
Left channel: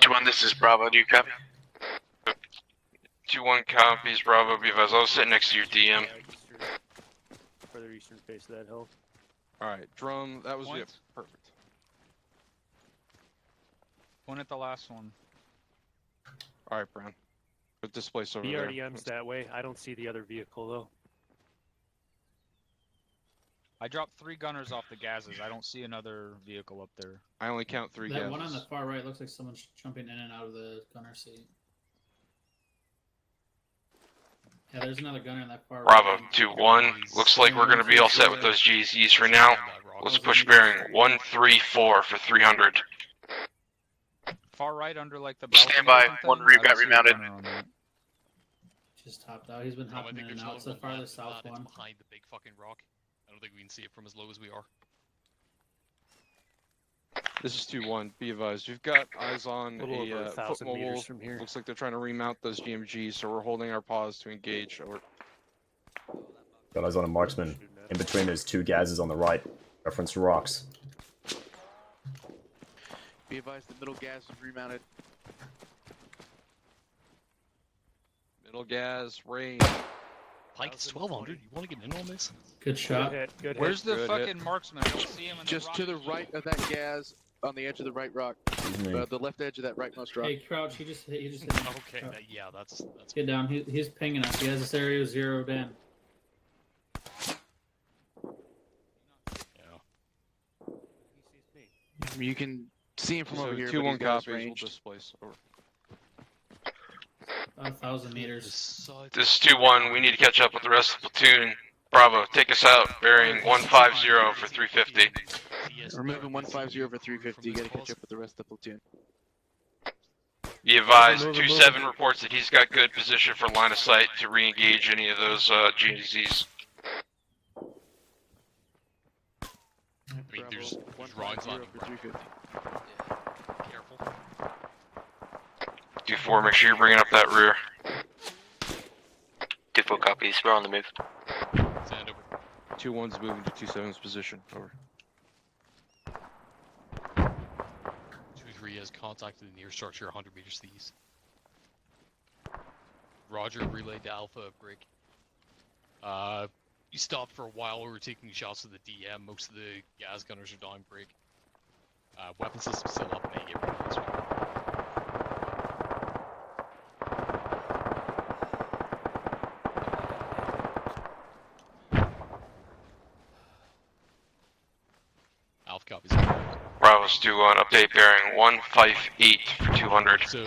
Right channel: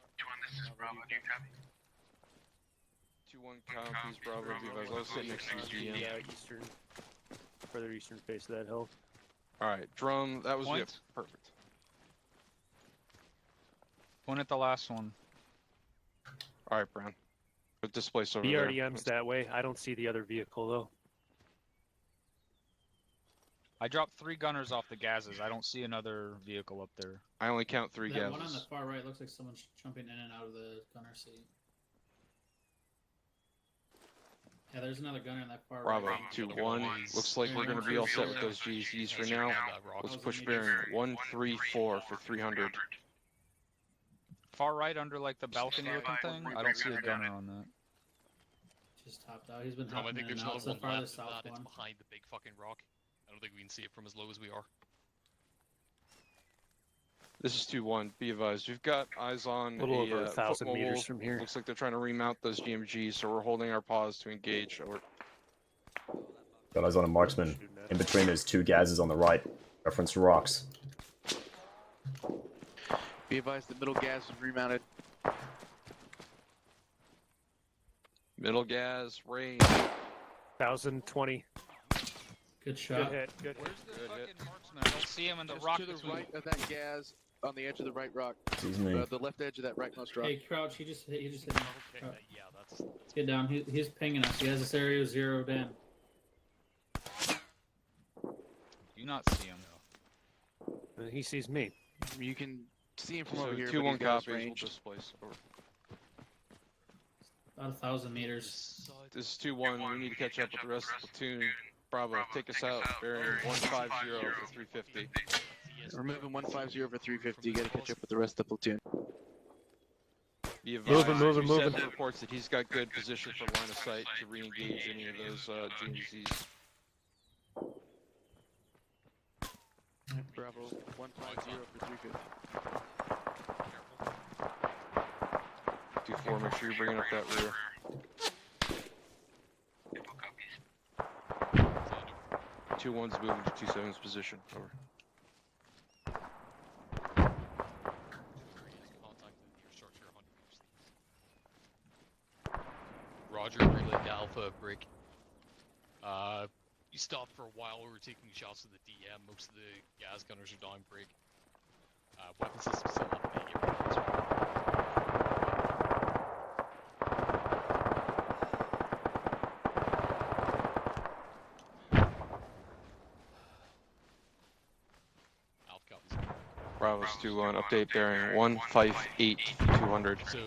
2-1, this is Bravo. Do you copy? 2-1 copies, Bravo, because I was sitting next to your DM. Further eastern face of that hill. Alright, drum, that was it. Perfect. One at the last one. Alright, Brown. Put displace over there. BRDM's that way. I don't see the other vehicle though. I dropped 3 gunners off the gases. I don't see another vehicle up there. I only count 3 That gases. one on the far right looks like someone's jumping in and out of the gunner seat. Yeah, there's another gunner in that far Bravo, right. 2-1. Looks like we're going to be all set with those GCs for now. Let's push bearing 134 for 300. Far right under like the balcony. Stand by, or something? 1 I don't rebat see a remounted. gunner on that. Just topped out. He's been I hopping think in and there's out. It's another the one farthest left south of that. one. It's behind the big fucking rock. I don't think we can see it from as low as we are. This is 2-1. Be advised. We've got eyes on A little over a 1,000 foot mobile. meters from here. Looks like they're trying to remount those GMGs, so we're holding our pause to engage. Over. Got eyes on a marksman. In between those 2 gases on the right. Reference rocks. Be advised, the middle gas was remounted. Middle gas, range. 1,020. You want to get in on this? Good shot. Good hit. Good Where's hit. the Good fucking hit. marksman? I don't see him in the Just rock to the between. right of that gas, on the edge of the right rock. Excuse me. The left edge of that rightmost rock. Hey, Crouch, he just hit me. Okay, Crouch. yeah, that's Get down. He's pinging us. He has this area zeroed in. You not see him? He sees me. You can see him from So over here. 2-1 but he's got his copies. We'll range. displace. Over. About 1,000 meters. This is 2-1. We need to catch up with the rest of the platoon. Bravo, take us out, bearing 150 for 350. We're moving 150 over 350. You gotta catch up with the rest of the platoon. Be advised, Moving, 2-7 reports that he's got good position for line of sight to re-engage any of those GZs. Bravo, 150 over 350. 2-4, make sure you're bringing up that rear. 2-4 copies, we're on the move. 2-1's moving to 2-7's position. Over. 2-3 has contacted the near structure 100 meters to the east. Roger, relay to Alpha, break. We stopped for a while, we were taking shots with the DM, most of the gas gunners are down, break. Weapon system still up, and they get ready as well. Alpha copies. Bravo's due on update bearing 158 for 200. So,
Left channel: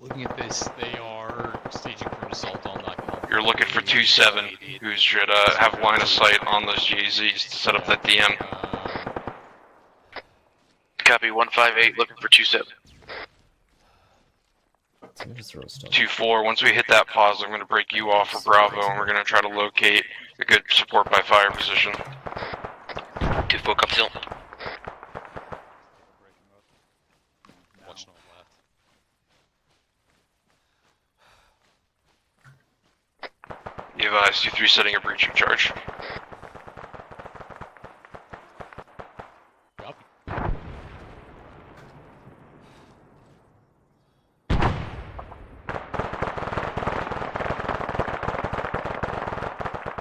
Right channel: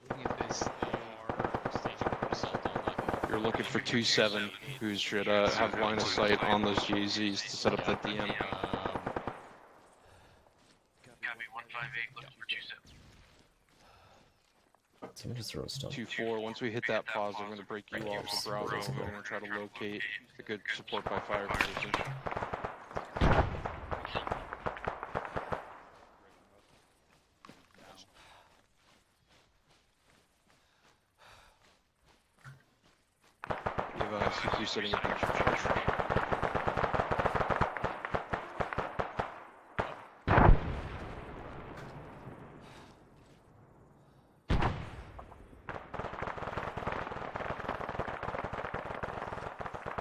looking at this, they are staging for an assault on that. You're looking for 2-7, who should have line of sight on those GZs to set up that DM. Copy 158, looking for 2-7. Someone just throw a stun. 2-4, once we hit that pause, I'm going to break you off for Bravo, and we're going to try to locate a good support by fire position. 2-4 comes in. Be advised, 2-3 setting a breaching charge.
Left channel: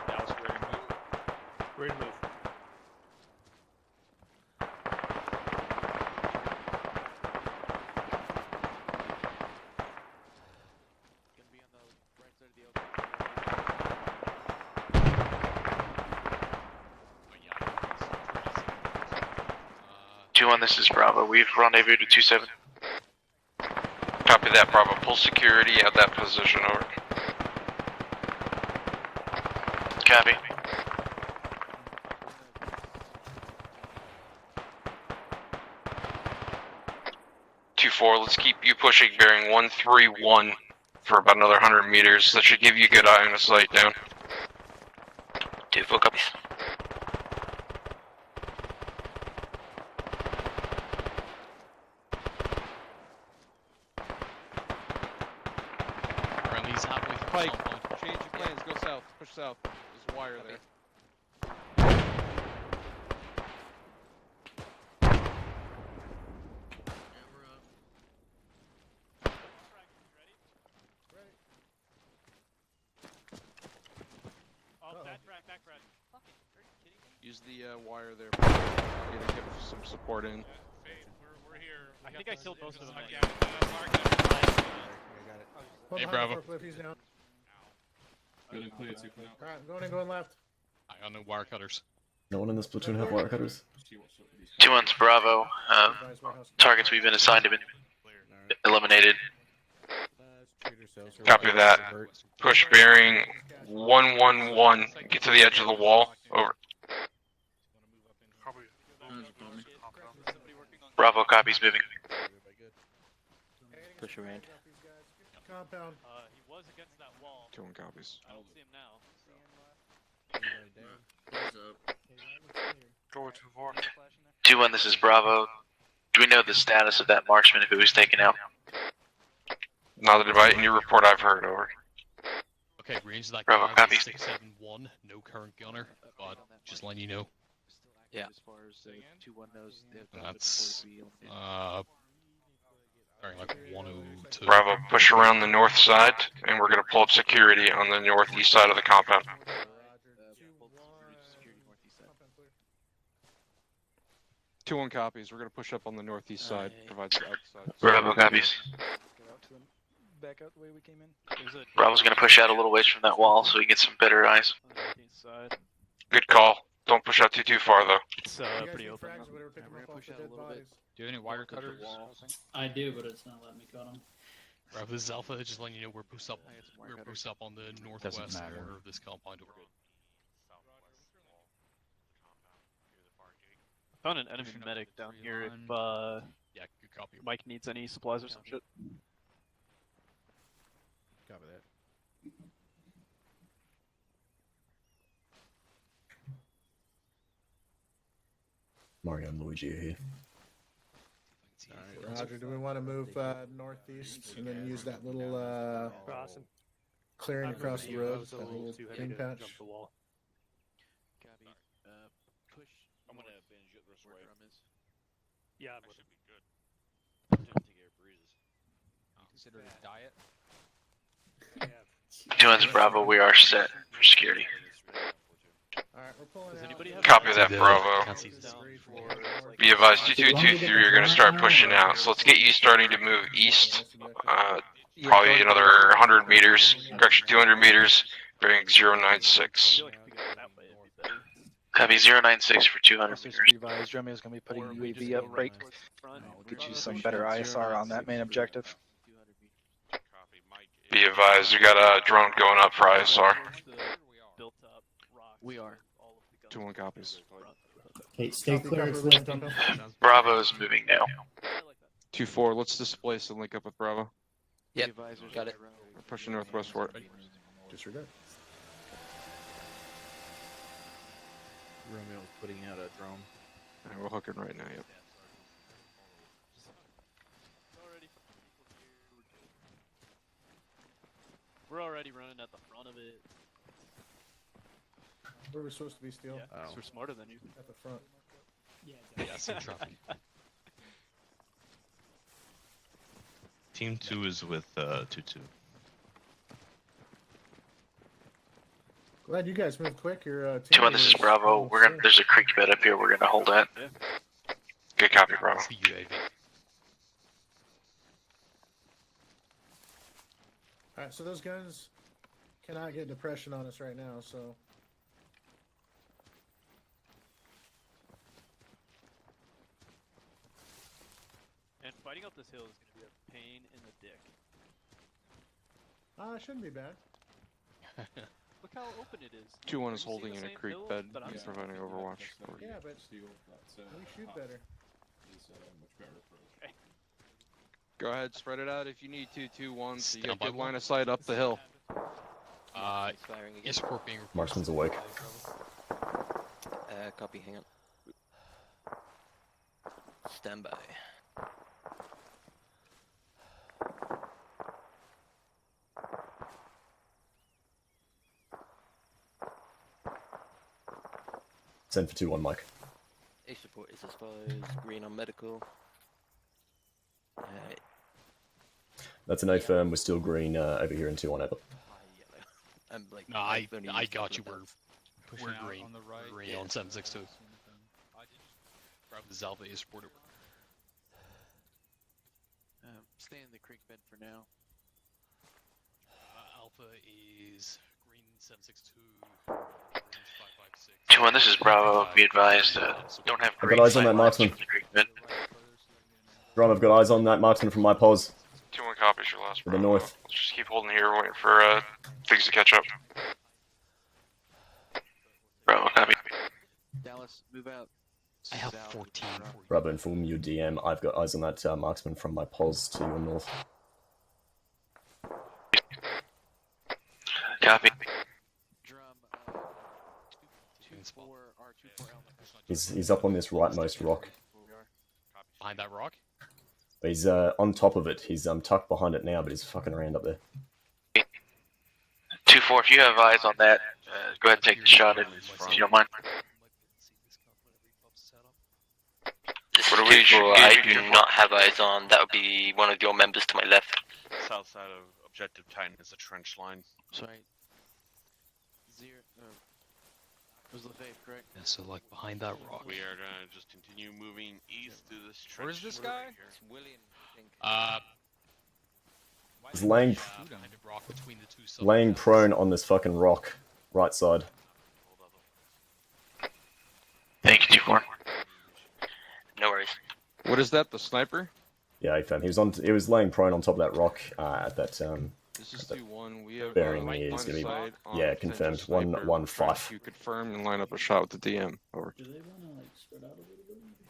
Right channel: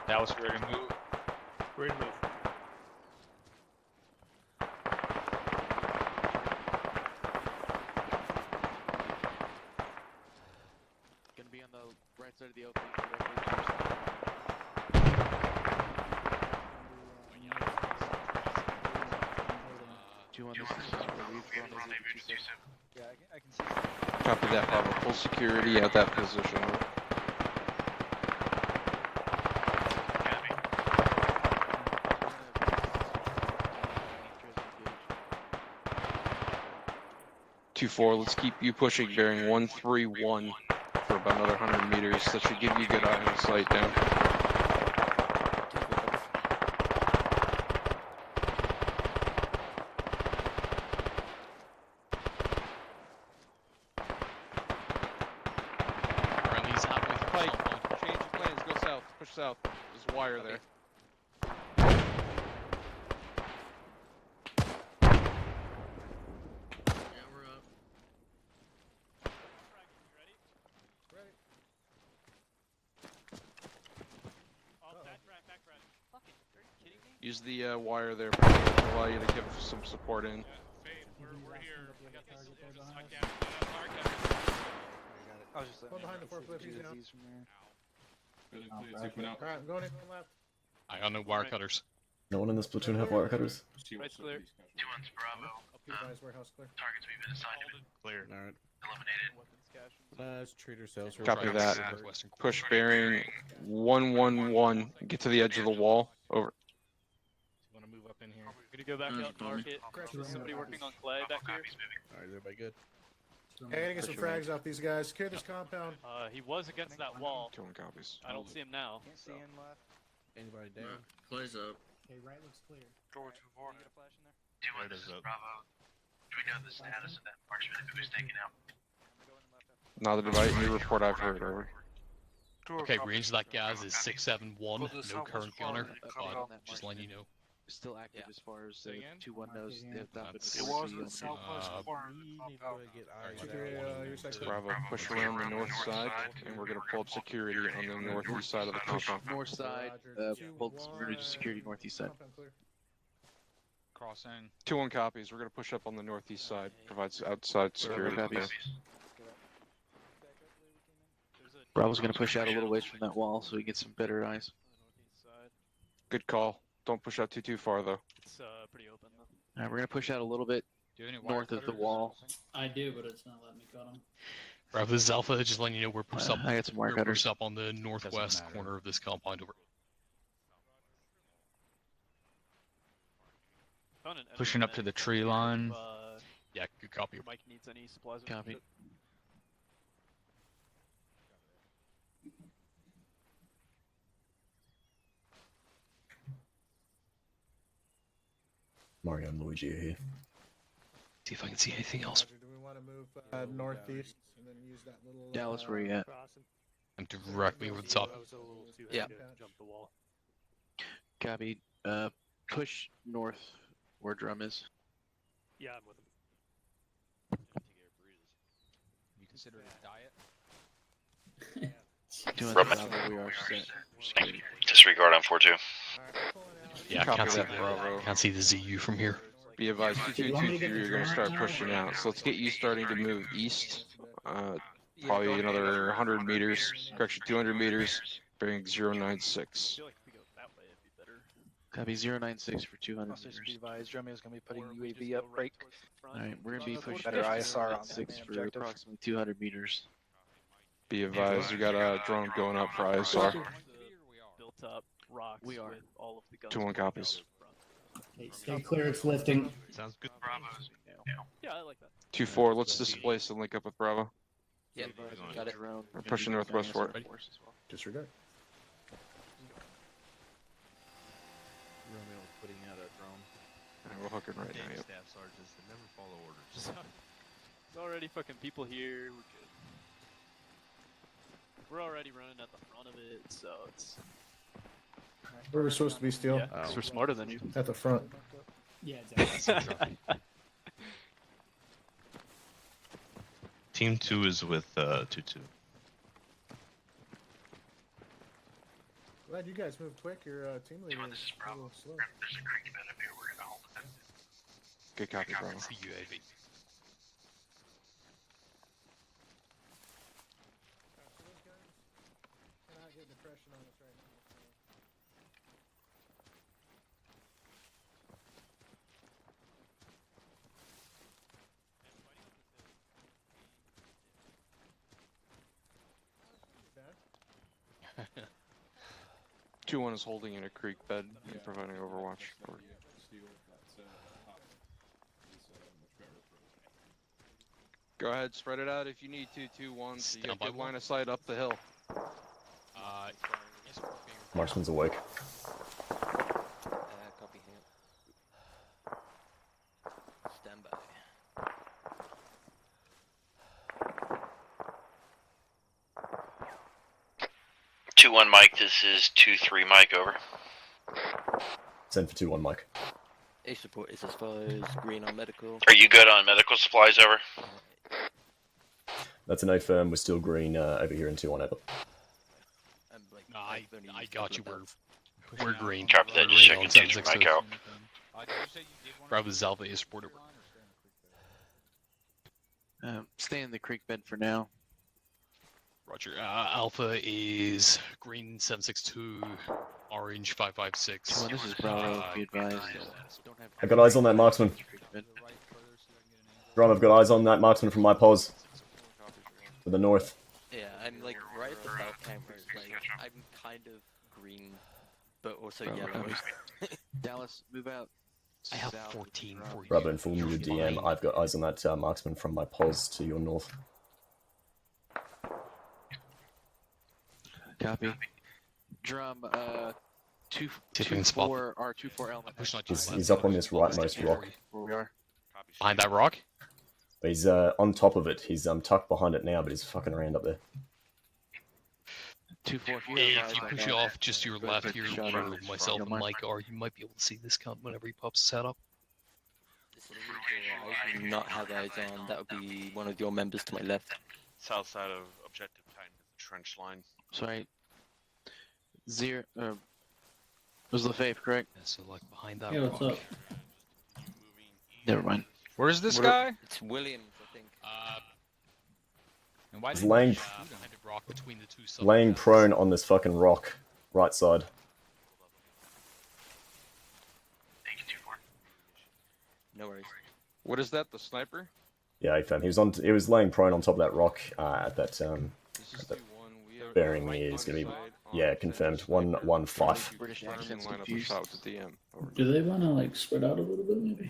That was ready to move. Ready to move. Gonna be on the right side of the open. 2-1, this is Bravo. We've rendezvoused to 2-7. Copy that, Bravo. Full security at that position, over. Copy. Let's keep you pushing, bearing 131 for about another 100 meters. That should give you a good eye on the sight down. 2-4 copies. Friendly's halfway through Pike, compound. change your plans. Go south. Push south. There's a wire there. Use the wire there. Allow you to get some support in. We're here. I think I killed most of them. Hey, Bravo. Alright, I'm going left. I got no wire cutters. No one in this platoon have wire cutters? 2-1's Bravo. Targets we've been assigned have been eliminated. Copy that. Push bearing 111. Get to the edge of the wall. Over. Bravo copies moving. Hey, I gotta get some frags off these guys. Secure this compound. He was against that wall. 2-1 copies. I don't see him now. Door 2-1, this is Bravo. Do we know the status of that marksman if it was taken out? Not that in your report I've heard, over. Okay, range of that Bravo, guy copy. is 671, no current gunner, but just letting you know. Still active as far as 2-1 knows. That's, Bravo, push around the north side, and we're going to pull up security on the northeast side of the compound. North side, pull security northeast side. crossing. 2-1 copies. We're gonna push up on the northeast side. Provides outside. Bravo copies. Back out the way we came in. Bravo's gonna push out a little ways from that wall so we get some better eyes. Good call. Don't push out too far though. It's pretty open. Alright, we're gonna push out a little bit Do you have any wire north of the cutters? wall. I do, but it's not letting me cut them. Bravo, this is Alpha, just letting you know we're pushed up. I got some wire we're cutters. pushed up on the northwest matter. corner of this compound over. Found an enemy Pushing up to medic the down tree here line. If, Yeah, good copy. Mike needs any supplies or some Copy. shit. Copy that. Mario and Luigi are here. See if I can see anything else. Roger, do we want to move northeast and then use that little Dallas, where you at? I'm clearing directly over across the top. the Yeah. patch? Copy. Push north where drum is. Yeah, I'm with him. You consider it a diet? 2-1's Bravo, we are set for security. Disregard on 4-2. Yeah, I Copy can't see that, the- Bravo. Can't see the ZU from here. Be advised, 2223 are going to start pushing out. So let's get you starting to move east. Probably another 100 meters. Correction, 200 meters. Bearing 096. Copy 096 for 200 Officers meters. advised, Jeremy is going to be putting UAV up right. Alright, we're Get gonna you be some pushing better up ISR on 096 that main for objective. Approximately 200 meters. Be advised, we got a drone going up for ISR. Built up rocks. We are. with all of the guns 2-1 pointed copies. towards Bravo. Okay, stay clear, it's lifting. Bravo's moving now. Yeah, I like that. 2-4. Let's displace and link up with Bravo. Yep, got it. We're pushing northwest for it. Disregard. Romeo putting out a drone. Alright, we're hooking right now. Yep. There's already fucking people here. We're good. We're already running at the front of it, so it's. Where we're supposed to be, Steel? Yeah, 'cause we're smarter than you. At the front. Yeah, Team 2 is with 2-2. Glad you guys moved quick. Your 2-1, this is Bravo. We're gonna. There's a creek bed up here. We're gonna hold that. Good copy, Bravo. The UAV. Alright, so those guns cannot get depression on us right now, so. And fighting up this hill is gonna be a pain in the dick. It shouldn't be bad. Look how open it is. 2-1 is You see holding the in a same creek hill, bed but I'm and providing overwatch. Yeah, but we shoot better. Go ahead, spread it out if you need to. 2-1, so you Stand get by good one. line of sight up the hill. Yes, support being Marksman's awake. Copy, hang on. Stand by. Two 2-1 Mike, this is 2-3 Mike, over. Send for 2-1, Mike. A support is as follows, green on medical. Are you good on medical supplies, over? That's an A firm. We're still green over here in 2-1, over. No, I got you. We're green. Copy that, We're just green checking on 2-3 762. Mike out. Bravo Alpha is support over. Stay in the creek bed for now. Roger. Alpha is green 762, orange 556. 2-1, this is Bravo. Be advised, don't have. I've got eyes on that marksman. Drum, I've got eyes on that marksman from my pause. 2-1 copies your last. To the north. Just keep holding here, waiting for things to catch up. I'm kind of green, but also. Bravo, copy. Dallas, move out. I have 14. Bravo, inform you DM. I've got eyes on that marksman from my pause to your north. Copy. Drum, See if we can spot 2-4 R24 element. He's up on this rightmost rock. Where we are. Behind that rock? He's on top of it. He's tucked behind it now, but he's fucking around up there. 2-4, if you have eyes on that, Just your go ahead and left take here, the shot or in. myself If you don't and mind. Mike, or you might be able to see this cunt whenever he pops his head up. What do we People I do not have eyes on. That would be one of your members to my left. South side of Objective Titan is a trench line. Sorry. Was Lefebvre correct? Yeah, so like behind that Hey, what's rock. up? We are gonna just Never mind. Where's this What guy? It's Williams, I think. And why He's didn't you laying, shoot him? Kind of rock between the two sides. laying prone on this fucking rock, right side. Thank you, 2-4. No worries. What is that? The sniper? Yeah, I found he was laying prone on top of that rock at that This is at that 2-1. We have bearing is gonna be confirmed 115. Confirmed and line up a shot with the DM. Over. Do they want to like spread out a little bit, maybe?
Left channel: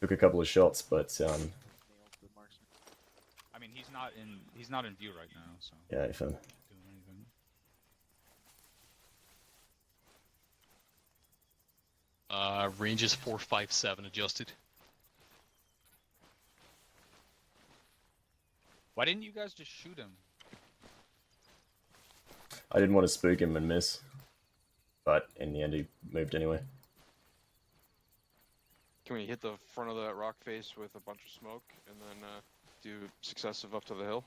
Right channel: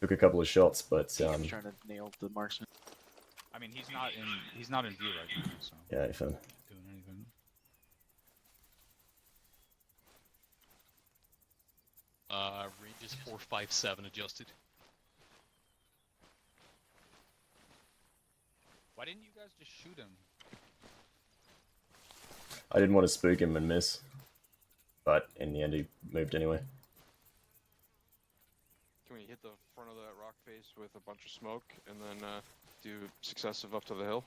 Took a couple of shots, but Trying to nail the marksman. I mean, he's not in view right now, so. yeah, I found. Doing anything. Range is 457 adjusted. Why didn't you guys just shoot him? I didn't want to spook him and miss, but in the end he moved anyway. Can we hit the front of that rock face with a bunch of smoke and then do successive up to the hill?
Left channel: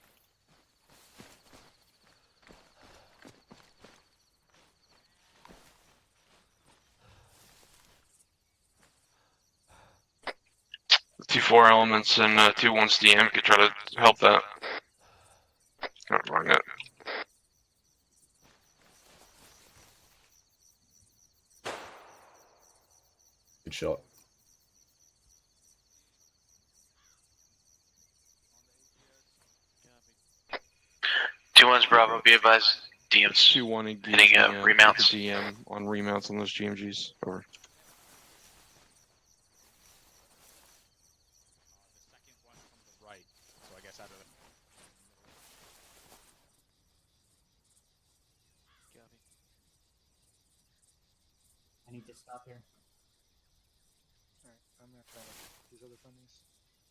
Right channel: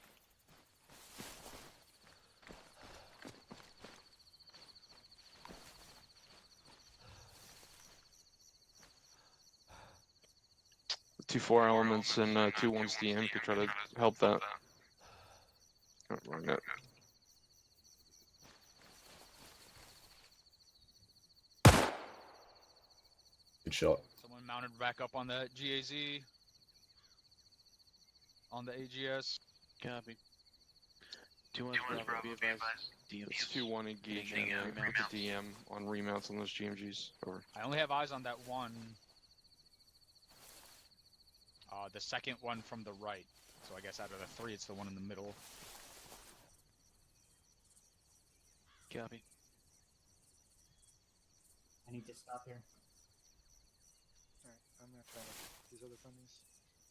The 2-4 elements and 2-1's DM could try to help that. Not wrong it. Good shot. Someone mounted back up on the GAZ. On the AGS. Copy. 2-1's Bravo, be advised. DM's 2-1 engage hitting remounts. the DM on remounts on those GMGs. Over. I only have eyes on that one. The second one from the right. So I guess out of the three, it's the one in the middle. Copy. I need to stop here. Alright, I'm gonna try these other friendlies.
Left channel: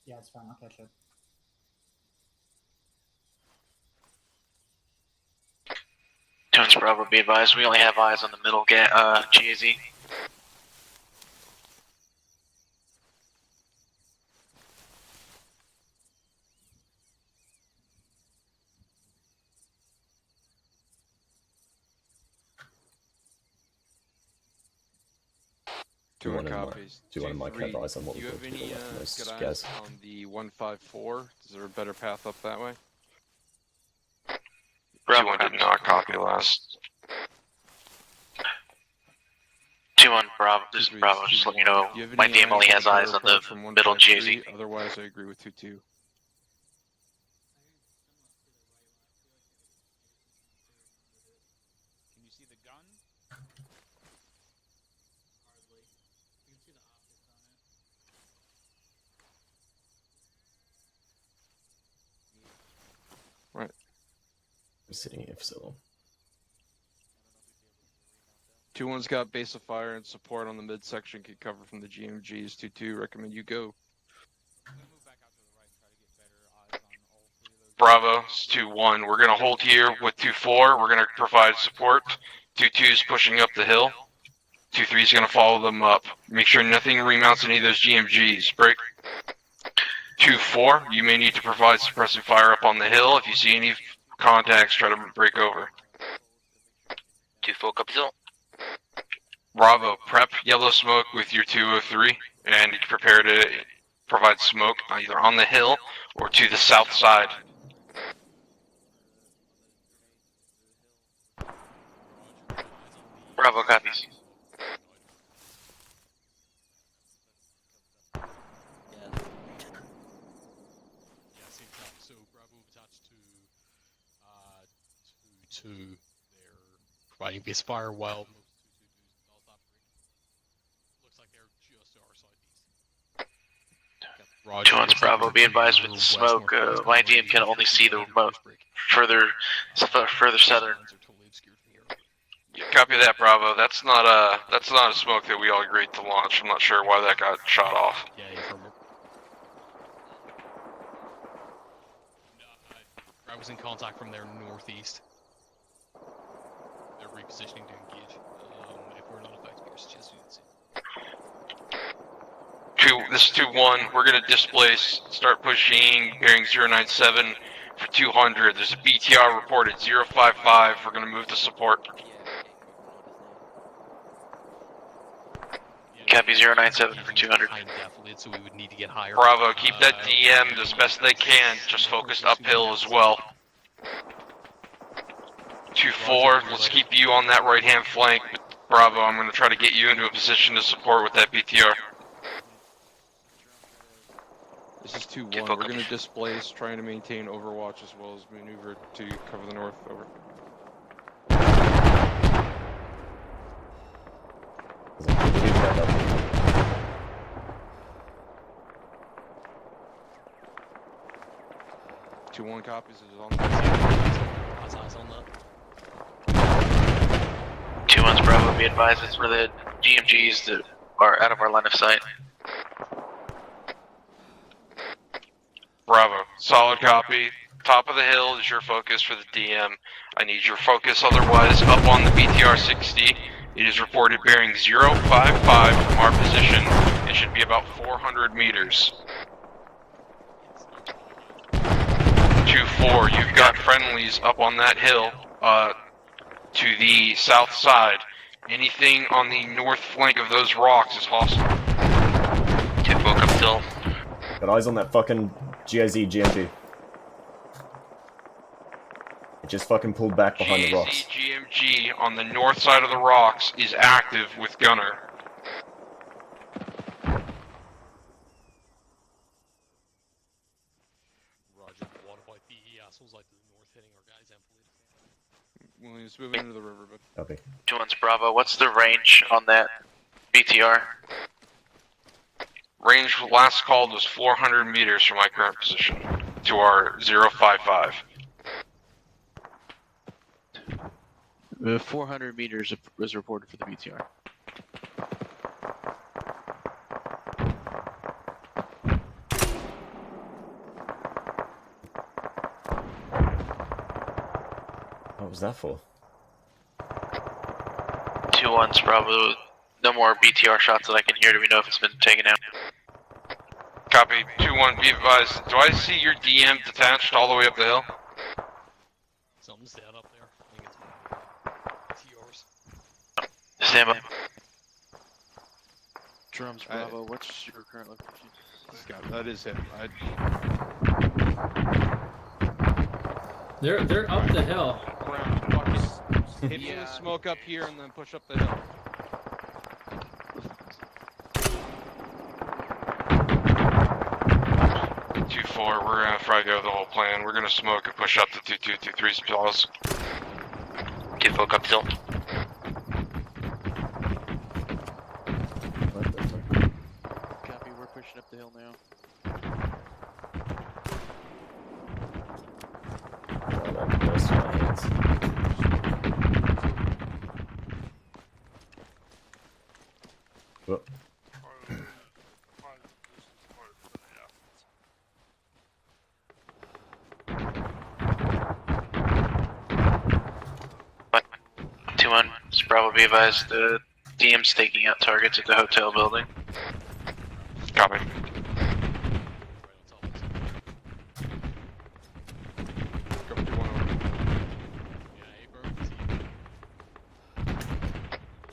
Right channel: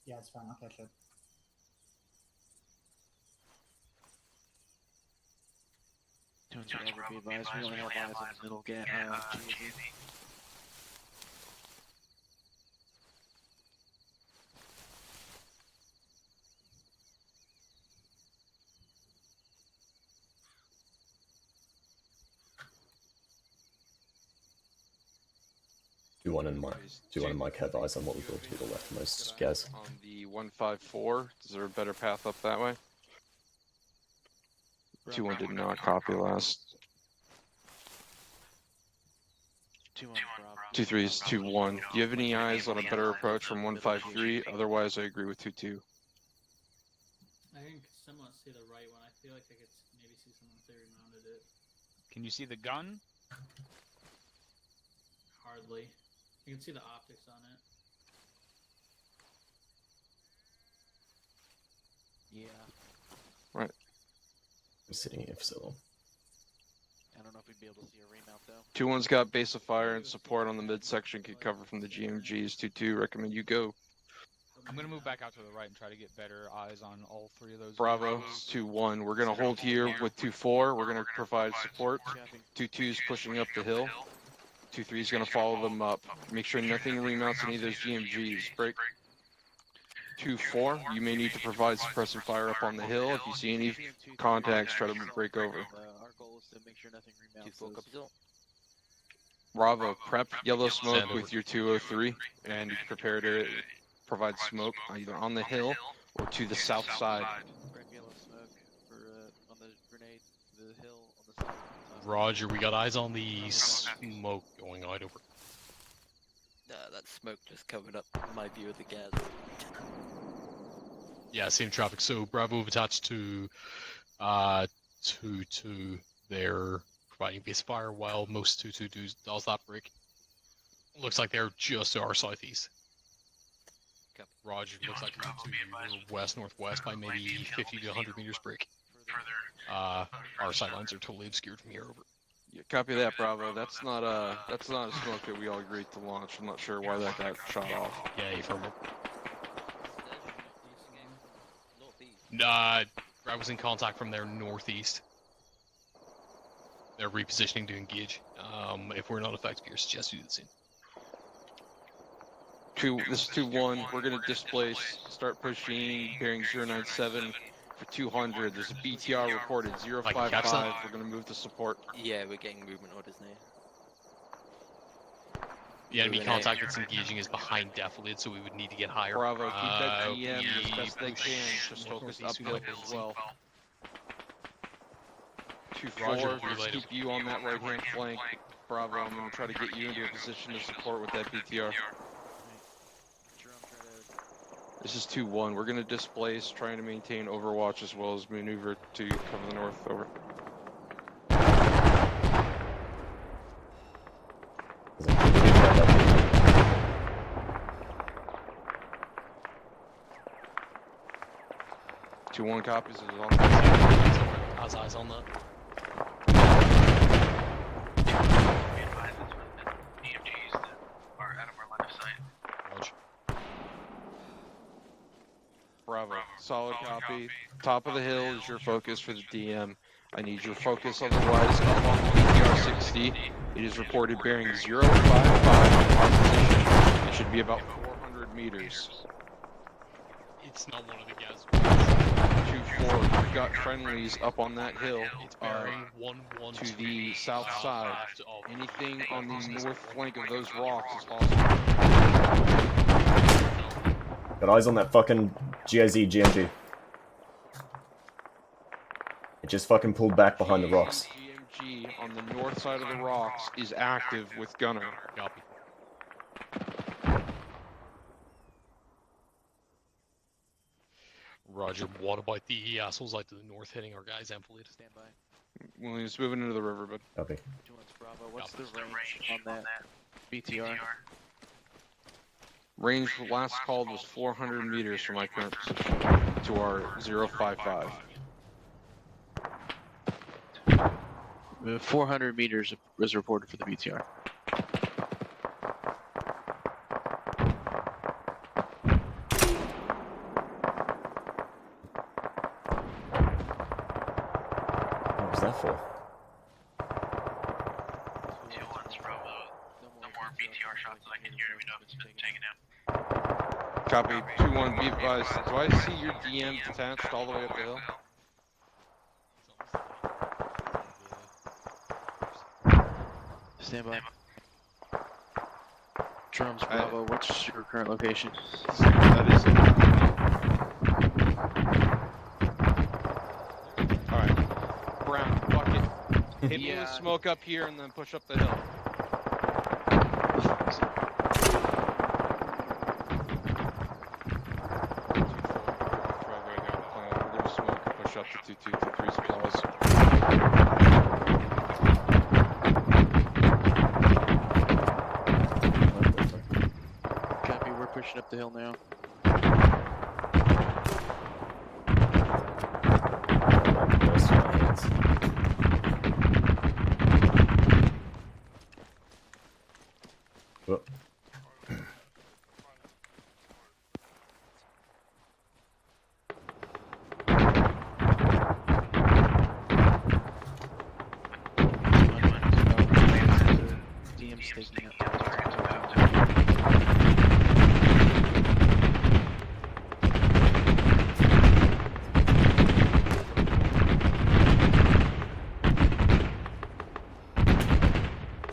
Yeah, it's fine. I'll catch up. Jones Bravo, be advised. We only have eyes on the middle GAZ. Two one and Mike have eyes on what we built to the leftmost gas. On the 154, is there a better path up that way? Bravo did not copy last. 2-1 Bravo, this is 2-3 Bravo, is just let 2-1. you know, Do you have my any game only eyes has on a eyes better on the approach from middle 153? GAZ. Otherwise, I agree with 2-2. I can somewhat see the right one. I feel like I could maybe see someone if they remounted it. Can you see the gun? Hardly. You can see the optics on it. Yeah. Right. I'm sitting here for so long. I don't know if we'd be able to see a remount though. 2-1's got base of fire and support on the midsection. Could cover from the GMGs. 2-2, recommend you go. I'm gonna move back out to the right and try to get better eyes on all three of those. Bravo, it's 2-1. We're gonna hold here with 2-4. We're gonna provide support. 2-2's pushing up the hill. 2-3's gonna follow them up. Make sure nothing remounts any of those GMGs. Break. 2-4, you may need to provide suppressive fire up on the hill. If you see any contacts, try to break over. 2-4 copy zone. Bravo, prep yellow smoke with your 203 and prepare to provide smoke either on the hill or to the south side. Roger, we got eyes on the Bravo, copy. smoke going right over. That smoke just covered up my view of the gas. Yeah, same traffic. So Bravo have attached to 2-2. They're providing base fire while most 2-2 does that break. Looks like they're just to our southeast. Roger. 2-1's Bravo, be advised with the smoke. My DM can only see the further southern. Lines are totally obscured from here. Yeah, copy that, Bravo. That's not a smoke that we all agreed to launch. I'm not sure why that got shot off. Yeah, you've heard it. I was in contact from their northeast. They're repositioning to engage. If we're not effective here, suggest you do the same. This is 2-1. We're gonna displace. Start pushing. Bearing 097 for 200. There's a BTR reported 055. We're gonna move to support. Yeah, we're getting movement orders now. Yeah, Copy, no, 097 using 200. high defilade, so we would need to get higher. Bravo, keep that DM as best they can. Just focus uphill as well. 2-4, let's keep you on that right-hand flank. Bravo, I'm going to try to get you into a position to support with that BTR. This is 2-1. We're going to displace, trying to maintain overwatch as well as maneuver to cover the north. Over. Two one copies is on. Eyes on that. 2-1's Bravo, be advised it's for the GMGs that are out of our line of sight. Bravo, solid copy. Top of the hill is your focus for the DM. I need your focus, otherwise up on the BTR 60. It is reported bearing 055 from our position. It should be about 400 meters. 2-4, you've got friendlies up on that hill to the south side. Anything on the north flank of those rocks is hostile. Got eyes on that fucking GIZ GMG. It just fucking pulled back behind the rocks. GMG on the north side of the rocks is active with gunner. Roger, what about the assholes like to the north hitting our guys? Enfilade, stand by. Williams moving into the river, bud. Copy. 2-1's Bravo, what's the range on that BTR? Range last called was 400 meters from my current position to our 055. 400 meters is reported for the BTR. What was that for? 2-1's Bravo, no more BTR shots that I can hear. Do we know if it's been taken out? Copy, 2-1, be advised. Do I see your DM detached all the way up the hill? Stand by. Drums Bravo, what's your current location? That is it. They're up the hill. Brown, focus. Hit me with smoke up here and then push up the hill. We're gonna fry go the whole plan. We're gonna smoke and push up to 2223's jaws. Get folk up hill. Copy, we're pushing up the hill now. Whoop. Bravo, be advised, the DM's staking out targets at the hotel building. Copy.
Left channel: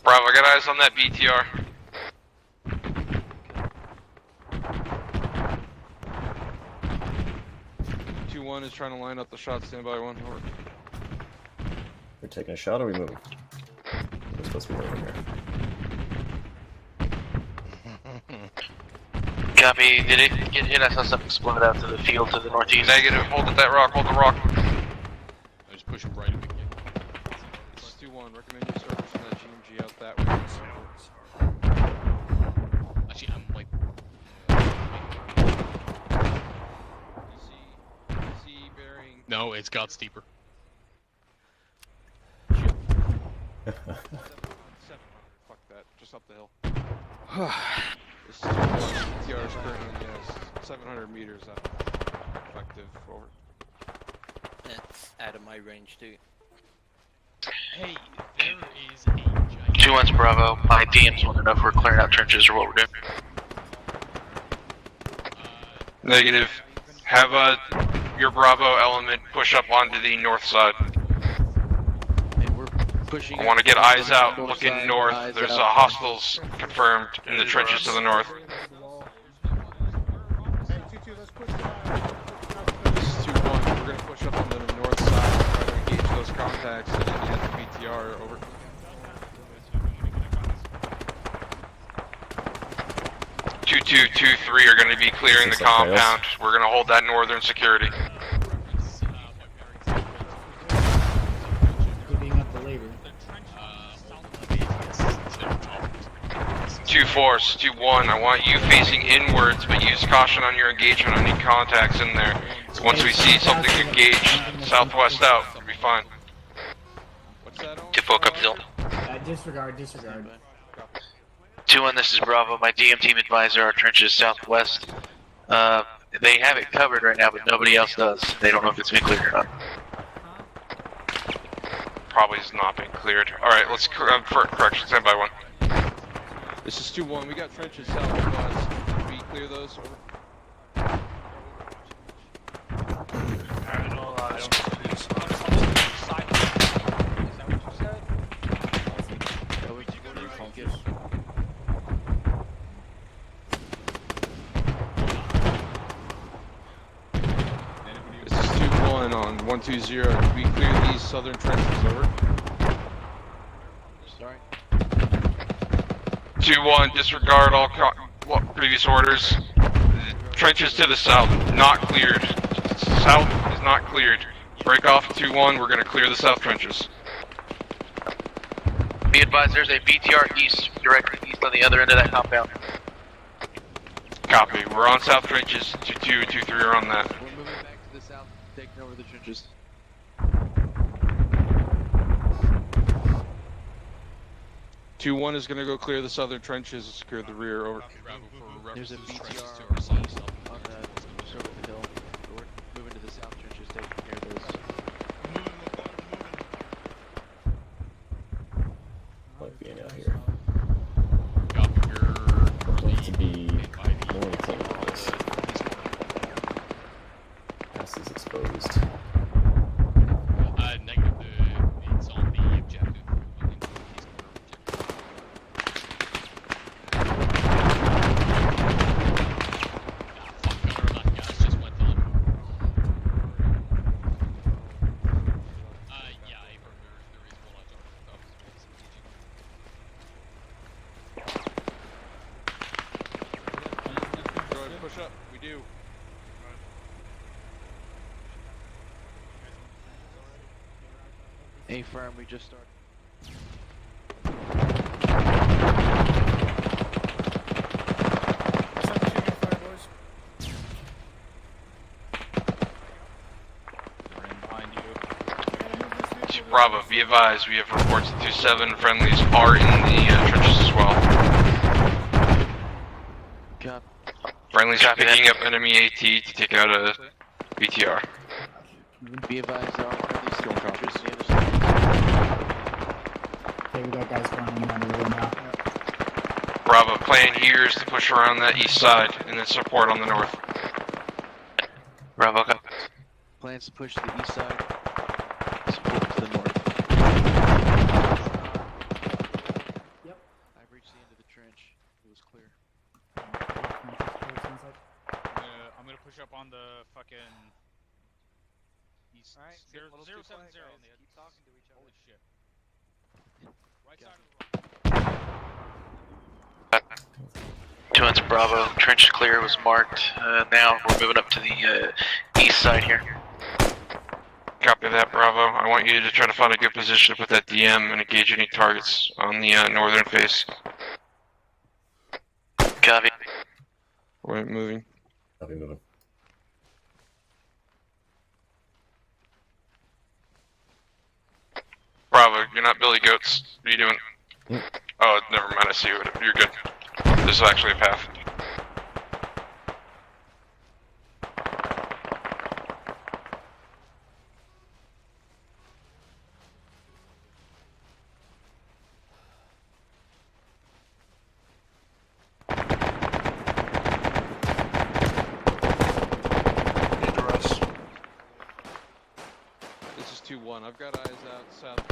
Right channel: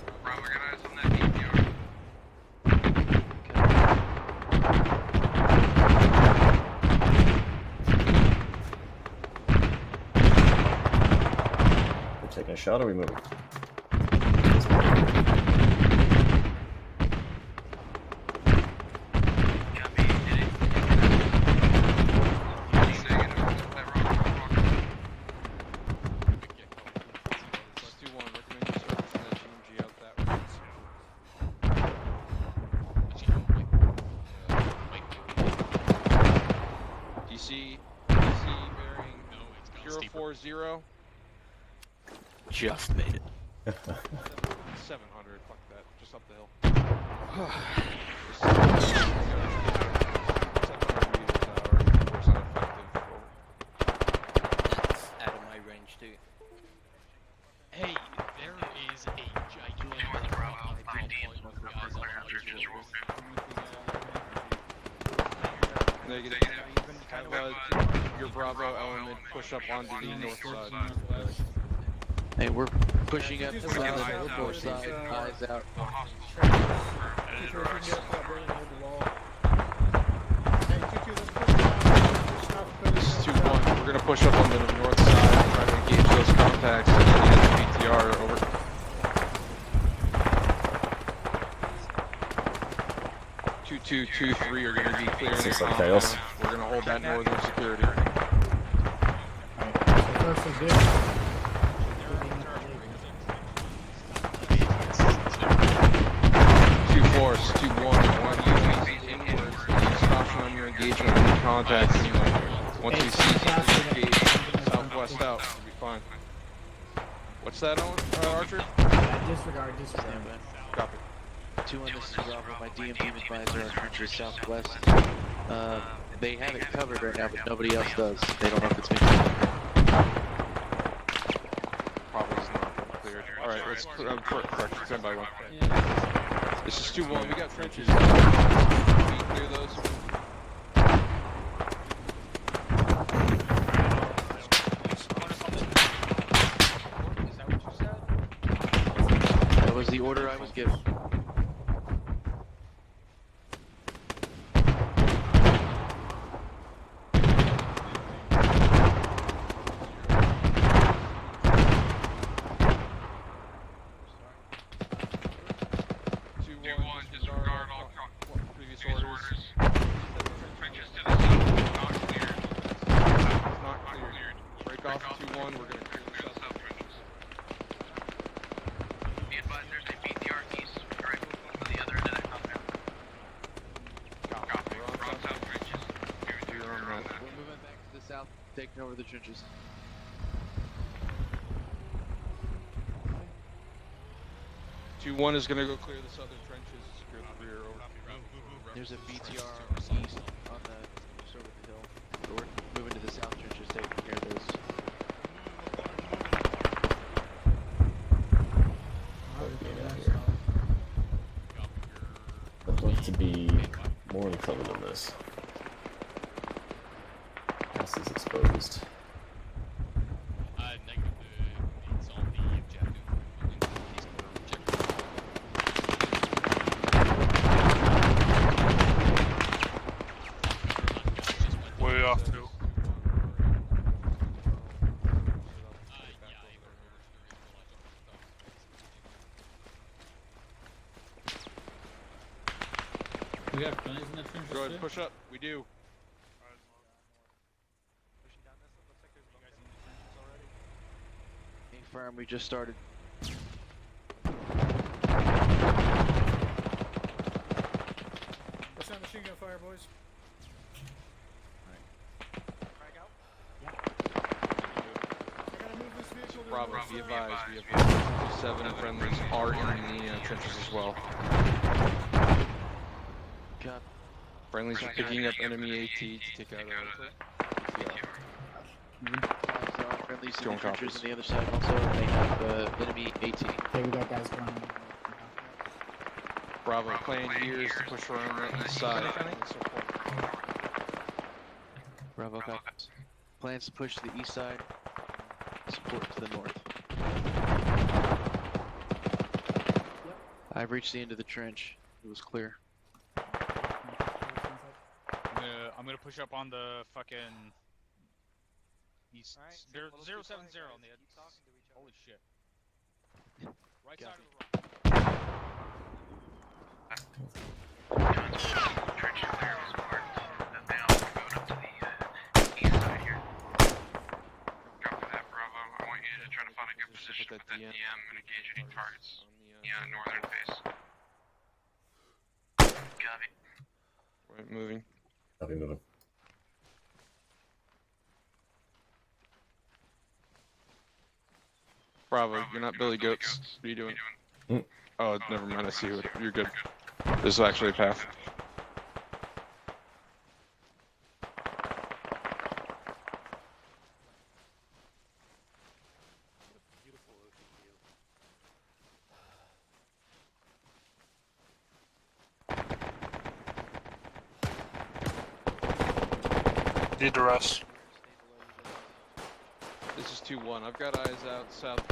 Bravo, I got eyes on that BTR. One is trying to line up the shots one by one. We're taking a shot or are we moving? Copy, did it get hit? I saw something exploded out to the field to the northeast. Negative, hold at that rock, hold the rock. Just push it right a big kick. 2-1, recommend you start pushing that GMG out that way. DC bearing. No, it's got steeper. 040. Just made it. 700, fuck that. Just up the hill. 700 meters an hour. Percent effective. Over. That's out of my range too. Hey, there is a giant... 2-1's Bravo, my DM's want to know if we're clearing out trenches or what we're doing. Negative. Have your Bravo element push up onto the north side. Hey, we're Pushing I want to get eyes out, looking north. There's hostiles confirmed in the trenches to the north. 2-1, we're gonna push up into the north side, try to engage those contacts and BTR over. Two, 2-3 are going to be clearing the compound. We're going to hold that northern security. 2-4s, 2-1. I want you facing inwards, but use caution on your engagement. I need contacts in there. Once we see something engaged, southwest out, we'll be fine. What's that on? Typical up hill. Disregard. 2-1, this is Bravo. My DM team advisor our trenches southwest. They have it covered right now, but nobody else does. They don't know if it's been cleared or not. Probably has not been cleared. Alright, let's correction, stand by 1. This is 2-1, we got trenches southwest. We clear those. That was the order I was given. This is 2-1 on 120. We clear these southern trenches over. Sorry. 2-1, disregard all previous orders. Trenches to the south, not cleared. South is not cleared. Break off 2-1, we're going to clear the south trenches. Be advised, there's a BTR east, directly east on the other end of that compound. Copy, we're on south trenches. 2-2, 2-3 are on that. We're moving back to the south, taking over the trenches. Two 2-1 is gonna go clear the southern trenches and secure the rear. Over. There's a BTR on the circle hill. We're moving to the south trenches, taking care of those. Being out here. I'd like to be more in color than this. This is exposed. Push up, we do. A firm, we just started. Bravo, be advised, we have reports that 2-7 friendlies are in the trenches as well. Friendlies are picking up enemy AT to take out a BTR. Be advised, friendlies in the trenches on the other side. Enemy AT. Okay, we got guys going on the road now. Bravo, plan here is to push around that east side and then support on the north. Bravo, go. Plans to push to the east side. Support to the north. Yep. I've reached the end of the trench. It was clear. I'm gonna push up on the fucking east. Alright, 070 on the keep talking to each other. Holy shit. Right Got side of the road. 2-1's Bravo, trench clear was marked. Now we're moving up to the east side here. Copy that, Bravo. I want you to try to find a good position to put that DM and engage any targets on the northern face. Copy. We're moving. Copy, moving. Bravo, you're not Billy Goats. What are you doing? Oh, never mind, I see you. You're good. This is actually a path. Need to rest. This is 2-1. I've got eyes out south.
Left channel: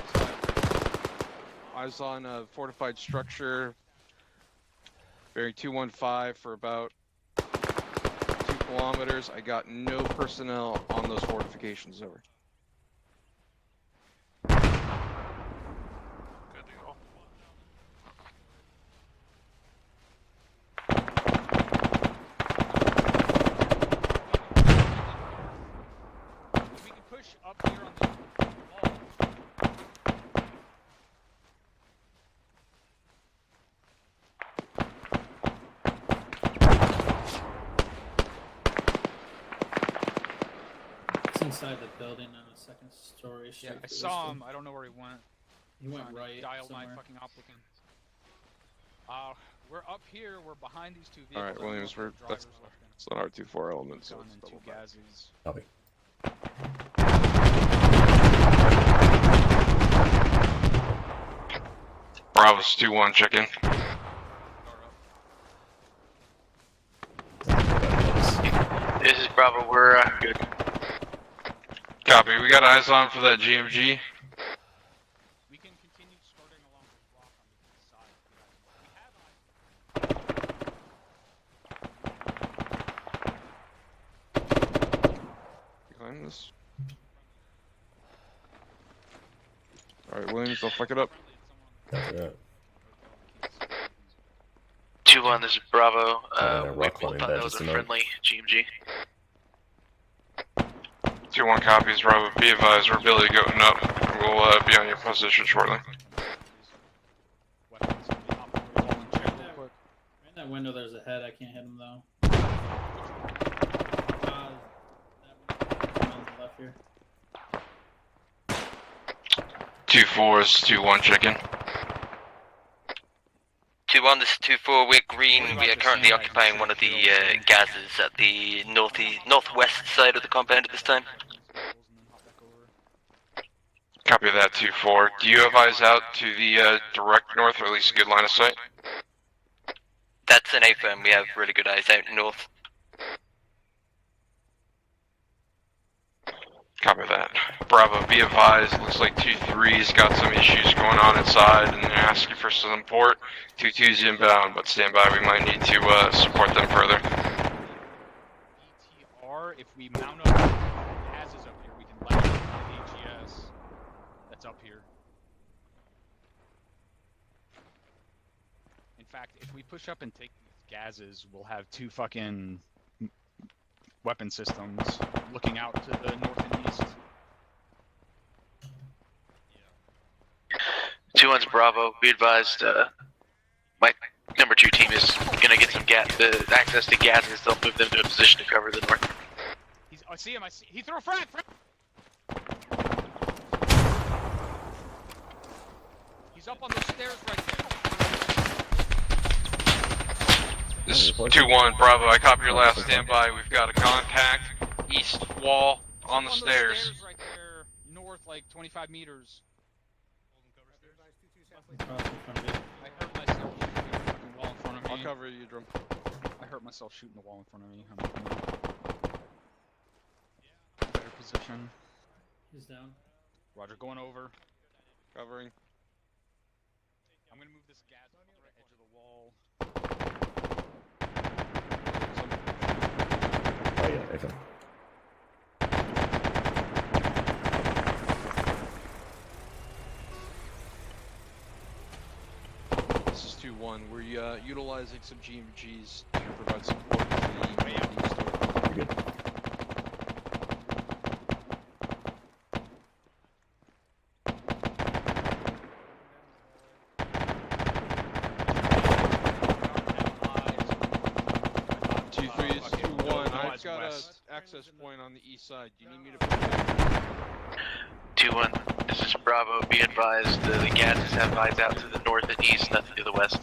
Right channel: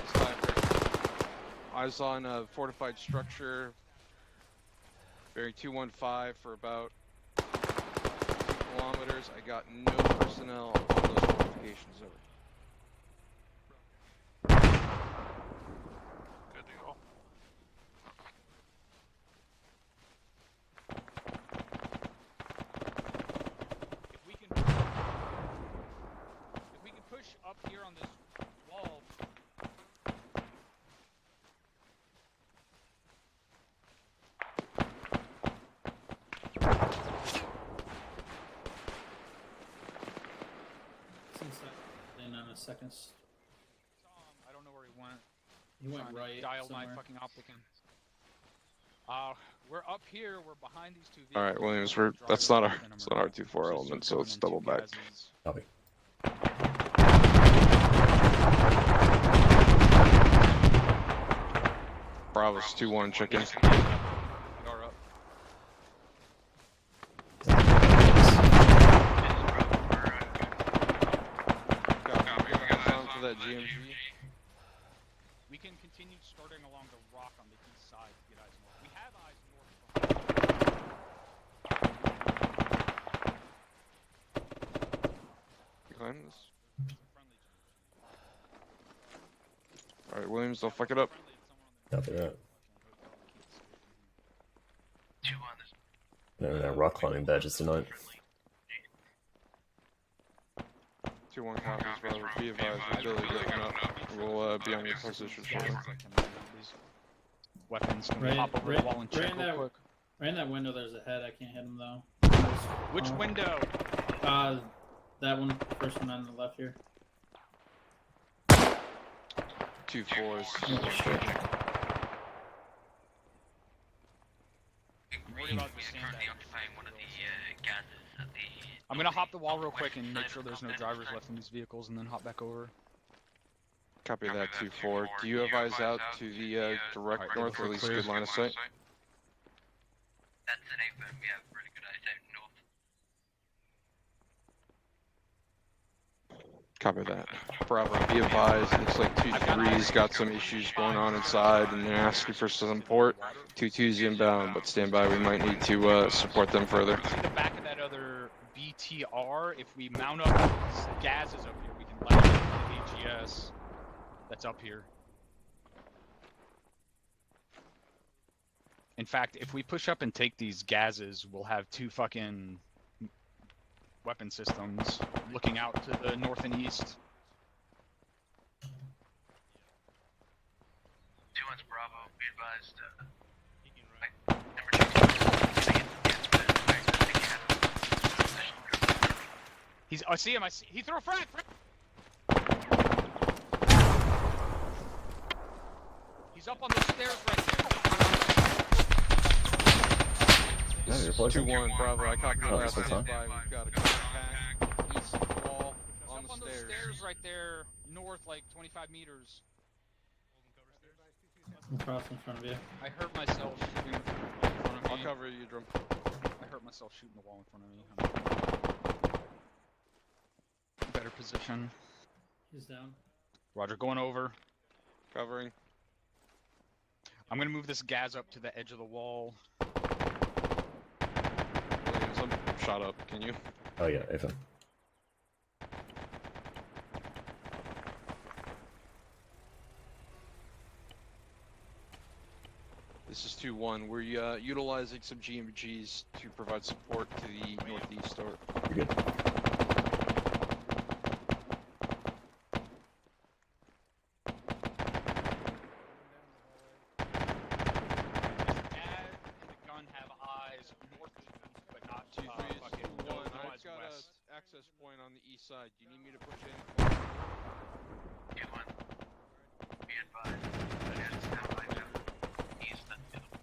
Eyes on a fortified structure. Bearing 215 for about 2 kilometers. I got no personnel on those fortifications over. Good deal. We can push up here on the wall. It's inside the building on the second story. Yeah, straight I for this saw one. him. I don't know where he went. He went Trying to right dial somewhere. my fucking op with him. We're up here. We're behind these two vehicles. All right, Williams. That's not our 2-4 element, so let's double back. Copy. Bravo's 2-1, chicken. This is Bravo, we're good. Copy, we got eyes on for that GMG. We can continue starting along the rock on the east side. We have eyes. Behind this. Alright, Williams, don't fuck it up. Copy that. 2-1, this is Bravo. Rock climbing badges tonight. Friendly GMG. 2-1 copies, Bravo. Be advised, we're Billy goating up. We'll be on your position shortly. Weapons. Right in that window, there's a head. I can't hit him though. Which window? That one. First one on the left here. 2-4 is 2-1, chicken. 2-1, this is 2-4, we're green. We are currently occupying one of the gases at the northwest side of the compound at this time. Copy that, 2-4. Do you have eyes out to the direct north, or at least a good line of sight? That's an A-firm, we have really good eyes out north. Copy that. Bravo, be advised, it looks like 2-3's got some issues going on inside and they're asking for some support. 2-2's inbound, but stand by, we might need to support them further. That other BTR, if we mount up these gases up here, we can light up the gas that's up here. In fact, if we push up and take these gases, we'll have 2 fucking weapon systems looking out to the north and east. 2-1's Bravo, be advised, my number 2 team is gonna get some access to gases. They'll move them to a position to cover the north. I see him, he threw a frag! He's up on those stairs right there. This is 2-1, Bravo, I copy your last standby. We've got a contact, east wall, on the stairs. Right there, north, like 25 meters. Across in front of you. I hurt myself shooting the wall in front of me. I'll cover you, Drum. I hurt myself shooting the wall in front of me. Better position. He's down. Roger, going over. Covering. I'm gonna move this gas up to the edge of the wall. Oh yeah, Ethan. This is 2-1. We're utilizing some GMGs to provide support to the northeast door. Good. Access point on the east side. Do you need me to push it? 2-1, this is Bravo, be advised, the gases have eyes out to the north and east, nothing to the west.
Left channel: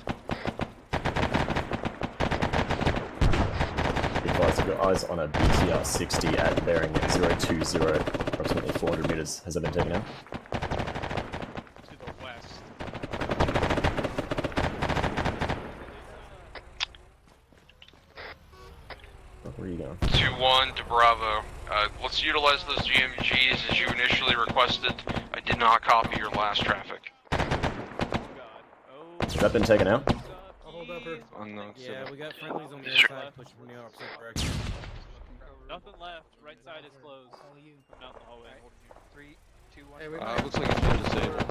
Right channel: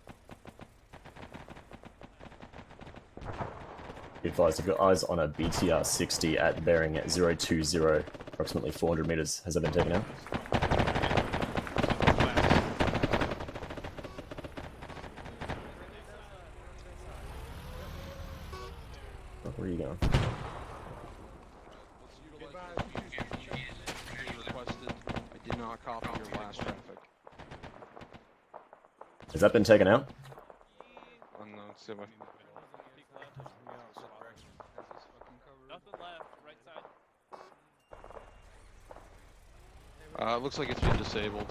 Be advised, I've got eyes on a BTR 60 at bearing 020, approximately 400 meters. Has that been taken out? Where are you going? 2-1 to Bravo. Let's utilize those GMGs as you initially requested. I did not copy your last traffic. Has that been taken out? Unknown Yeah, civil. we got friendlies on the other side pushing from the opposite direction. Nothing left. Right side is closed. Out the hallway. 3, 2, 1. Looks like it's been disabled.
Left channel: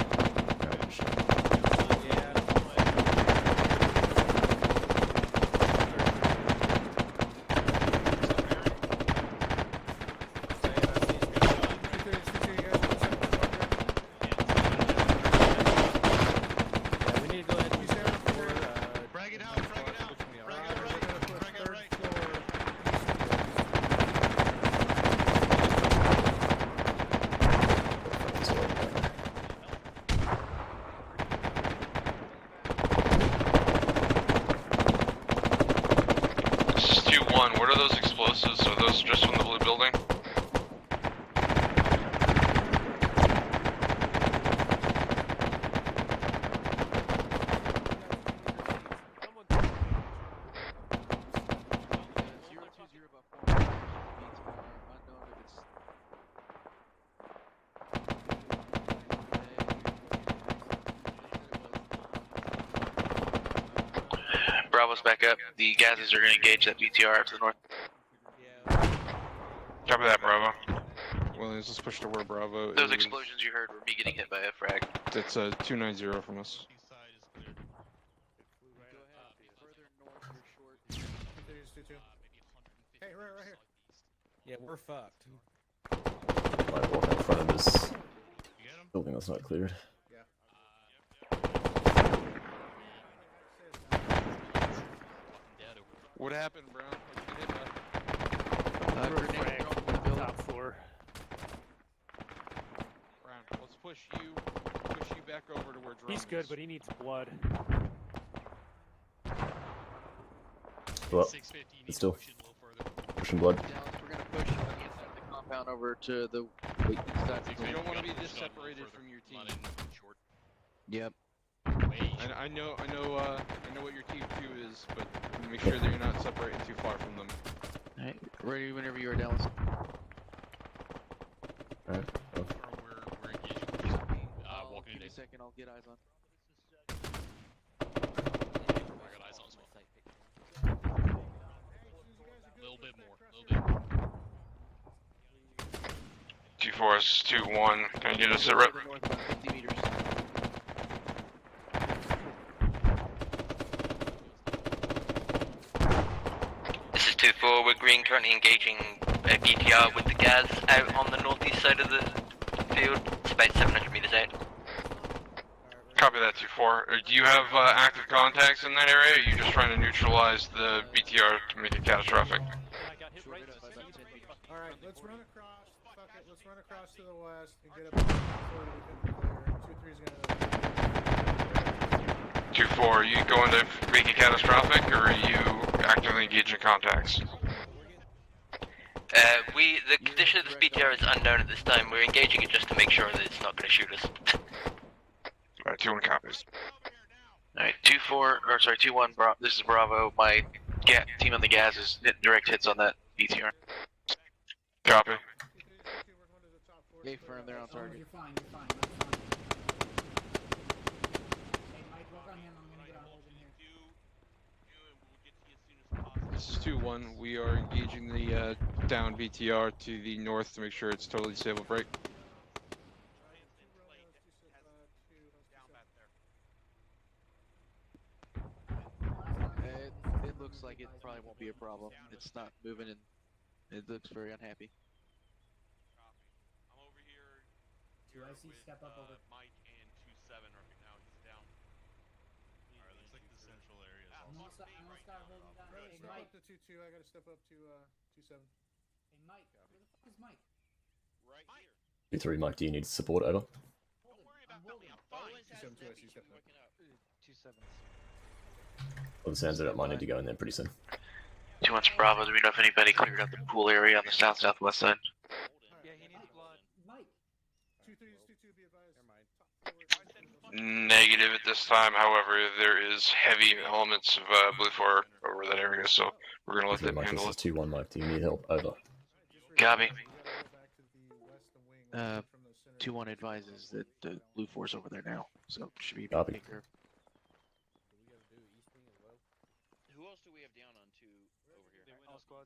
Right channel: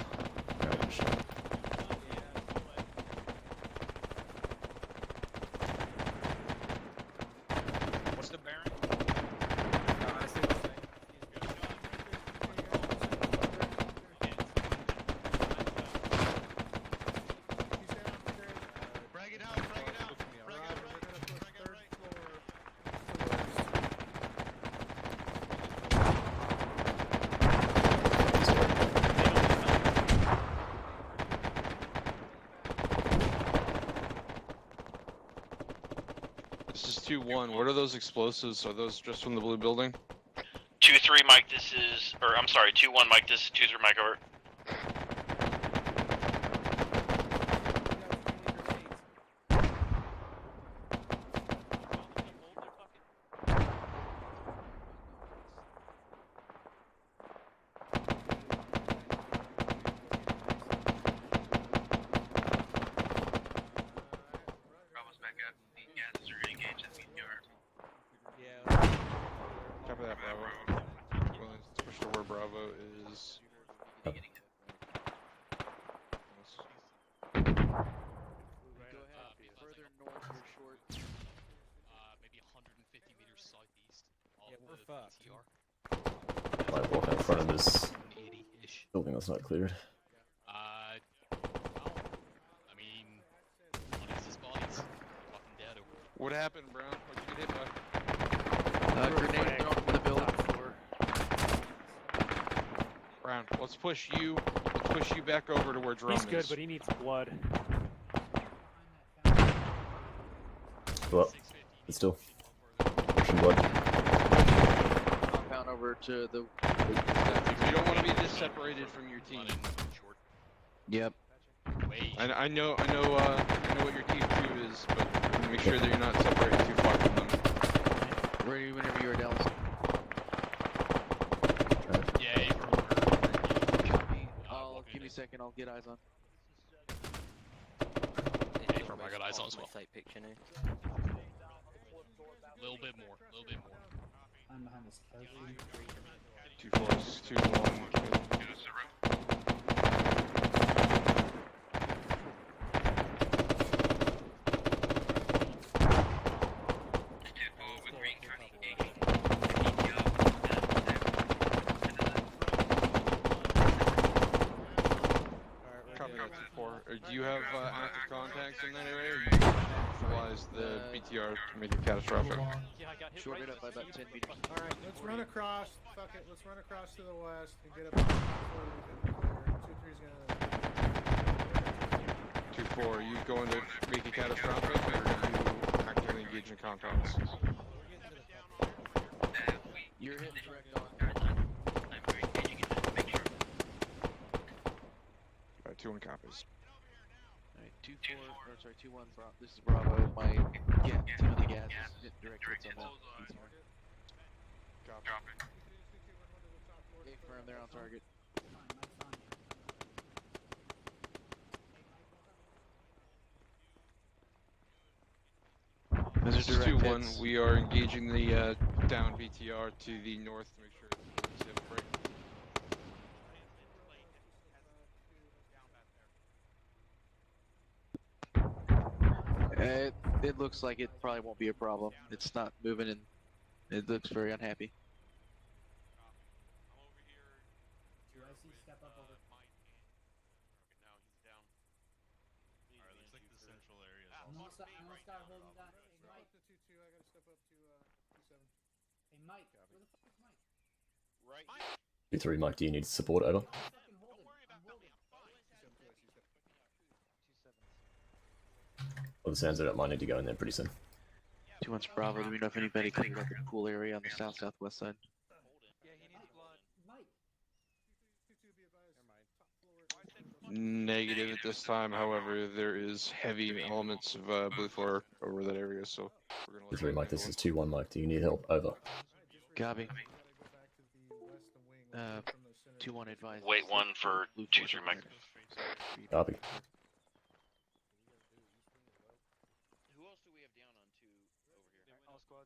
What are those explosives? Are those just from the blue building? 2-3 Mike, this is, or I'm sorry, 2-1 Mike, this is 2-3 Mike, over. Bravo's back up. The gases are going to engage that BTR up to the north. Copy that, Bravo. Well, let's push toward Bravo. Those explosions you heard were me getting hit by a frag. That's 290 from us. Yeah, we're fucked. Might walk in front of this building that's not cleared. What happened, Brown? Brown, let's push you back over to where Drum He's good, is. but he needs blood. Well, it's still pushing blood. Compound over to the. You don't want to be this separated from your team. Yep. I know what your team 2 is, but make sure that you're not separated too far from them. Ready whenever you are, Dallas. Give me a second, I'll get eyes on. I got eyes on as well. A little bit more. G-Force 2-1. Can you just sit right? This is 2-4, we're green, currently engaging a BTR with the gas out on the northeast side of the field. It's about 700 meters out. Copy that, 2-4. Do you have active contacts in that area, or are you just trying to neutralize the BTR to make it catastrophic? Alright, let's run across. Fuck it, let's run across to the west and get up before we become clear. 2-3's gonna. 2-4, are you going to make it catastrophic, or are you actively engaging contacts? The condition of this BTR is unknown at this time. We're engaging it just to make sure that it's not going to shoot us. Alright, 2-1 copies. Alright, 2-1, this is Bravo. My team on the gas is hitting direct hits on that BTR. Copy. Gate firm, they're on target. This is 2-1. We are engaging the down VTR to the north to make sure it's totally disabled break. It looks like it probably won't be a problem. It's not moving and it looks very unhappy. Step up over. Mike and 2-7 right now. He's down. Alright, looks like the central area is I'm gonna start holding down. Hey, Mike. Step up to 2-2. I gotta step up to 2-7. Hey, Mike. Where the fuck is Mike? Right. 2-3, Mike, do you need support? Over. 2-7-2, I see. Step up. 2-7. Well, the sounds of it might need to go in there pretty soon. 2-1's Bravo, do we know if anybody cleared out the pool area on the southwest side? Negative at this time, however, there is heavy elements of blue fire over that area, so we're gonna let 3, them Mike, this handle is it. 2-1, Mike, do you need help? Over. Copy. 2-1 advised. Wait 1 for blue 2-3 Mike Mike. now. So should be Copy.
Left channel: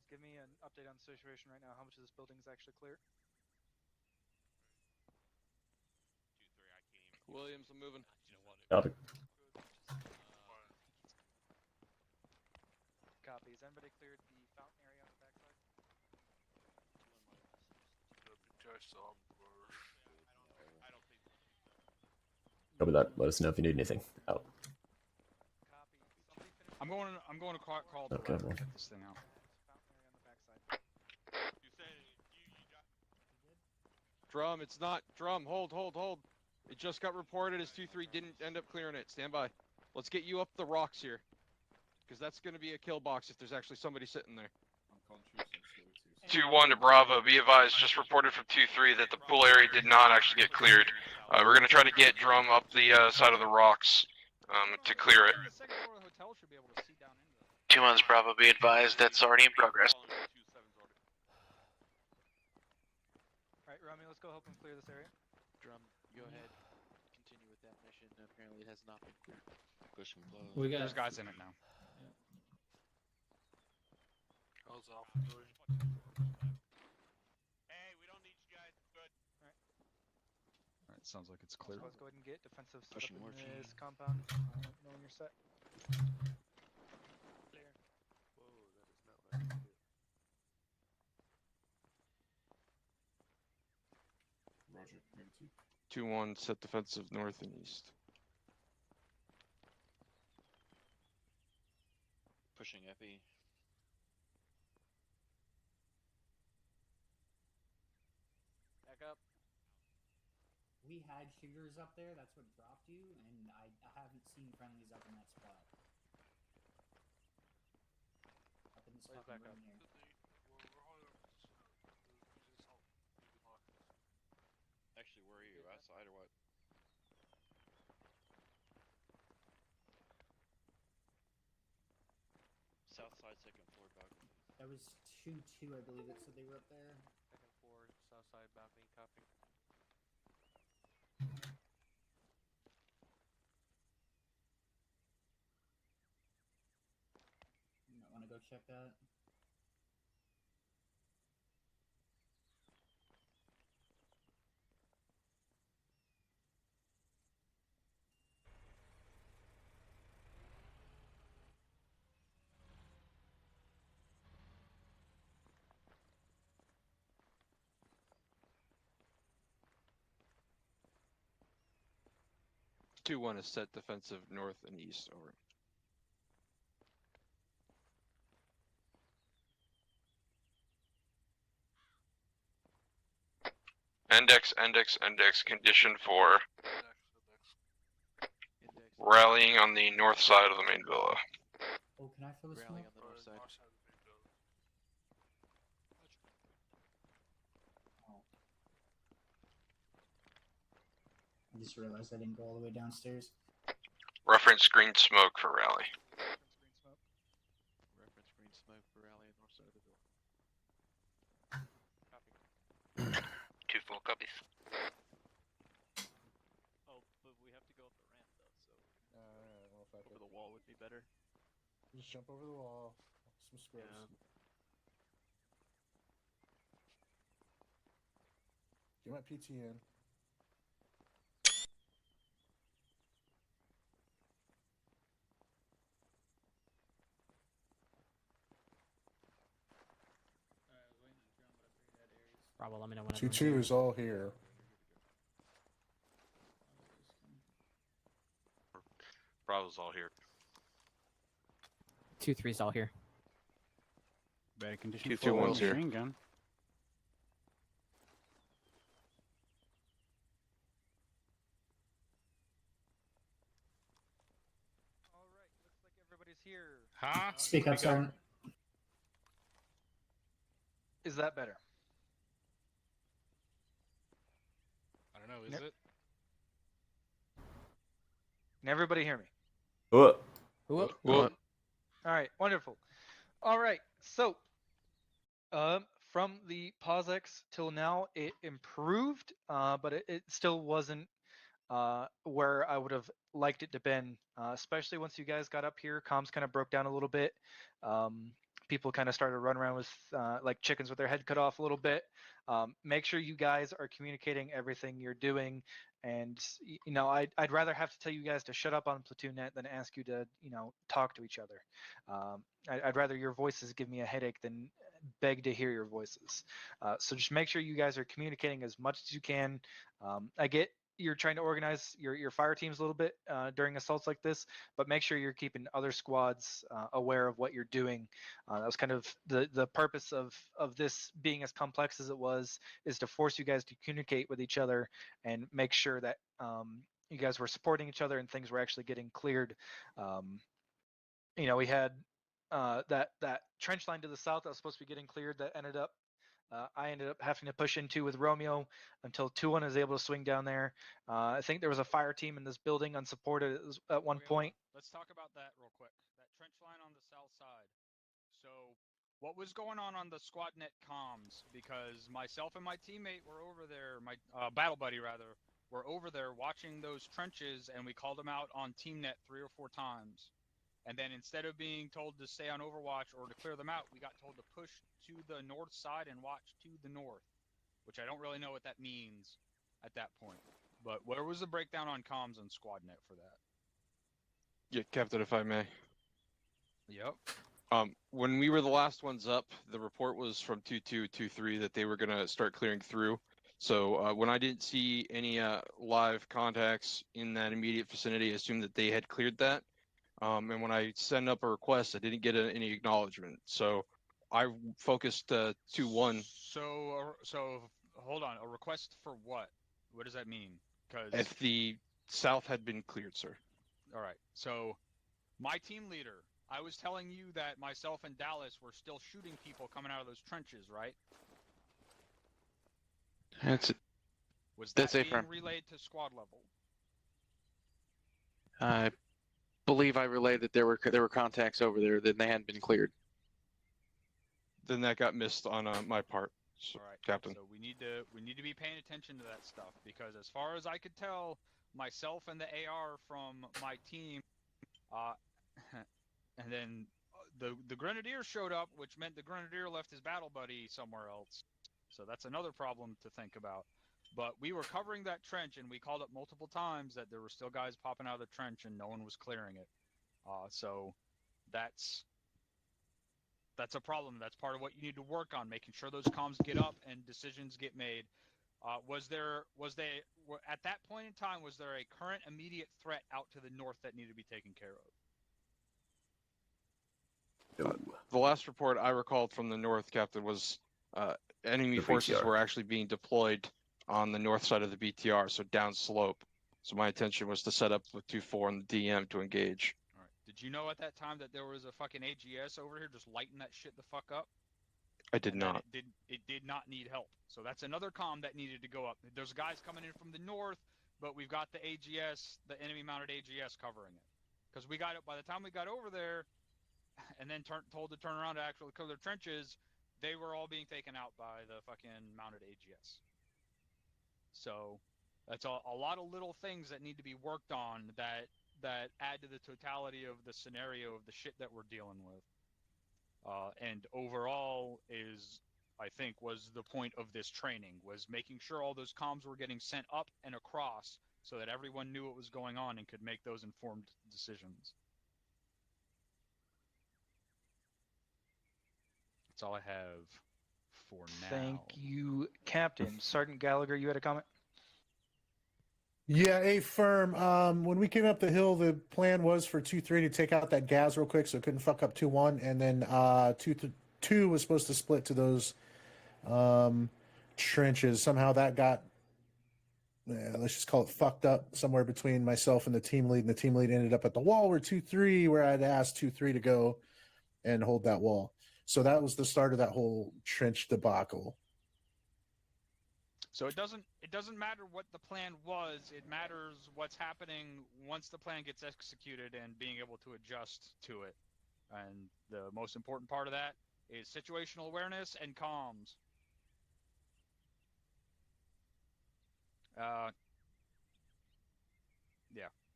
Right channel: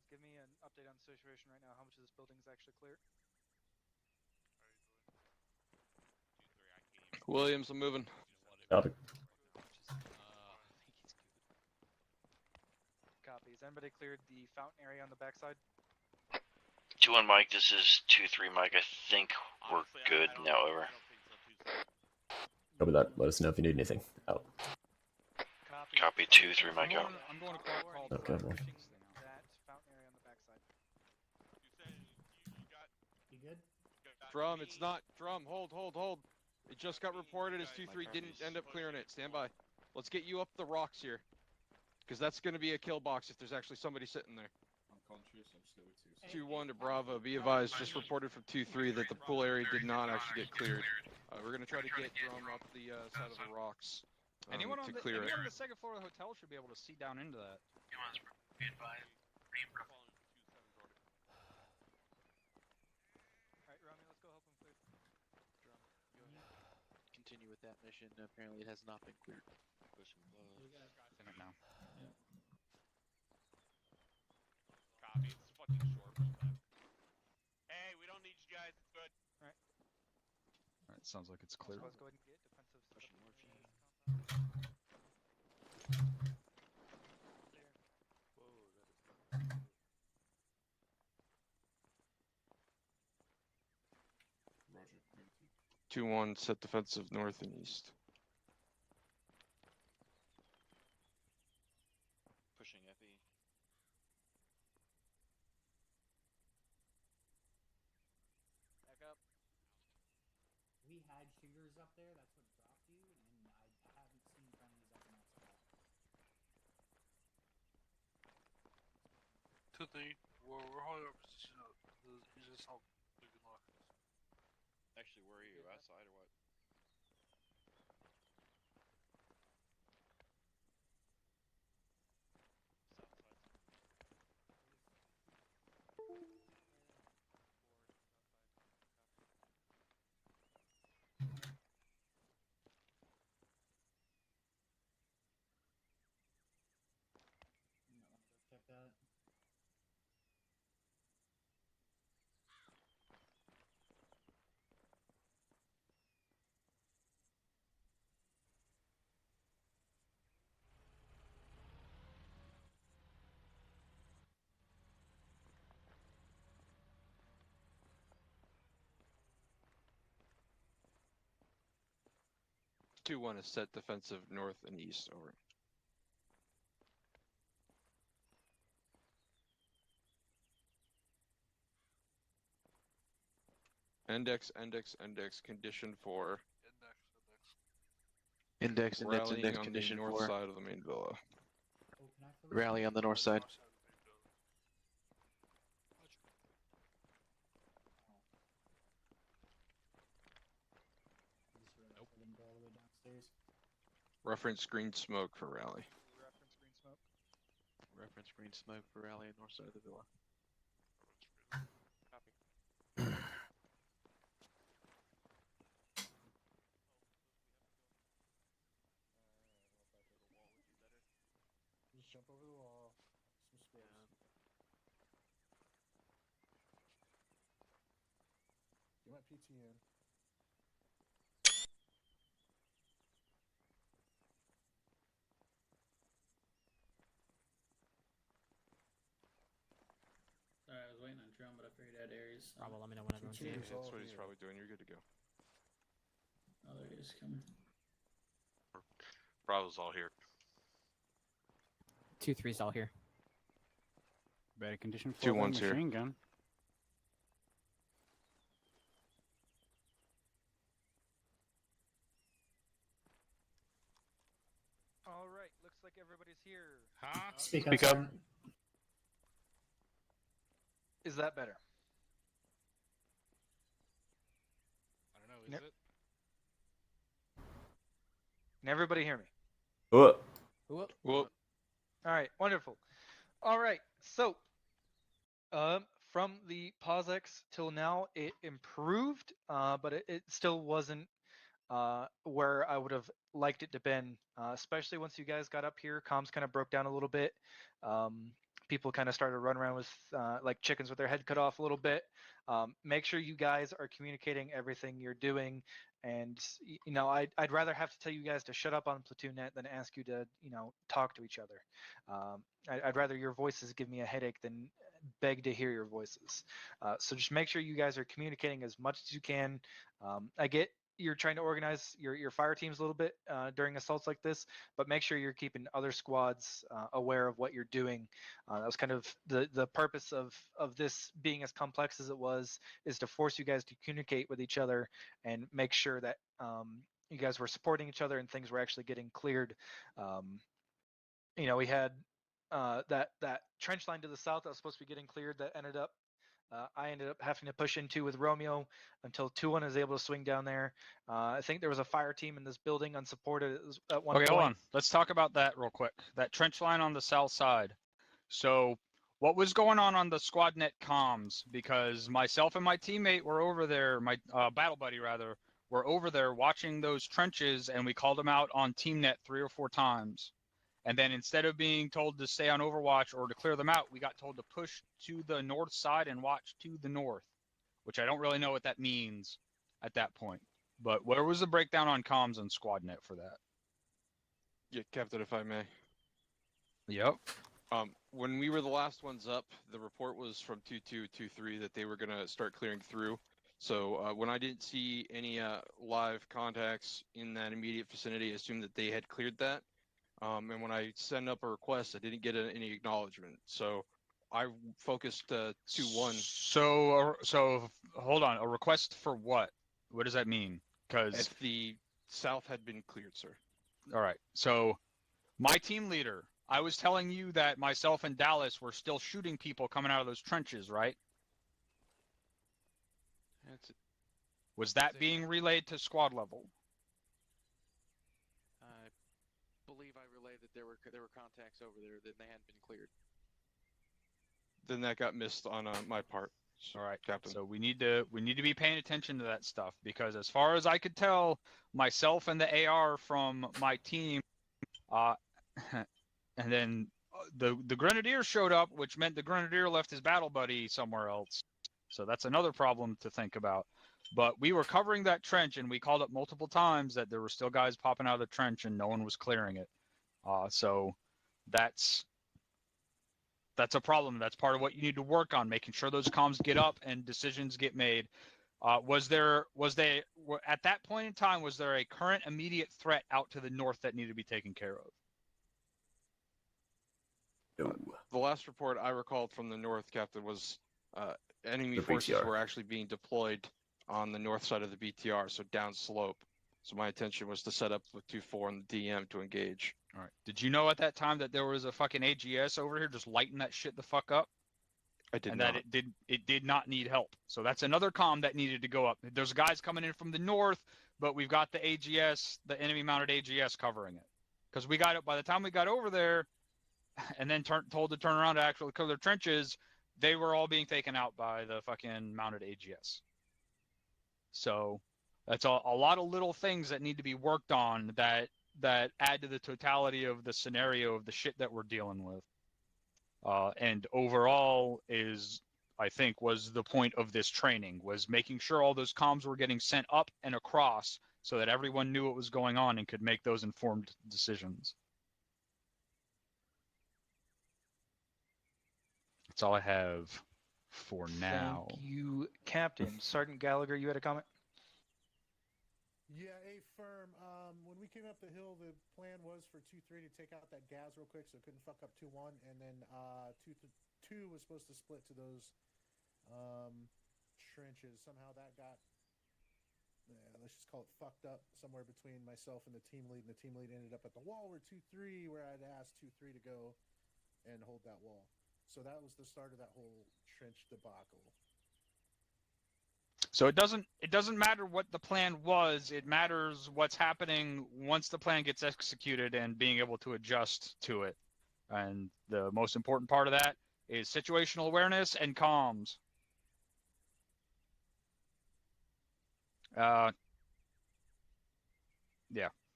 give me an update on the situation right now. How much of this building is actually clear? Williams, I'm moving. Copy. Copy. Has anybody cleared the fountain area on the backside? 2-1 Mike, this is 2-3 Mike. I think we're good now. Over. Copy that. Let us know if you need anything. Out. Copy 2-3 Mike. Out. I'm going to call the Okay, ladder well. piece thing out. That fountain area on the backside. You good? Drum, it's not. Drum, hold. It just got reported as 2-3 didn't end up clearing it. Stand by. Let's get you up the rocks here. Because that's going to be a kill box if there's actually somebody sitting there. 2-1 to Bravo. Be advised, just reported from 2-3 that the pool area did not actually get cleared. We're going to try to get Drum up the side of the rocks to clear it. The second floor of the hotel should be able to see down into that. 2-1's Bravo. Be advised, that's already in progress. Alright, Rami, let's go help him clear this area. Drum, go ahead. Continue with that mission. Apparently it has not been cleared. We got. There's guys in it now. Hey, we don't need you guys. Good. Alright, sounds like it's clear. So let's go ahead and get defensive set Pushing up in morphine. this compound. Knowing you're set. Roger. 2-1, set defensive north and east. Pushing epi. Back up. We had shooters up there. That's what dropped you, and I haven't seen friendlies up in that spot. Up in this fucking room here. We're holding our position up. You just help moving off. Actually, where are you? Outside or what? South side, second floor, dog. That was 2-2, I believe it said they were up there. Second floor, south side bounding, copy. You might want to go check that. Two one is set defensive north and east. Over. EndEx. Condition for Index. rallying on the north side of the main villa. Oh, can I fill this Rally in? on the north side. I just realized I didn't go all the way downstairs. Reference green smoke for rally. Reference green smoke for rally on north side of the villa. Copy. 2 full copies. Oh, but we have to go up the ramp though, so. Well, if I over the wall would be better. Just jump over the wall. Some squares. Get my PT in. Sorry, I was waiting on drum, but I figured out Aries. Bravo, let me know when 2-2 is all here. You're good to go. Oh, there it is coming. Bravo's all here. 2-3's all here. Better condition Two for ones here. machine gun. Alright, looks like everybody's here. Huh? Speak up, Sergeant. Is that better? I don't know, is Yep. it? Can everybody hear me? What? All right, wonderful. All right, so from the PauseEx till now, it improved, but it still wasn't where I would have liked it to been, especially once you guys got up here. Comms kind of broke down a little bit. people kind of started running around with like chickens with their head cut off a little bit. Make sure you guys are communicating everything you're doing. And you know, I'd rather have to tell you guys to shut up on PlatoonNet than ask you to, you know, talk to each other. I'd rather your voices give me a headache than beg to hear your voices. So just make sure you guys are communicating as much as you can. I get you're trying to organize your fire teams a little bit during assaults like this, but make sure you're keeping other squads aware of what you're doing. That was kind of the purpose of this being as complex as it was, is to force you guys to communicate with each other and make sure that you guys were supporting each other and things were actually getting cleared. You know, we had that trench line to the south that was supposed to be getting cleared that ended up I ended up having to push into with Romeo until 2-1 is able to swing down there. I think there was a fire team in this building unsupported at one Okay, point. hold on. Let's talk about that real quick. That trench line on the south side. So, what was going on the squad net comms? Because myself and my teammate were over there, my battle buddy rather, were over there watching those trenches, and we called them out on TeamNet 3 or 4 times. And then instead of being told to stay on Overwatch or to clear them out, we got told to push to the north side and watch to the north, which I don't really know what that means at that point. But where was the breakdown on comms and SquadNet for that? Yeah, Captain, if I may. Yep. When we were the last ones up, the report was from 2223 that they were going to start clearing through. So when I didn't see any live contacts in that immediate vicinity, I assumed that they had cleared that. And when I sent up a request, I didn't get any acknowledgement. So I focused 2-1. So hold on. A request for what? What does that mean? Because if the south had been cleared, sir. All right. So my team leader, I was telling you that myself and Dallas were still shooting people coming out of those trenches, right? Was that being relayed to squad level? I believe I relayed that there were contacts over there that they hadn't been cleared. Then that got missed on my part. All right, Captain. So we need to be paying attention to that stuff, because as far as I could tell, myself and the AR from my team, and then the Grenadier showed up, which meant the Grenadier left his battle buddy somewhere else. So that's another problem to think about. But we were covering that trench, and we called up multiple times that there were still guys popping out of the trench, and no one was clearing it. So that's a problem. That's part of what you need to work on, making sure those comms get up and decisions get made. Was there at that point in time, was there a current immediate threat out to the north that needed to be taken care of? The last report I recalled from the north, Captain, was enemy The forces BTR. were actually being deployed on the north side of the BTR, so down slope. So my intention was to set up with 2-4 and the DM to engage. All right. Did you know at that time that there was a fucking AGS over here just lighting that shit the fuck up? I did not. That it did not need help. So that's another comm that needed to go up. There's guys coming in from the north, but we've got the AGS, the enemy mounted AGS covering it. Because we got it by the time we got over there, and then told to turn around to actually clear their trenches, they were all being taken out by the fucking mounted AGS. So that's a lot of little things that need to be worked on that add to the totality of the scenario of the shit that we're dealing with. And overall I think was the point of this training, was making sure all those comms were getting sent up and across so that everyone knew what was going on and could make those informed decisions. That's all I have for now. Thank you, Captain. Sergeant Gallagher, you had a comment? Yeah, a firm. When we came up the hill, the plan was for 2-3 to take out that gas real quick so it couldn't fuck up 2-1, and then 2 was supposed to split to those trenches. Somehow that got, let's just call it fucked up somewhere between myself and the team lead, and the team lead ended up at the wall where 2-3, where I'd asked 2-3 to go and hold that wall. So that was the start of that whole trench debacle. So it doesn't matter what the plan was. It matters what's happening once the plan gets executed and being able to adjust to it. And the most important part of that is situational awareness and comms. Yeah,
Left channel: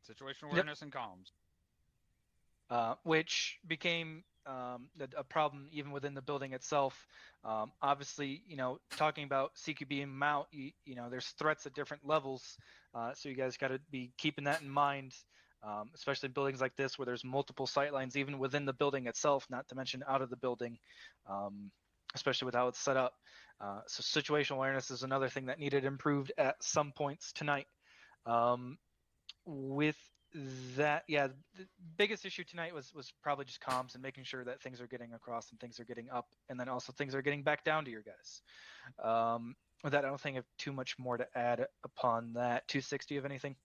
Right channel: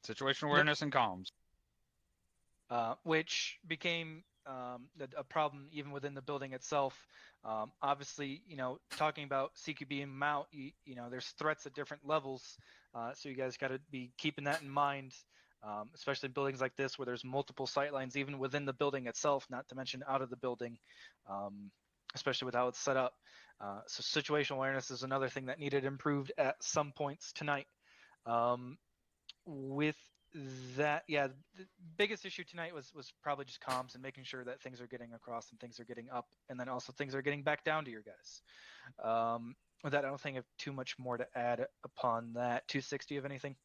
situational awareness and comms. Which became a problem even within the building itself. Obviously, talking about CQB and mount, there's threats at different levels, so you guys got to be keeping that in mind, especially in buildings like this where there's multiple sight lines even within the building itself, not to mention out of the building, especially with how it's set up. So situational awareness is another thing that needed improved at some points tonight. With that, yeah, the biggest issue tonight was probably just comms and making sure that things are getting across and things are getting up, and then also things are getting back down to your guys. With that, I don't think I have too much more to add upon that. 260 of anything?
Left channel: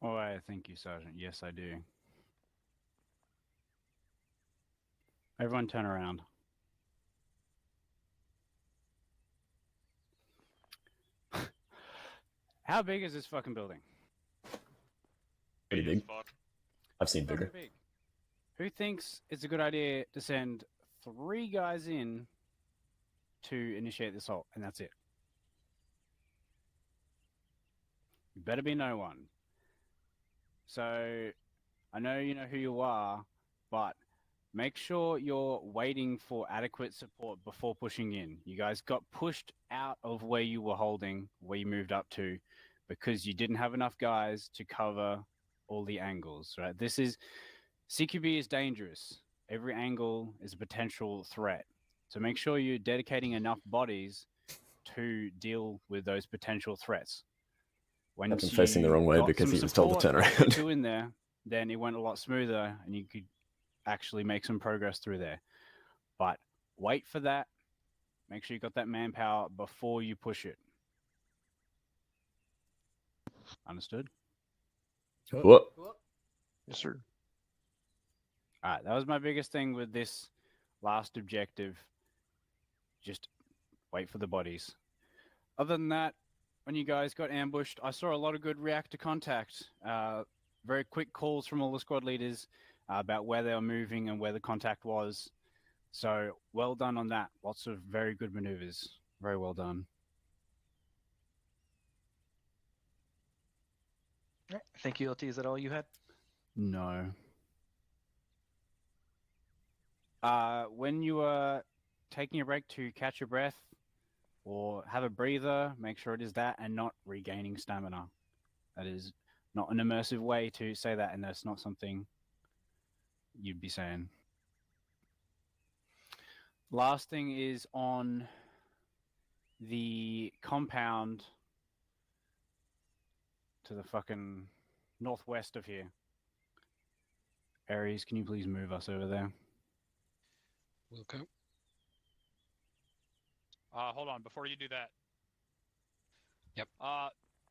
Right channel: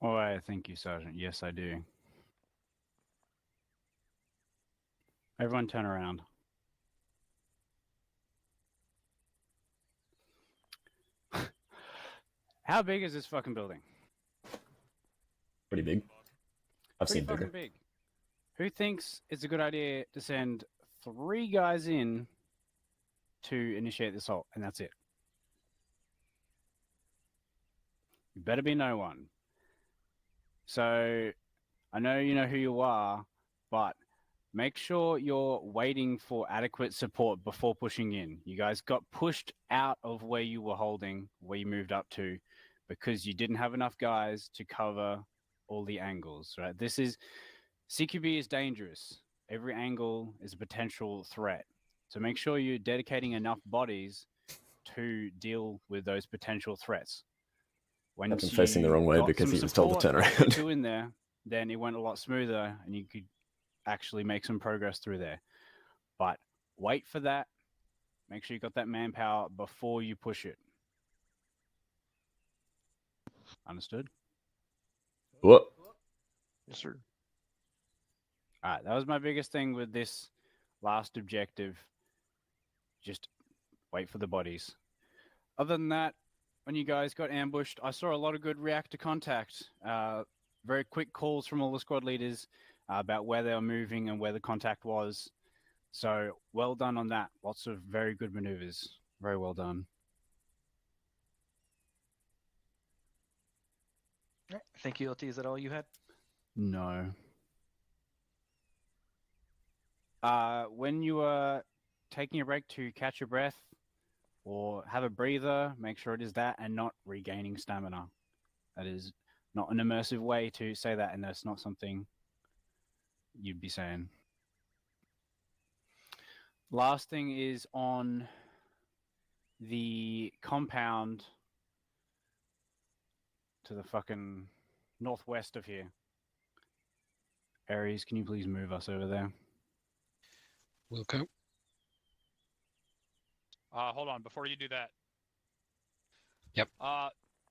All right, thank you, Sergeant. Yes, I do. Everyone turn around. How big is this fucking building? Pretty big. I've Pretty seen bigger. fucking big. Who thinks it's a good idea to send 3 guys in to initiate the assault, and that's it? You better be no one. So, I know you know who you are, but make sure you're waiting for adequate support before pushing in. You guys got pushed out of where you were holding, where you moved up to, because you didn't have enough guys to cover all the angles, right? CQB is dangerous. Every angle is a potential threat. So make sure you're dedicating enough bodies to deal with those potential threats. I've been facing the wrong way because he was told to turn around. Two in there, then it went a lot smoother, and you could actually make some progress through there. But wait for that. Make sure you got that manpower before you push it. Understood? What? Yes, sir. All right, that was my biggest thing with this last objective. Just wait for the bodies. Other than that, when you guys got ambushed, I saw a lot of good reactor contact. Very quick calls from all the squad leaders about where they were moving and where the contact was. So well done on that. Lots of very good maneuvers. Very well done. Thank you, LT. Is that all you had? No. When you are taking a break to catch your breath or have a breather, make sure it is that and not regaining stamina. That is not an immersive way to say that, and that's not something you'd be saying. Last thing is on the compound to the fucking northwest of here. Aries, can you please move us over there? Okay. Hold on, before you do that. Yep.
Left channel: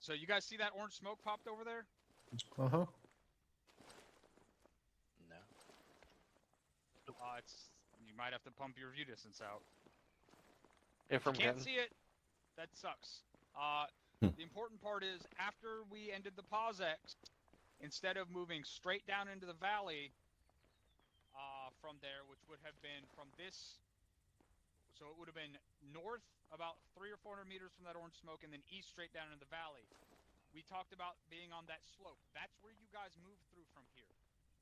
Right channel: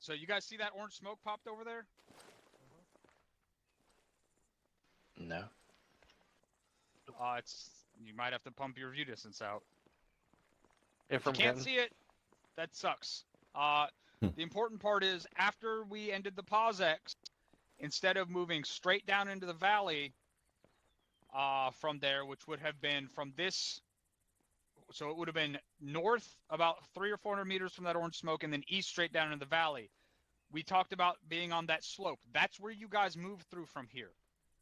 So you guys see that orange smoke popped over there? Uh-huh. No. You might have to pump your view distance out. If you can't see it, that sucks. The important part is after we ended the PauseEx, instead of moving straight down into the valley from there, which would have been from this, so it would have been north about 300 or 400 meters from that orange smoke, and then east straight down into the valley. We talked about being on that slope. That's where you guys moved through from here.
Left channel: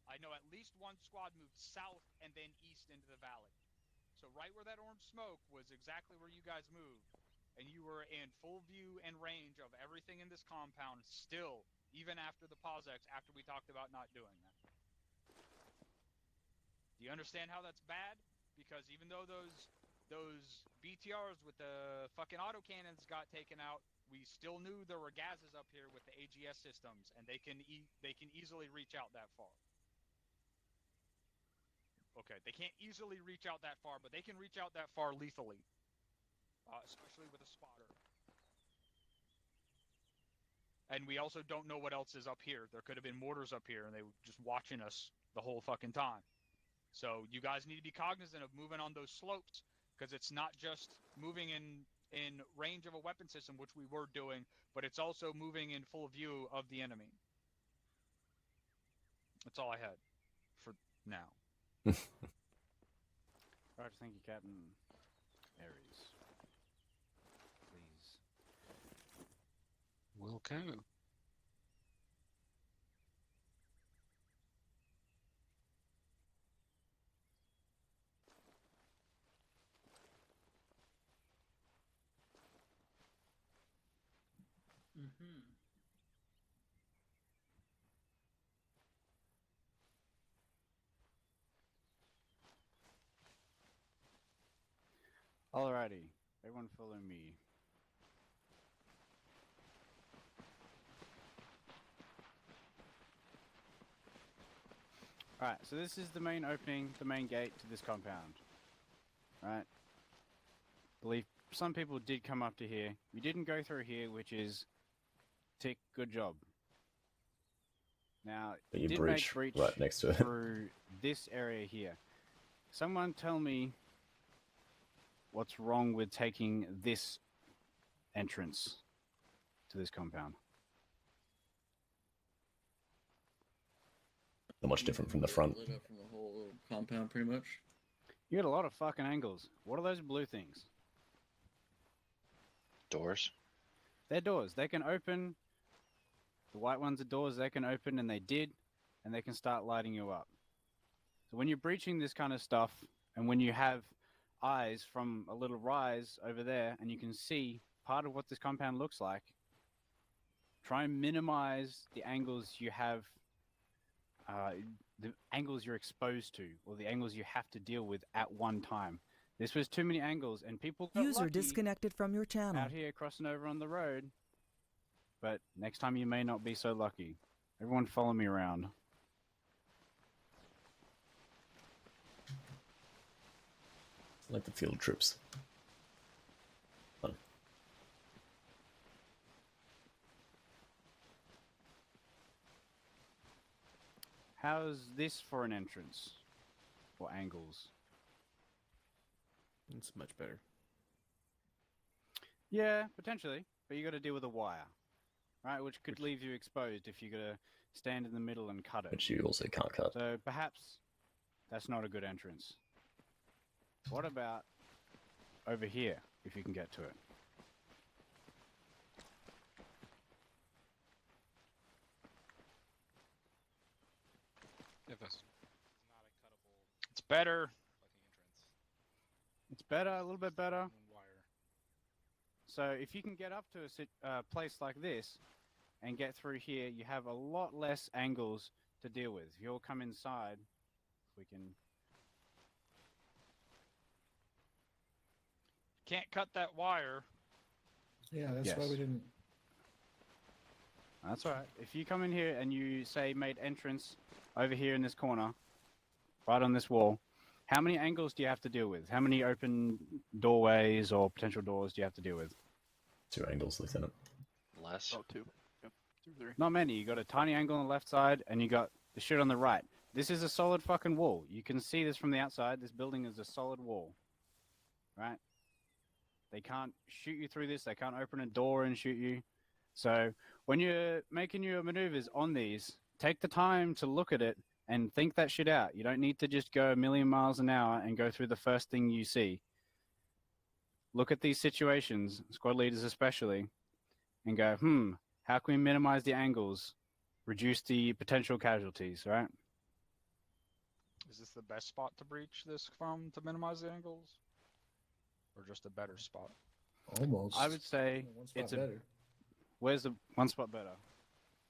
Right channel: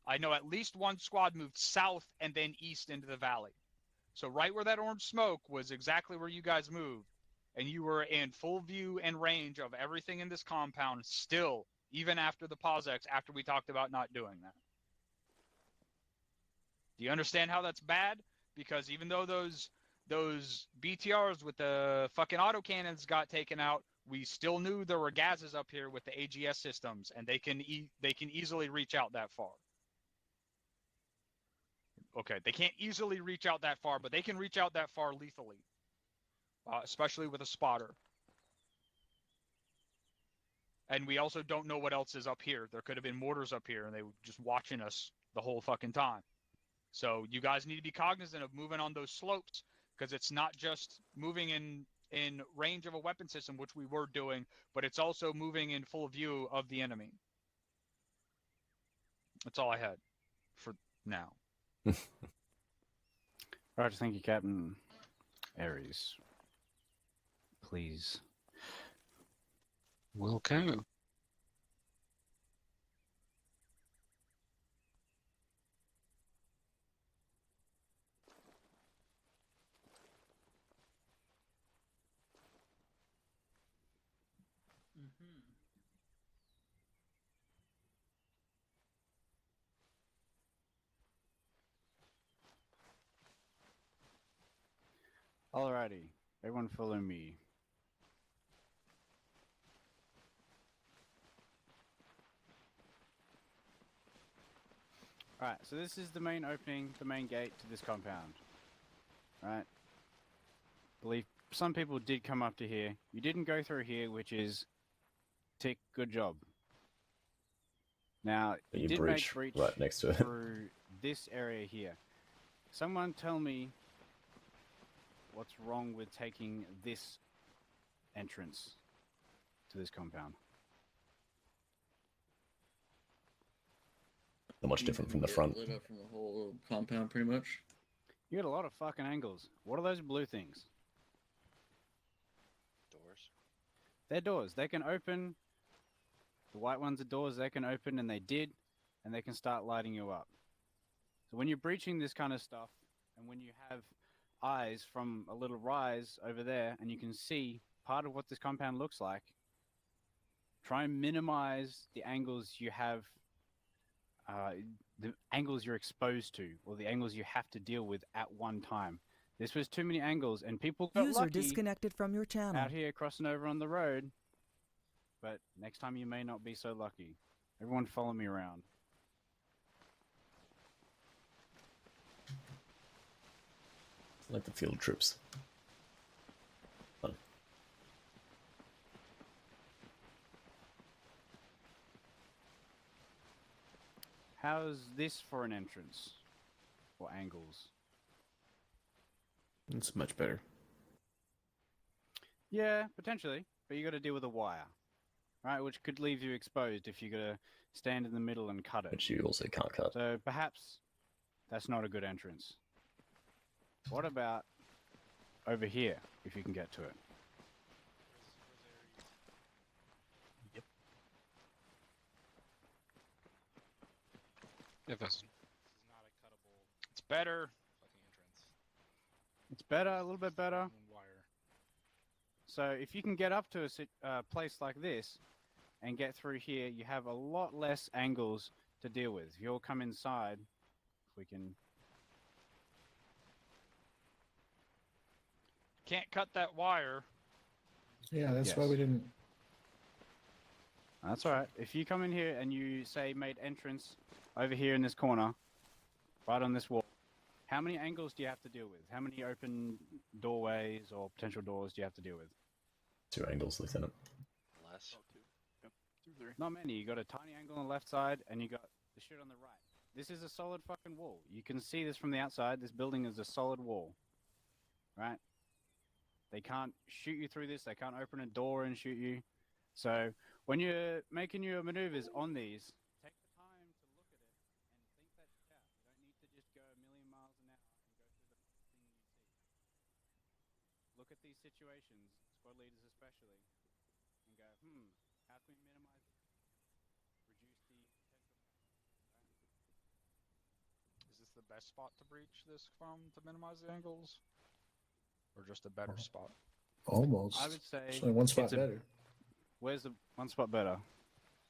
I know at least one squad moved south and then east into the valley. So right where that orange smoke was exactly where you guys moved. And you were in full view and range of everything in this compound still, even after the PauseEx, after we talked about not doing that. Do you understand how that's bad? Because even though those BTRs with the fucking autocannons got taken out, we still knew there were gases up here with the AGS systems, and they can easily reach out that far. Okay, they can't easily reach out that far, but they can reach out that far lethally, especially with a spotter. And we also don't know what else is up here. There could have been mortars up here, and they were just watching us the whole fucking time. So you guys need to be cognizant of moving on those slopes, because it's not just moving in range of a weapon system, which we were doing, but it's also moving in full view of the enemy. That's all I had for now. Roger, thank you, Captain. Aries, please. Welcome. Mm-hmm. Alrighty, everyone follow me. Alright, so this is the main opening, the main gate to this compound. Right? Believe some people did come up to here. You didn't go through here, which is tick, good job. Now, But you did breach make breach right next to it. through this area here. Someone tell me what's wrong with taking this entrance to this compound. Not much different from the front. Lit up from the whole compound, pretty much. You got a lot of fucking angles. What are those blue things? Doors. They're doors. They can open. The white ones are doors they can open, and they did, and they can start lighting you up. So when you're breaching this kind of stuff, and when you have eyes from a little rise over there, and you can see part of what this compound looks like, try and minimize the angles you have, the angles you're exposed to, or the angles you have to deal with at one time. This was too many angles, and people got User lucky disconnected from your channel. out here crossing over on the road. But next time you may not be so lucky. Everyone follow me around. Like the field trips. Fun. How's this for an entrance? Or angles? It's much better. Yeah, potentially. But you got to deal with a wire. Right, which could leave you exposed if you got to stand in the middle and cut it. Which you also can't cut. So perhaps that's not a good entrance. What about over here, if you can get to it? If it's It's better. It's better, a little bit better. So if you can get up to a place like this and get through here, you have a lot less angles to deal with. You'll come inside. We can... Can't cut that wire. Yeah, that's why we didn't. That's all right. If you come in here and you say made entrance over here in this corner, right on this wall, how many angles do you have to deal with? How many open doorways or potential doors do you have to deal with? 2 angles, Lieutenant. Less. Oh, 2. Yep. 2, 3. Not many. You got a tiny angle on the left side, and you got the shit on the right. This is a solid fucking wall. You can see this from the outside. This building is a solid wall. Right? They can't shoot you through this. They can't open a door and shoot you. So when you're making your maneuvers on these, take the time to look at it and think that shit out. You don't need to just go a million miles an hour and go through the first thing you see. Look at these situations, squad leaders especially, and go, how can we minimize the angles, reduce the potential casualties, right? Is this the best spot to breach this from to minimize the angles? Or just a better spot? Almost. I would say Actually, one spot better. Where's the one spot better?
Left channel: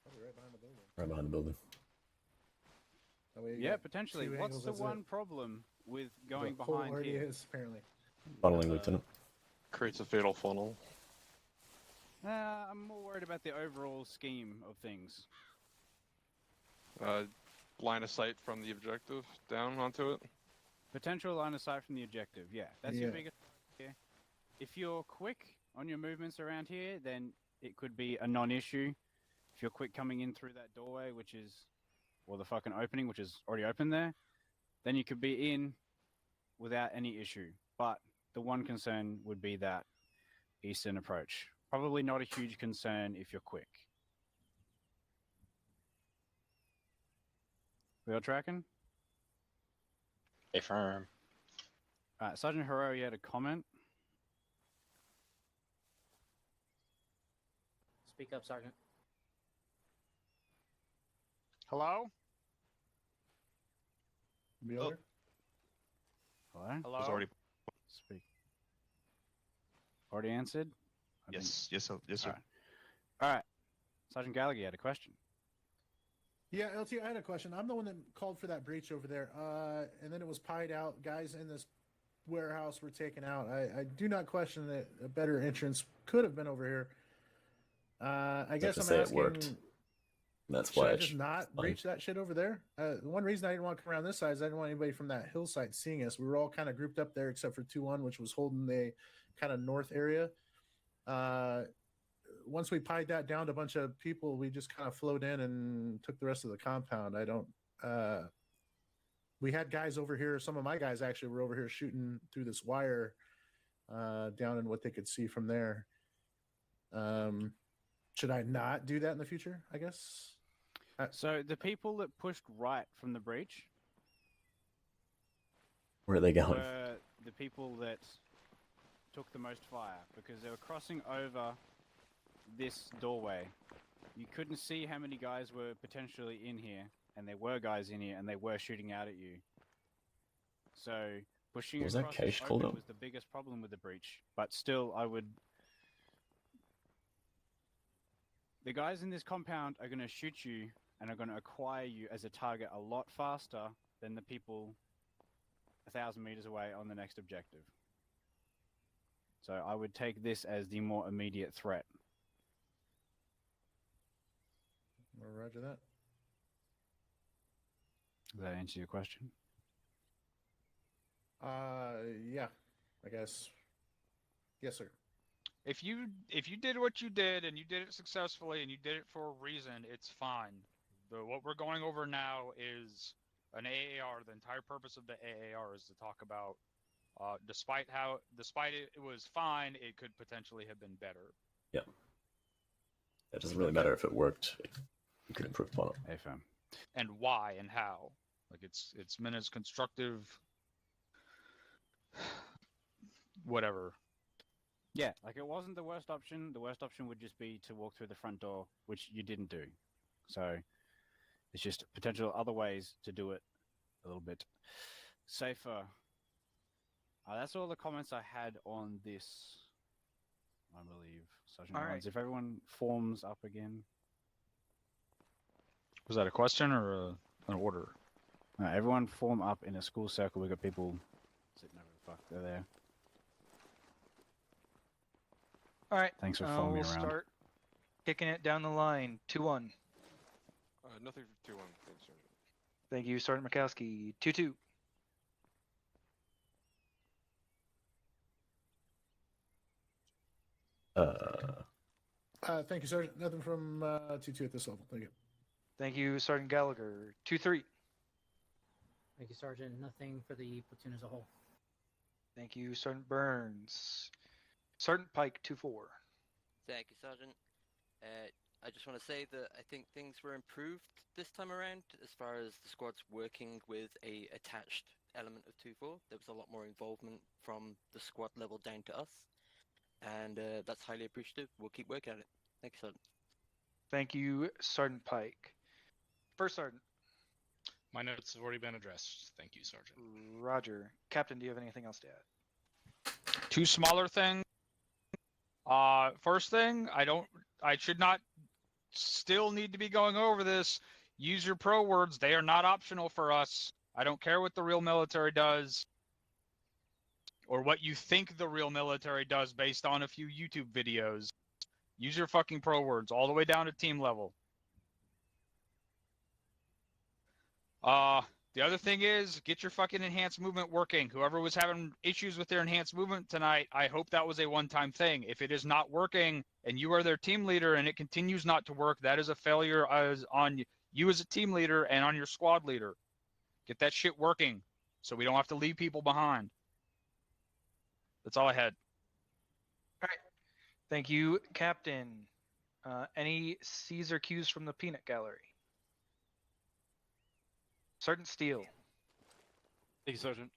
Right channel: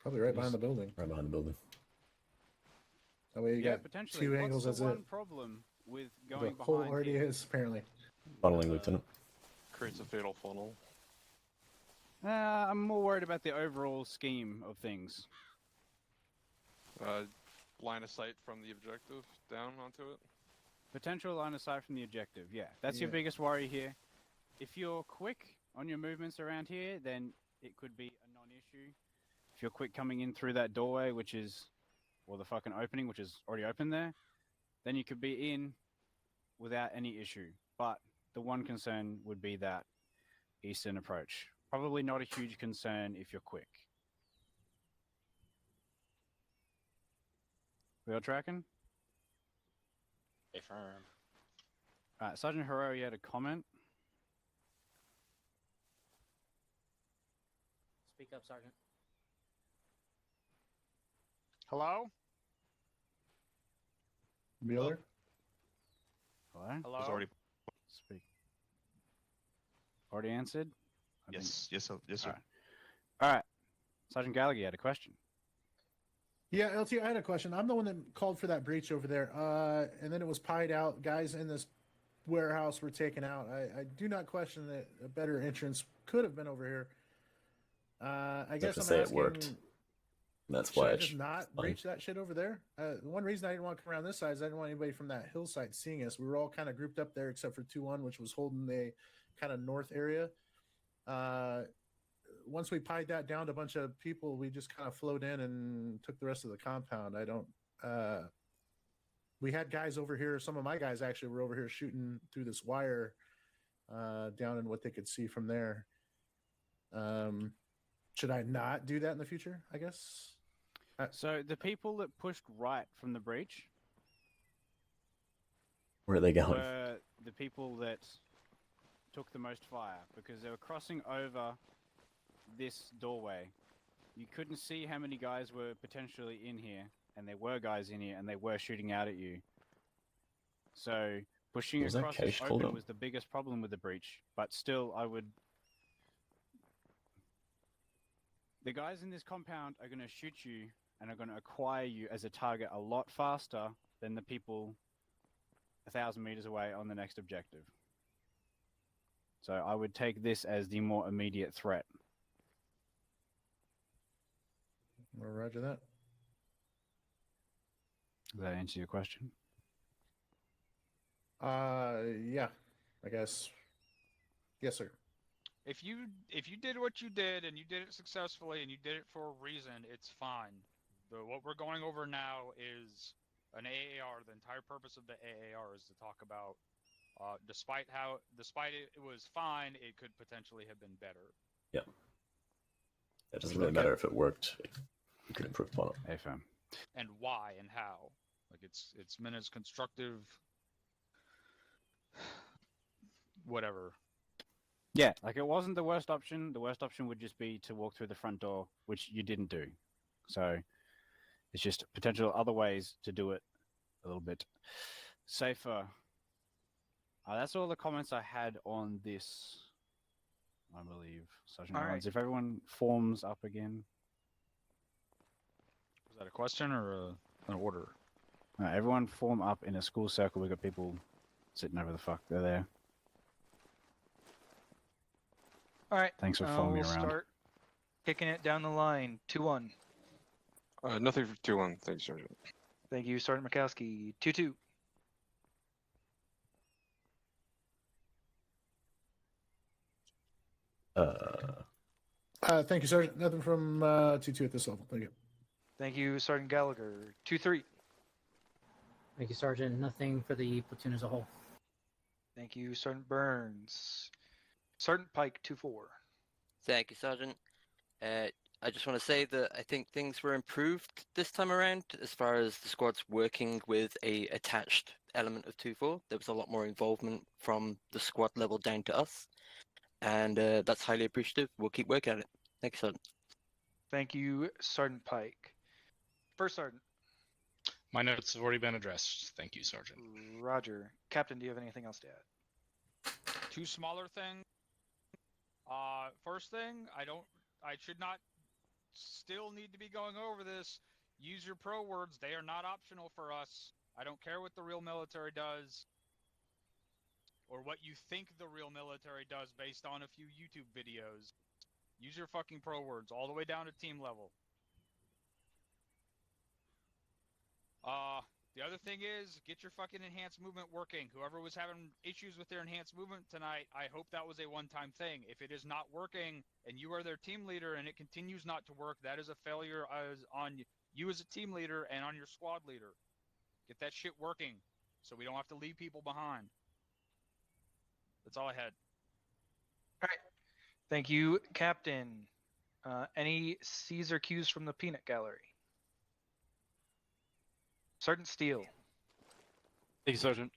Probably right behind the building. Right behind the building. That way you Yeah, got potentially. 2 What's angles, the that's one it. problem with going The hole behind already here? is, apparently. Funneling, Lieutenant. Creates a fatal funnel. I'm more worried about the overall scheme of things. Line of sight from the objective down onto it. Potential line of sight from the objective, yeah. That's your Yeah. biggest worry here. If you're quick on your movements around here, then it could be a non-issue. If you're quick coming in through that doorway, which is, or the fucking opening, which is already open there, then you could be in without any issue. But the one concern would be that eastern approach. Probably not a huge concern if you're quick. We all tracking? Affirm. Alright, Sergeant Herrero, you had a comment? Speak up, Sergeant. Hello? Mueller? Hello? Hello? Was already. Speak. Already answered? Yes. Yes, sir. Yes, sir. Alright. All right. Sergeant Gallagher had a question. Yeah, LT, I had a question. I'm the one that called for that breach over there, and then it was pied out. Guys in this warehouse were taken out. I do not question that a better entrance could have been over here. I guess to I'm say asking, it worked. That's should why I it's just not fine. breach that shit over there? The one reason I didn't want to come around this side is I didn't want anybody from that hillside seeing us. We were all kind of grouped up there except for 2-1, which was holding the kind of north area. Once we pied that down to a bunch of people, we just kind of flowed in and took the rest of the compound. We had guys over here. Some of my guys actually were over here shooting through this wire down in what they could see from there. Should I not do that in the future, I guess? So the people that pushed right from the breach, Where are they going? were the people that took the most fire because they were crossing over this doorway. You couldn't see how many guys were potentially in here, and there were guys in here, and they were shooting out at you. So pushing Was that across cache this called open up? was the biggest problem with the breach. But still, I would. The guys in this compound are going to shoot you and are going to acquire you as a target a lot faster than the people 1,000 meters away on the next objective. So I would take this as the more immediate threat. Roger that. Does that answer your question? Yeah, I guess. Yes, sir. If you did what you did and you did it successfully and you did it for a reason, it's fine. What we're going over now is an AAR. The entire purpose of the AAR is to talk about, despite it was fine, it could potentially have been better. Yeah. It doesn't really matter if it worked. You could improve upon it. AFM. And why and how. Like it's meant as constructive. Whatever. Yeah, like it wasn't the worst option. The worst option would just be to walk through the front door, which you didn't do. So it's just potential other ways to do it a little bit safer. That's all the comments I had on this, I believe. Sergeant Rollins. If everyone forms up again. Was that a question or an order? Everyone form up in a school circle. We've got people sitting over the fuck. They're there. All right. Thanks for following me we'll around. start kicking it down the line. 2-1. Nothing for 2-1. Thanks, Sergeant. Thank you, Sergeant Mikowski. 2-2. Thank you, Sergeant. Nothing from 2-2 at this level. Thank you. Thank you, Sergeant Gallagher. 2-3. Thank you, Sergeant. Nothing for the platoon as a whole. Thank you, Sergeant Burns. Sergeant Pike. 2-4. Thank you, Sergeant. I just want to say that I think things were improved this time around as far as the squad's working with a attached element of 2-4. There was a lot more involvement from the squad level down to us, and that's highly appreciative. We'll keep working at it. Thank you, Sergeant. Thank you, Sergeant Pike. First Sergeant. My notes have already been addressed. Thank you, Sergeant. Roger. Captain, do you have anything else to add? Two smaller things. First thing, I should not still need to be going over this. Use your pro words. They are not optional for us. I don't care what the real military does or what you think the real military does based on a few YouTube videos. Use your fucking pro words all the way down to team level. The other thing is, get your fucking enhanced movement working. Whoever was having issues with their enhanced movement tonight, I hope that was a one-time thing. If it is not working and you are their team leader and it continues not to work, that is a failure on you as a team leader and on your squad leader. Get that shit working so we don't have to leave people behind. That's all I had. All right. Thank you, Captain. Any C's or Q's from the peanut gallery? Sergeant Steele. Thank you, Sergeant.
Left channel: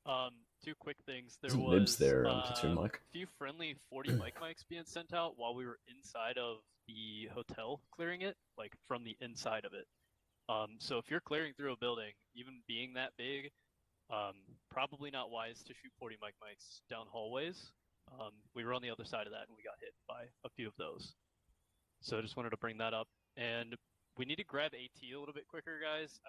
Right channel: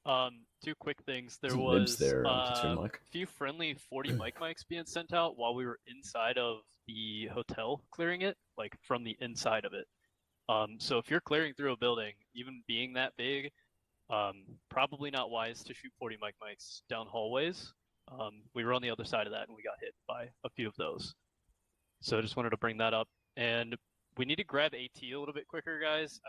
Two quick things. There Isn't was Nibs there, platoon mic? a few friendly 40 mics being sent out while we were inside of the hotel clearing it, like from the inside of it. So if you're clearing through a building, even being that big, probably not wise to shoot 40 mics down hallways. We were on the other side of that and we got hit by a few of those. So I just wanted to bring that up. And we need to grab AT a little bit quicker, guys.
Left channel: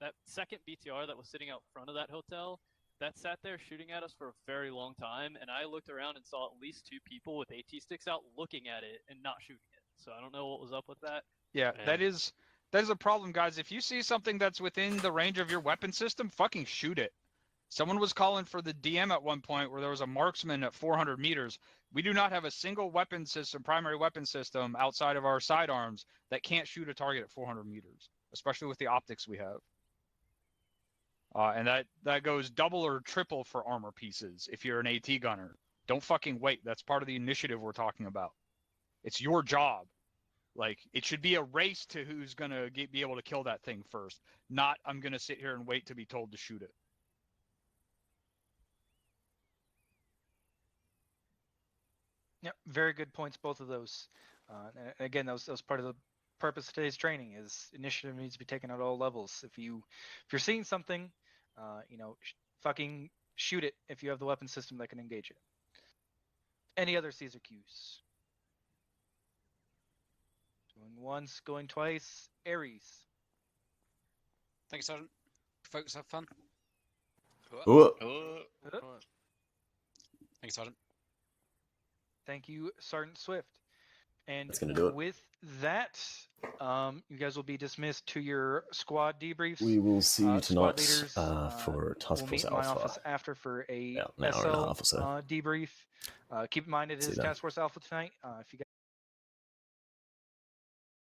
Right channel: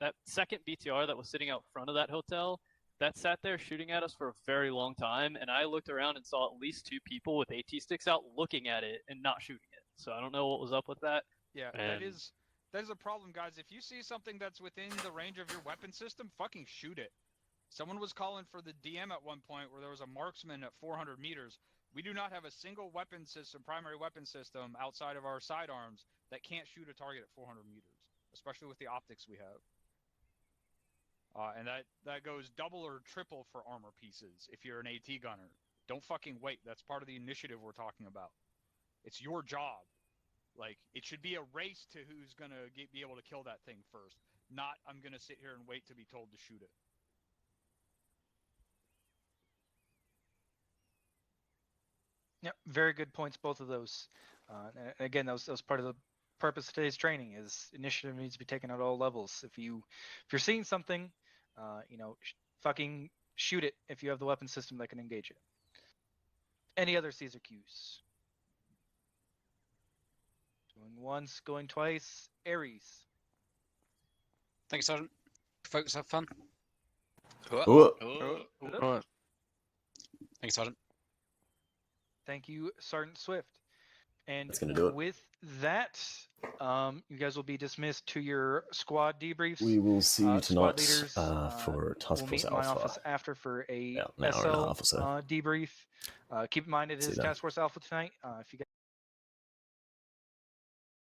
That second BTR that was sitting out front of that hotel, that sat there shooting at us for a very long time, and I looked around and saw at least 2 people with AT sticks out looking at it and not shooting it. So I don't know what was up with that. Yeah, that And- is a problem, guys. If you see something that's within the range of your weapon system, fucking shoot it. Someone was calling for the DM at one point where there was a marksman at 400 meters. We do not have a single weapon system, primary weapon system, outside of our sidearms that can't shoot a target at 400 meters, especially with the optics we have. And that goes double or triple for armor pieces if you're an AT gunner. Don't fucking wait. That's part of the initiative we're talking about. It's your job. Like, it should be a race to who's going to be able to kill that thing first, not I'm going to sit here and wait to be told to shoot it. Yep, very good points, both of those. And again, that was part of the purpose of today's training. Is initiative needs to be taken at all levels. If you're seeing something, fucking shoot it if you have the weapon system that can engage it. Any other Caesar Qs? Going once, going twice. Ares. Thanks, Sergeant. Folks, have fun. Thanks, Sergeant. Thank you, Sergeant Swift. And That's gonna do it. with that, you guys will be dismissed to your squad debriefs. We will see you Squad tonight leaders, for Task we'll Force meet in my Alpha. office after for a An hour and a half or so. debrief. Keep in mind it See is you then. Task Force Alpha tonight. If you guys